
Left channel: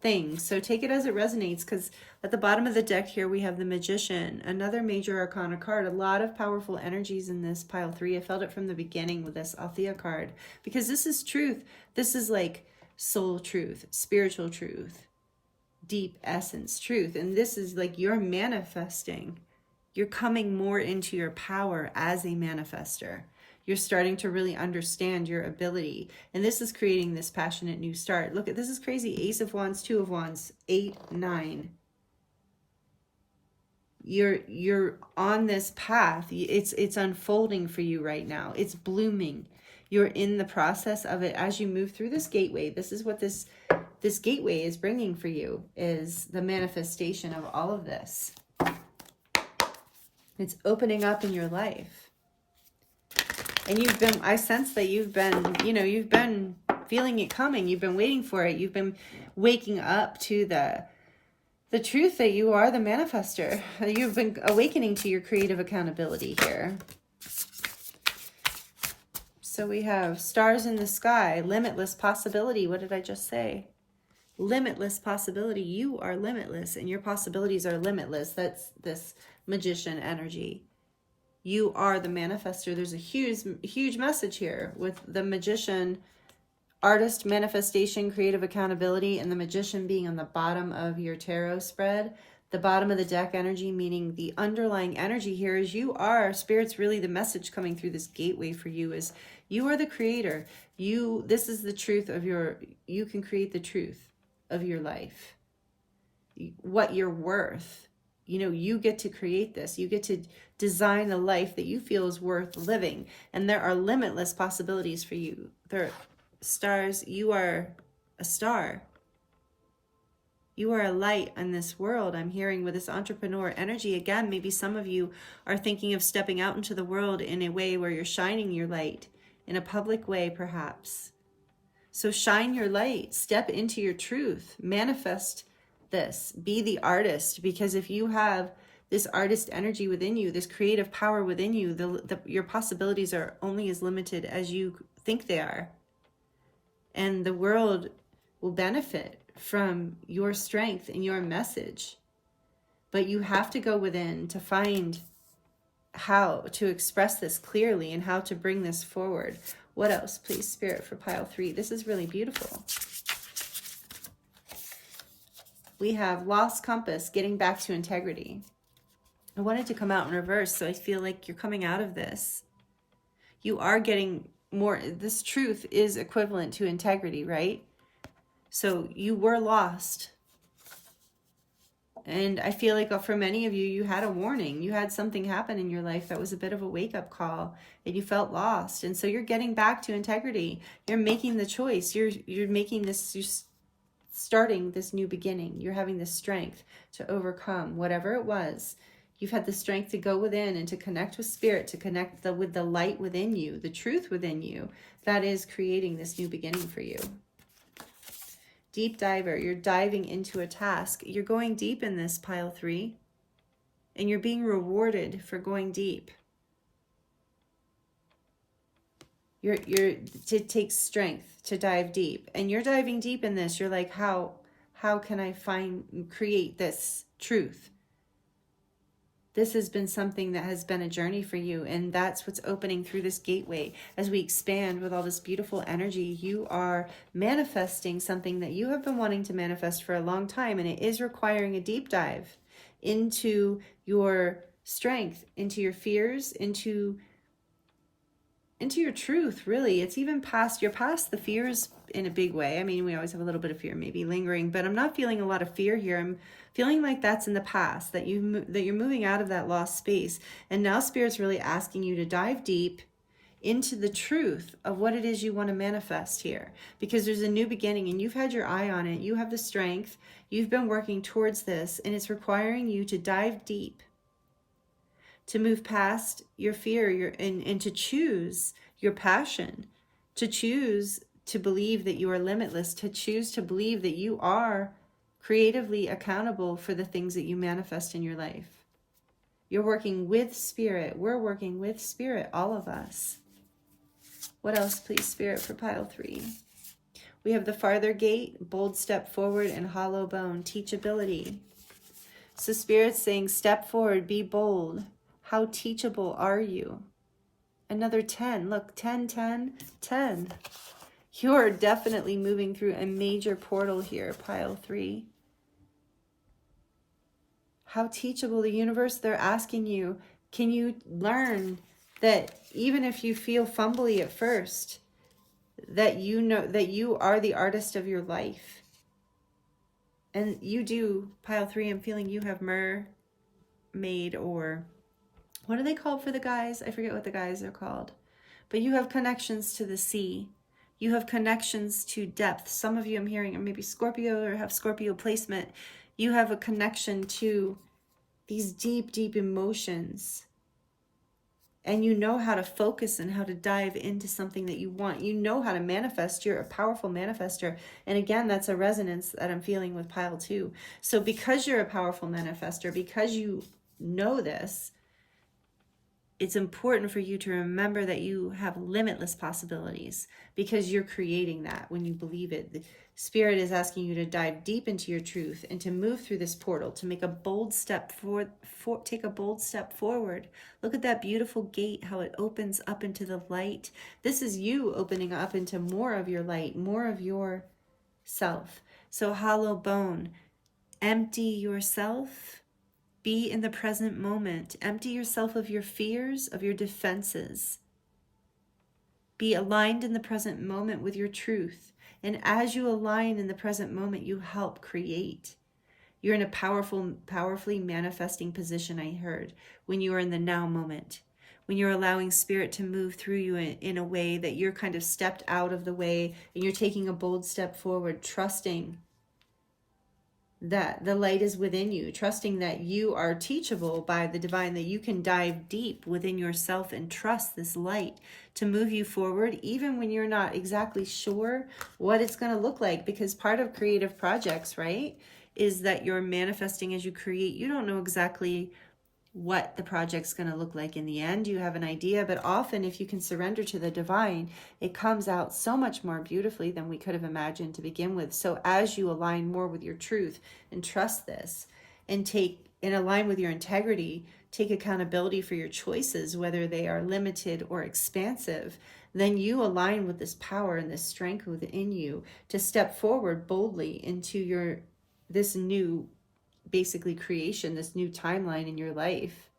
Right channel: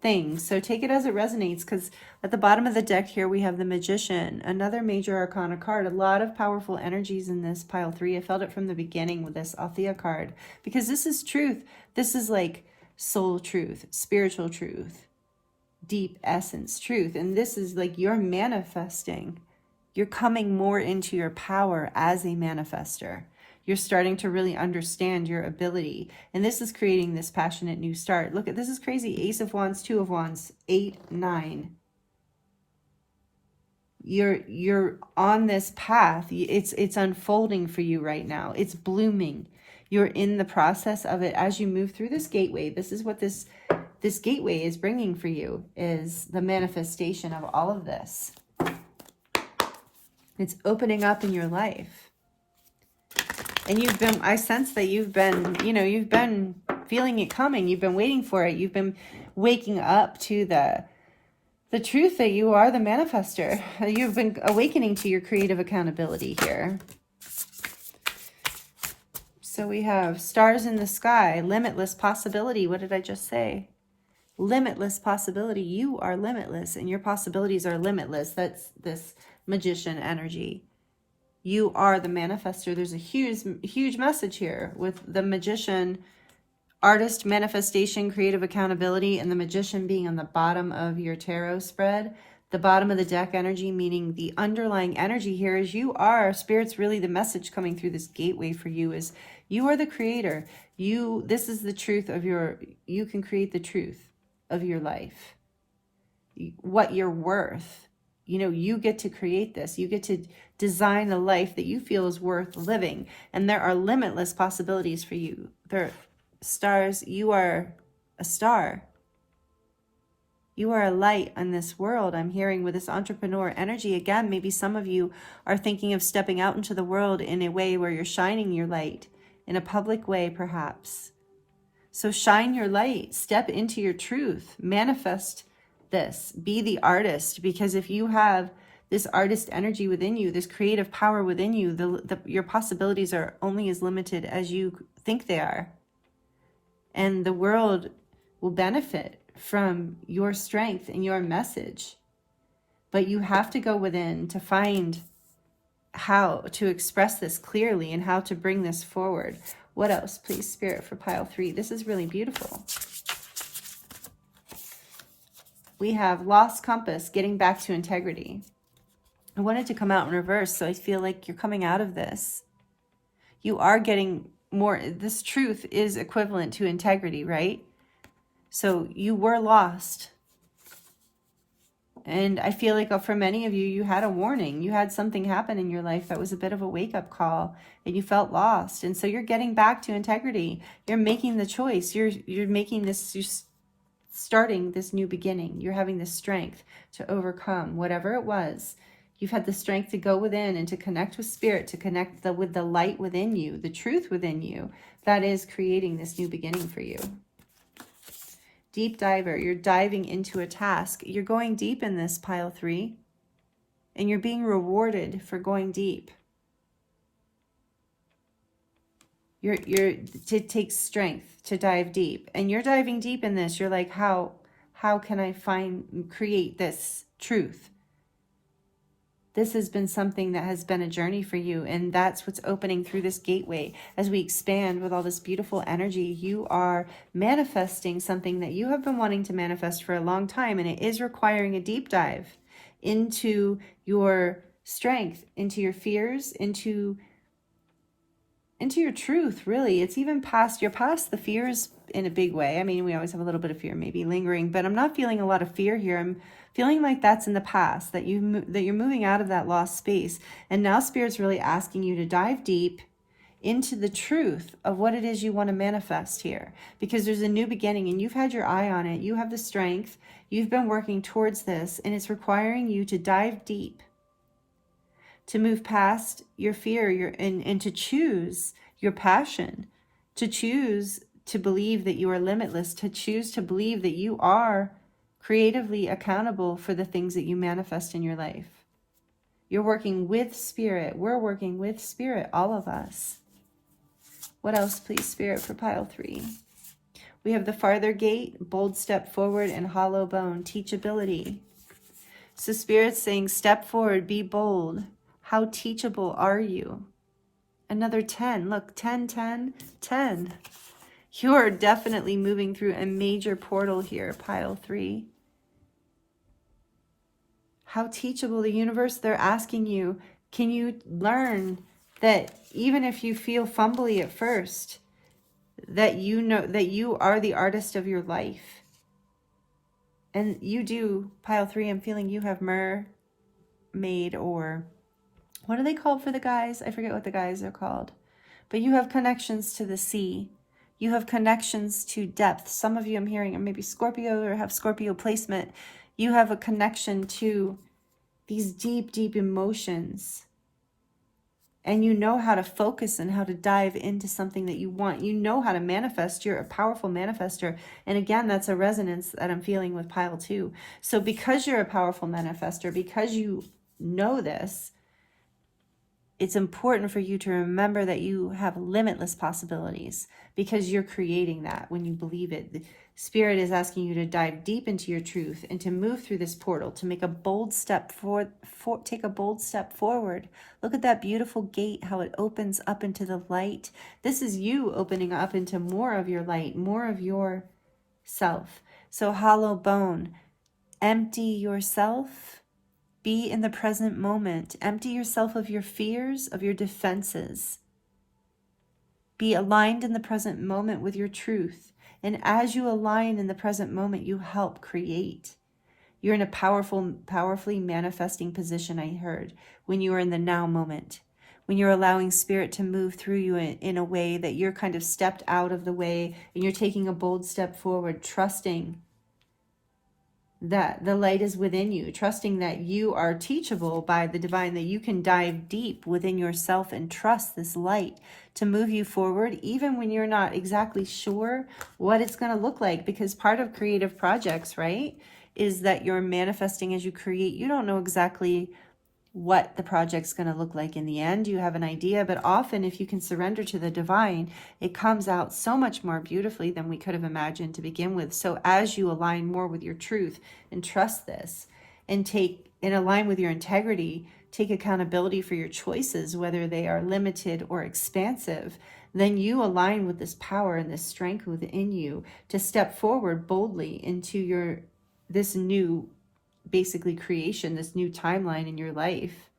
things. So take it as it resonates, because at the bottom of the deck here, we have the Magician, another major arcana card. A lot of powerful energies in this pile 3. I felt it from the beginning with this Althea card, because this is truth. This is like soul truth, spiritual truth, deep essence truth. And this is like you're manifesting. You're coming more into your power as a manifester. You're starting to really understand your ability. And this is creating this passionate new start. Look at this, is crazy. Ace of Wands, 2 of Wands, 8, 9. You're on this path. It's unfolding for you right now. It's blooming. You're in the process of it as you move through this gateway. This is what this gateway is bringing for you, is the manifestation of all of this. It's opening up in your life. And I sense that you've been feeling it coming. You've been waiting for it. You've been waking up to the truth that you are the manifester. You've been awakening to your creative accountability here. So we have stars in the sky, limitless possibility. What did I just say? Limitless possibility. You are limitless and your possibilities are limitless. That's this Magician energy. You are the manifester. There's a huge message here with the Magician, artist, manifestation, creative accountability, and the Magician being on the bottom of your tarot spread. The bottom of the deck energy, meaning the underlying energy here is you are, Spirit's really the message coming through this gateway for you is you are the creator. This is the truth of you can create the truth of your life. What you're worth. You get to create this. You get to design the life that you feel is worth living. And there are limitless possibilities for you. Stars, you are a star. You are a light in this world. I'm hearing with this entrepreneur energy. Again, maybe some of you are thinking of stepping out into the world in a way where you're shining your light, in a public way perhaps. So shine your light, step into your truth, manifest this, be the artist, because if you have this artist energy within you, this creative power within you, your possibilities are only as limited as you think they are. And the world will benefit from your strength and your message. But you have to go within to find how to express this clearly and how to bring this forward. What else, please, Spirit, for pile 3? This is really beautiful. We have lost compass, getting back to integrity. I wanted to come out in reverse, so I feel like you're coming out of this. You are getting more. This truth is equivalent to integrity, right? So you were lost. And I feel like for many of you, you had a warning. You had something happen in your life that was a bit of a wake-up call, and you felt lost. And so you're getting back to integrity. You're making the choice. You're making this, you're starting this new beginning. You're having the strength to overcome whatever it was. You've had the strength to go within and to connect with spirit, to connect with the light within you, the truth within you, that is creating this new beginning for you. Deep diver, you're diving into a task. You're going deep in this, pile 3, and you're being rewarded for going deep. It takes strength to dive deep, and you're diving deep in this. You're like, how can I create this truth? This has been something that has been a journey for you, and that's what's opening through this gateway. As we expand with all this beautiful energy, you are manifesting something that you have been wanting to manifest for a long time, and it is requiring a deep dive into your strength, into your fears, into your truth, really. It's even you're past the fears in a big way. I mean, we always have a little bit of fear maybe lingering, but I'm not feeling a lot of fear here. I'm feeling like that's in the past, that you're moving out of that lost space. And now Spirit's really asking you to dive deep into the truth of what it is you want to manifest here. Because there's a new beginning, and you've had your eye on it. You have the strength. You've been working towards this, and it's requiring you to dive deep, to move past your fear, and to choose your passion, to choose to believe that you are limitless, to choose to believe that you are creatively accountable for the things that you manifest in your life. You're working with spirit. We're working with spirit, all of us. What else, please, Spirit, for pile 3? We have the farther gate, bold step forward, and hollow bone, teachability. So Spirit's saying, step forward, be bold. How teachable are you? Another 10. Look, 10, 10, 10. You are definitely moving through a major portal here, pile 3. How teachable. The universe, they're asking you, can you learn that even if you feel fumbly at first, that you know that you are the artist of your life? And you do, pile 3, I'm feeling you have mermaid, or what are they called for the guys? I forget what the guys are called. But you have connections to the sea. You have connections to depth. Some of you I'm hearing are maybe Scorpio or have Scorpio placement. You have a connection to these deep, deep emotions. And you know how to focus and how to dive into something that you want. You know how to manifest. You're a powerful manifester. And again, that's a resonance that I'm feeling with pile 2. So because you're a powerful manifester, because you know this, it's important for you to remember that you have limitless possibilities, because you're creating that when you believe it. The Spirit is asking you to dive deep into your truth and to move through this portal, to make a bold step forward, take a bold step forward. Look at that beautiful gate, how it opens up into the light. This is you opening up into more of your light, more of your self. So hollow bone, empty yourself. Be in the present moment. Empty yourself of your fears, of your defenses. Be aligned in the present moment with your truth. And as you align in the present moment, you help create. You're in a powerfully manifesting position, I heard, when you are in the now moment. When you're allowing Spirit to move through you in a way that you're kind of stepped out of the way and you're taking a bold step forward, trusting that the light is within you, trusting that you are teachable by the divine, that you can dive deep within yourself and trust this light to move you forward, even when you're not exactly sure what it's going to look like. Because part of creative projects, right, is that you're manifesting as you create. You don't know exactly what the project's going to look like in the end. You have an idea, but often if you can surrender to the divine, it comes out so much more beautifully than we could have imagined to begin with. So as you align more with your truth and trust this and align with your integrity, take accountability for your choices, whether they are limited or expansive, then you align with this power and this strength within you to step forward boldly into this new basically creation, this new timeline in your life,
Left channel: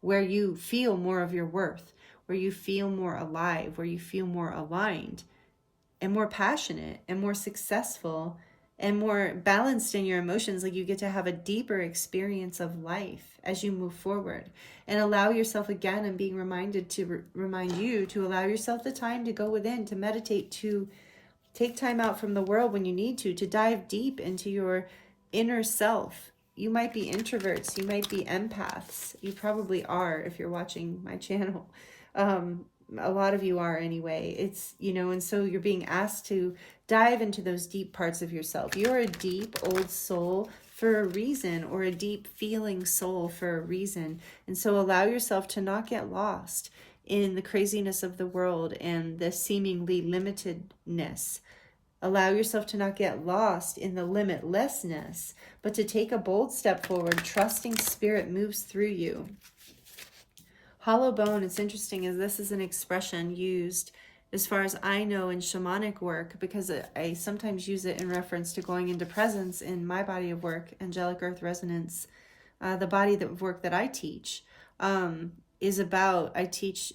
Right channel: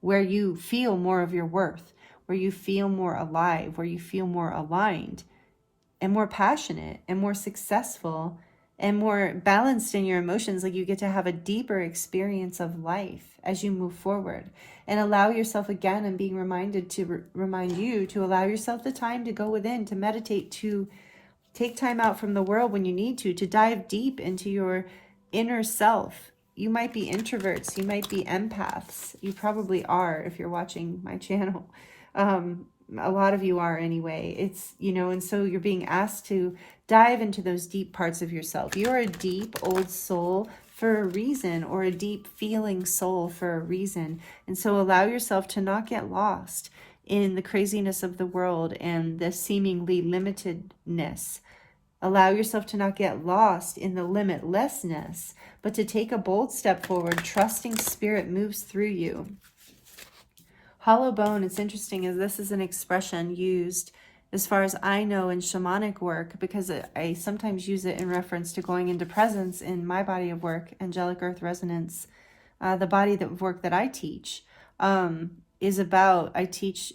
where you feel more of your worth, where you feel more alive, where you feel more aligned and more passionate and more successful and more balanced in your emotions. Like you get to have a deeper experience of life as you move forward, and allow yourself, again, and being reminded to remind you to allow yourself the time to go within, to meditate, to take time out from the world when you need to dive deep into your inner self. You might be introverts, you might be empaths. You probably are if you're watching my channel. A lot of you are anyway. It's, and so you're being asked to dive into those deep parts of yourself. You're a deep old soul for a reason, or a deep feeling soul for a reason. And so allow yourself to not get lost in the craziness of the world and the seemingly limitedness. Allow yourself to not get lost in the limitlessness, but to take a bold step forward, trusting spirit moves through you. Hollow bone, it's interesting, as this is an expression used, as far as I know, in shamanic work, because I sometimes use it in reference to going into presence in my body of work, angelic earth resonance. The body of work that I teach is about, I teach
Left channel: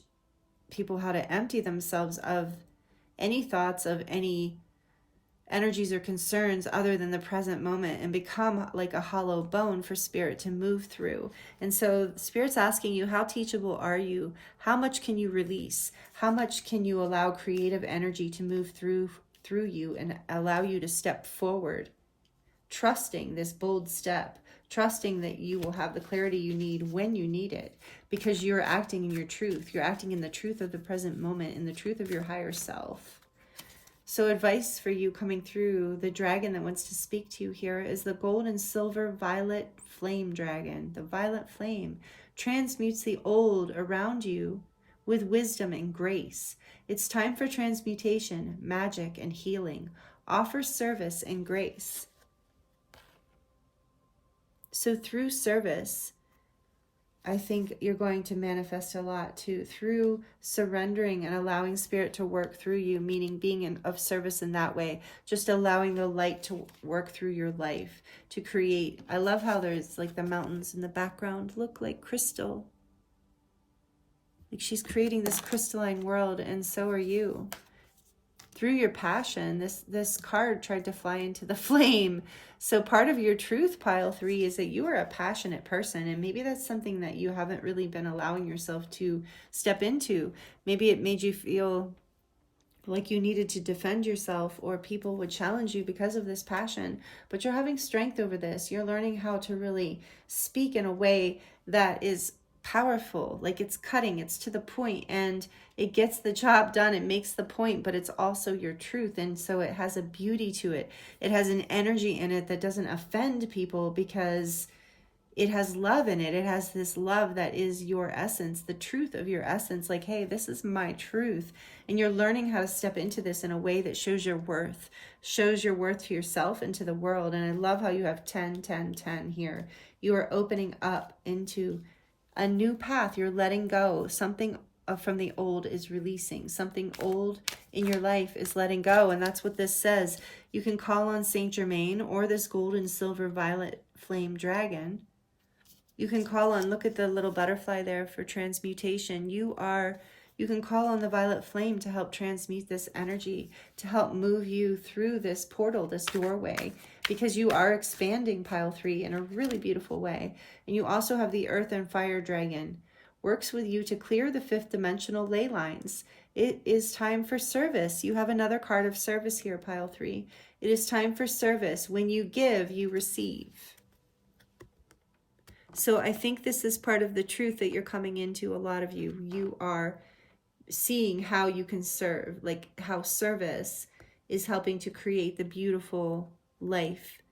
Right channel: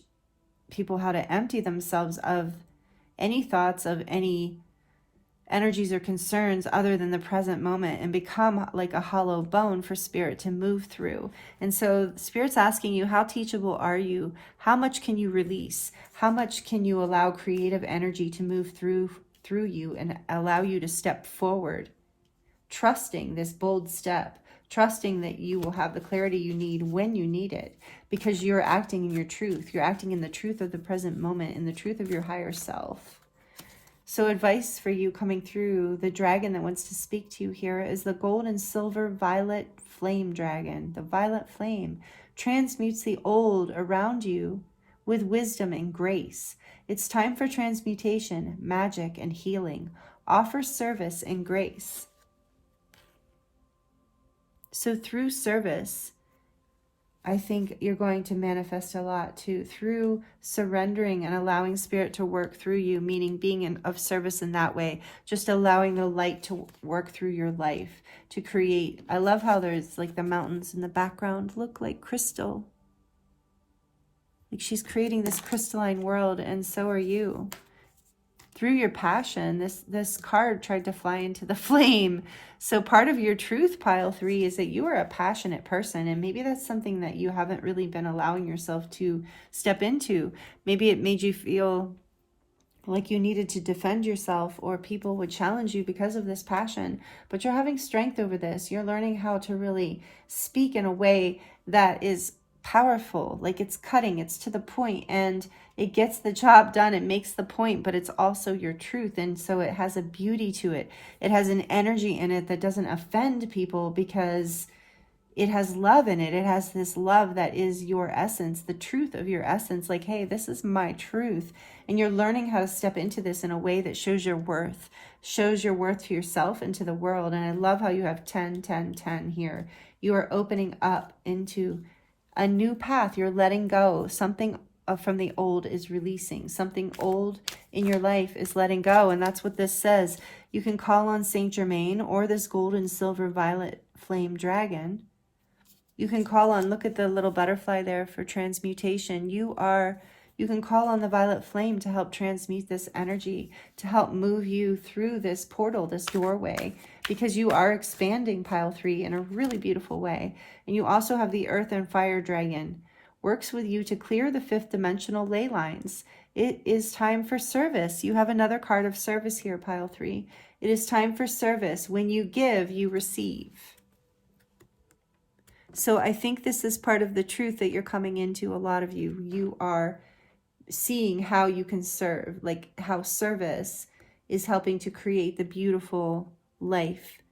people how to empty themselves of any thoughts, of any energies or concerns other than the present moment, and become like a hollow bone for spirit to move through. And so spirit's asking you, how teachable are you? How much can you release? How much can you allow creative energy to move through you and allow you to step forward, trusting this bold step, trusting that you will have the clarity you need when you need it, because you're acting in your truth. You're acting in the truth of the present moment, in the truth of your higher self. So advice for you coming through, the dragon that wants to speak to you here is the gold and silver violet flame dragon. The violet flame transmutes the old around you with wisdom and grace. It's time for transmutation, magic, and healing. Offer service and grace. So through service, I think you're going to manifest a lot too, through surrendering and allowing spirit to work through you, meaning being of service in that way, just allowing the light to work through your life, to create. I love how there's like the mountains in the background look like crystal. Like she's creating this crystalline world, and so are you. Through your passion, this card tried to fly into the flame. So part of your truth, pile 3, is that you are a passionate person, and maybe that's something that you haven't really been allowing yourself to step into. Maybe it made you feel like you needed to defend yourself, or people would challenge you because of this passion, but you're having strength over this. You're learning how to really speak in a way that is powerful, like it's cutting, it's to the point, and it gets the job done. It makes the point, but it's also your truth. And so it has a beauty to it. It has an energy in it that doesn't offend people, because it has love in it. It has this love that is your essence, the truth of your essence. Like, hey, this is my truth. And you're learning how to step into this in a way that shows your worth to yourself and to the world. And I love how you have 10, 10, 10 here. You are opening up into a new path. You're letting go. Something from the old is releasing. Something old in your life is letting go. And that's what this says. You can call on Saint Germain or this gold and silver violet flame dragon. You can call on, look at the little butterfly there for transmutation. You can call on the violet flame to help transmute this energy, to help move you through this portal, this doorway, because you are expanding, pile 3, in a really beautiful way. And you also have the earth and fire dragon. Works with you to clear the 5th dimensional ley lines. It is time for service. You have another card of service here, pile 3. It is time for service. When you give, you receive. So I think this is part of the truth that you're coming into, a lot of you. You are seeing how you can serve, like how service is helping to create the beautiful life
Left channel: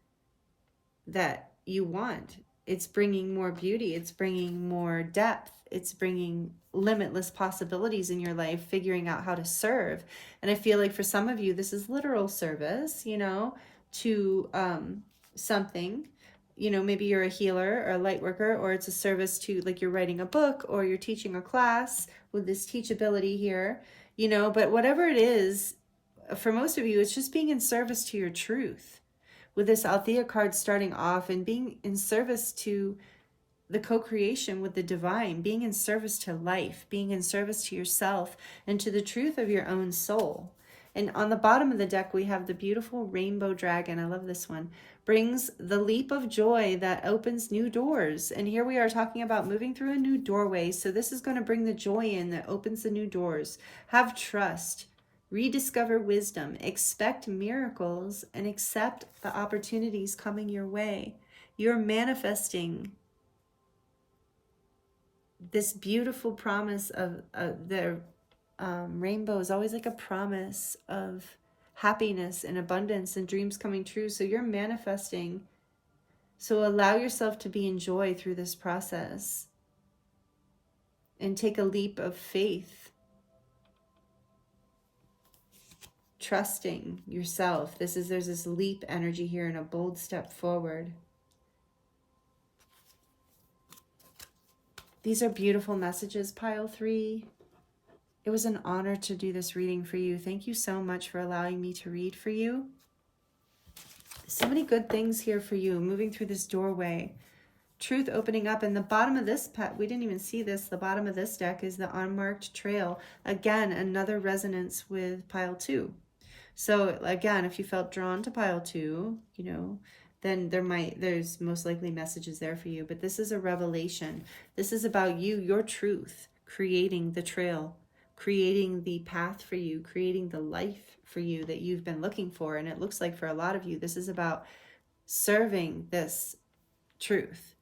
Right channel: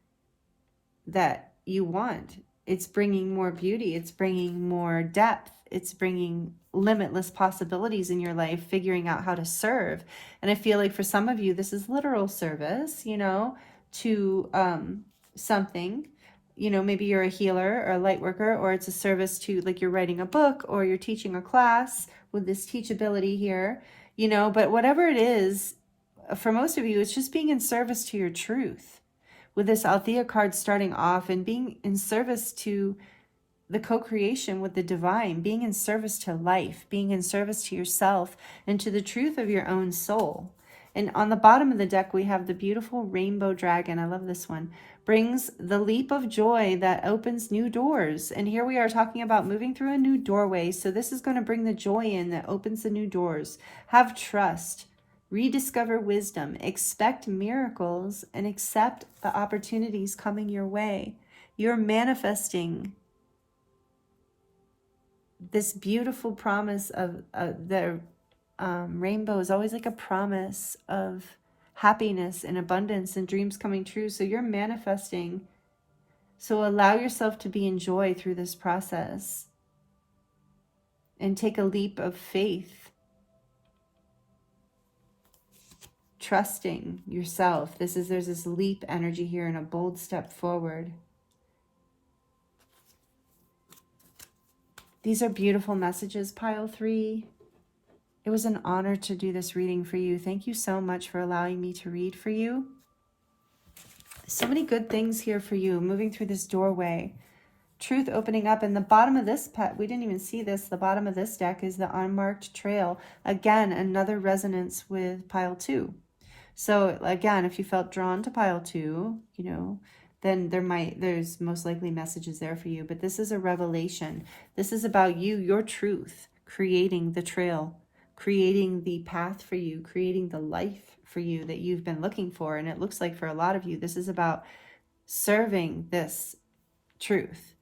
that you want. It's bringing more beauty. It's bringing more depth. It's bringing limitless possibilities in your life, figuring out how to serve. And I feel like for some of you, this is literal service, you know, to something. You know, maybe you're a healer or a light worker, or it's a service to, like, you're writing a book or you're teaching a class with this teachability here, you know, but whatever it is, for most of you, it's just being in service to your truth. With this Althea card starting off and being in service to the co-creation with the divine, being in service to life, being in service to yourself and to the truth of your own soul. And on the bottom of the deck, we have the beautiful rainbow dragon. I love this one. Brings the leap of joy that opens new doors. And here we are talking about moving through a new doorway. So this is going to bring the joy in that opens the new doors. Have trust. Rediscover wisdom. Expect miracles and accept the opportunities coming your way. You're manifesting this beautiful promise of the rainbow is always like a promise of happiness and abundance and dreams coming true. So you're manifesting. So allow yourself to be in joy through this process and take a leap of faith. Trusting yourself. There's this leap energy here and a bold step forward. These are beautiful messages, pile 3. It was an honor to do this reading for you. Thank you so much for allowing me to read for you. So many good things here for you, moving through this doorway. Truth opening up. And the bottom of this pet, we didn't even see this, the bottom of this deck is the unmarked trail. Again, another resonance with pile 2. So again, if you felt drawn to pile 2, you know, then there's most likely messages there for you. But this is a revelation. This is about you, your truth, creating the trail, creating the path for you, creating the life for you that you've been looking for. And it looks like for a lot of you, this is about serving this truth,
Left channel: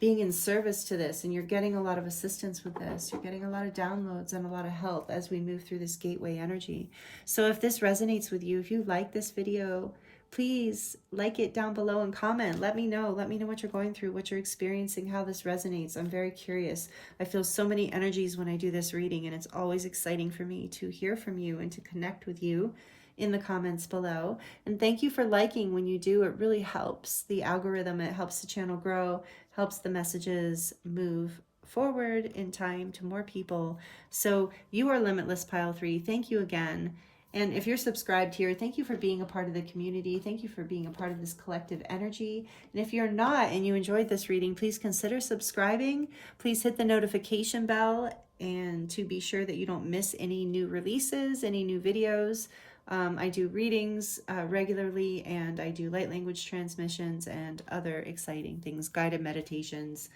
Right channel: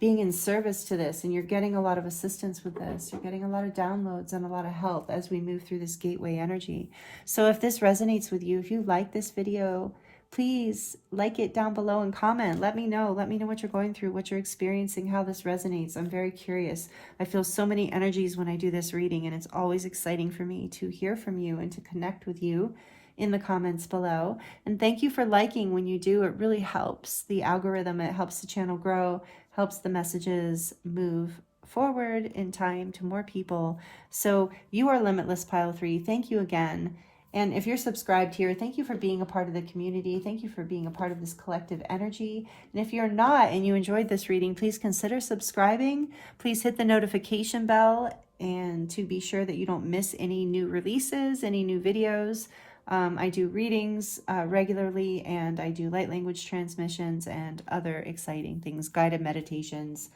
being in service to this. And you're getting a lot of assistance with this. You're getting a lot of downloads and a lot of help as we move through this gateway energy. So if this resonates with you, if you like this video, please like it down below and comment. Let me know. Let me know what you're going through, what you're experiencing, how this resonates. I'm very curious. I feel so many energies when I do this reading, and it's always exciting for me to hear from you and to connect with you in the comments below. And thank you for liking when you do. It really helps the algorithm. It helps the channel grow, helps the messages move forward in time to more people. So you are limitless, pile 3. Thank you again. And if you're subscribed here, thank you for being a part of the community. Thank you for being a part of this collective energy. And if you're not and you enjoyed this reading, please consider subscribing. Please hit the notification bell and to be sure that you don't miss any new releases, any new videos. I do readings regularly, and I do light language transmissions and other exciting things, guided meditations,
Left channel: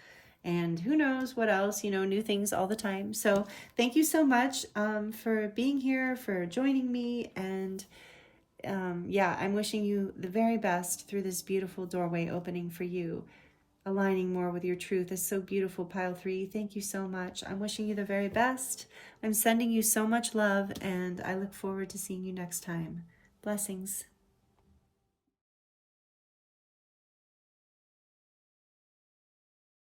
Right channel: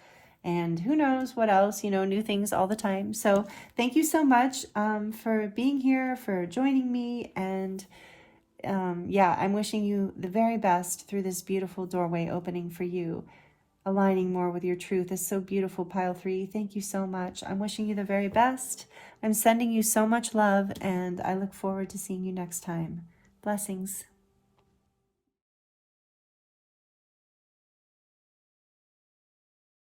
and who knows what else, you know, new things all the time. So thank you so much for being here, for joining me. And yeah, I'm wishing you the very best through this beautiful doorway opening for you. Aligning more with your truth is so beautiful, pile 3. Thank you so much. I'm wishing you the very best. I'm sending you so much love, and I look forward to seeing you next time. Blessings.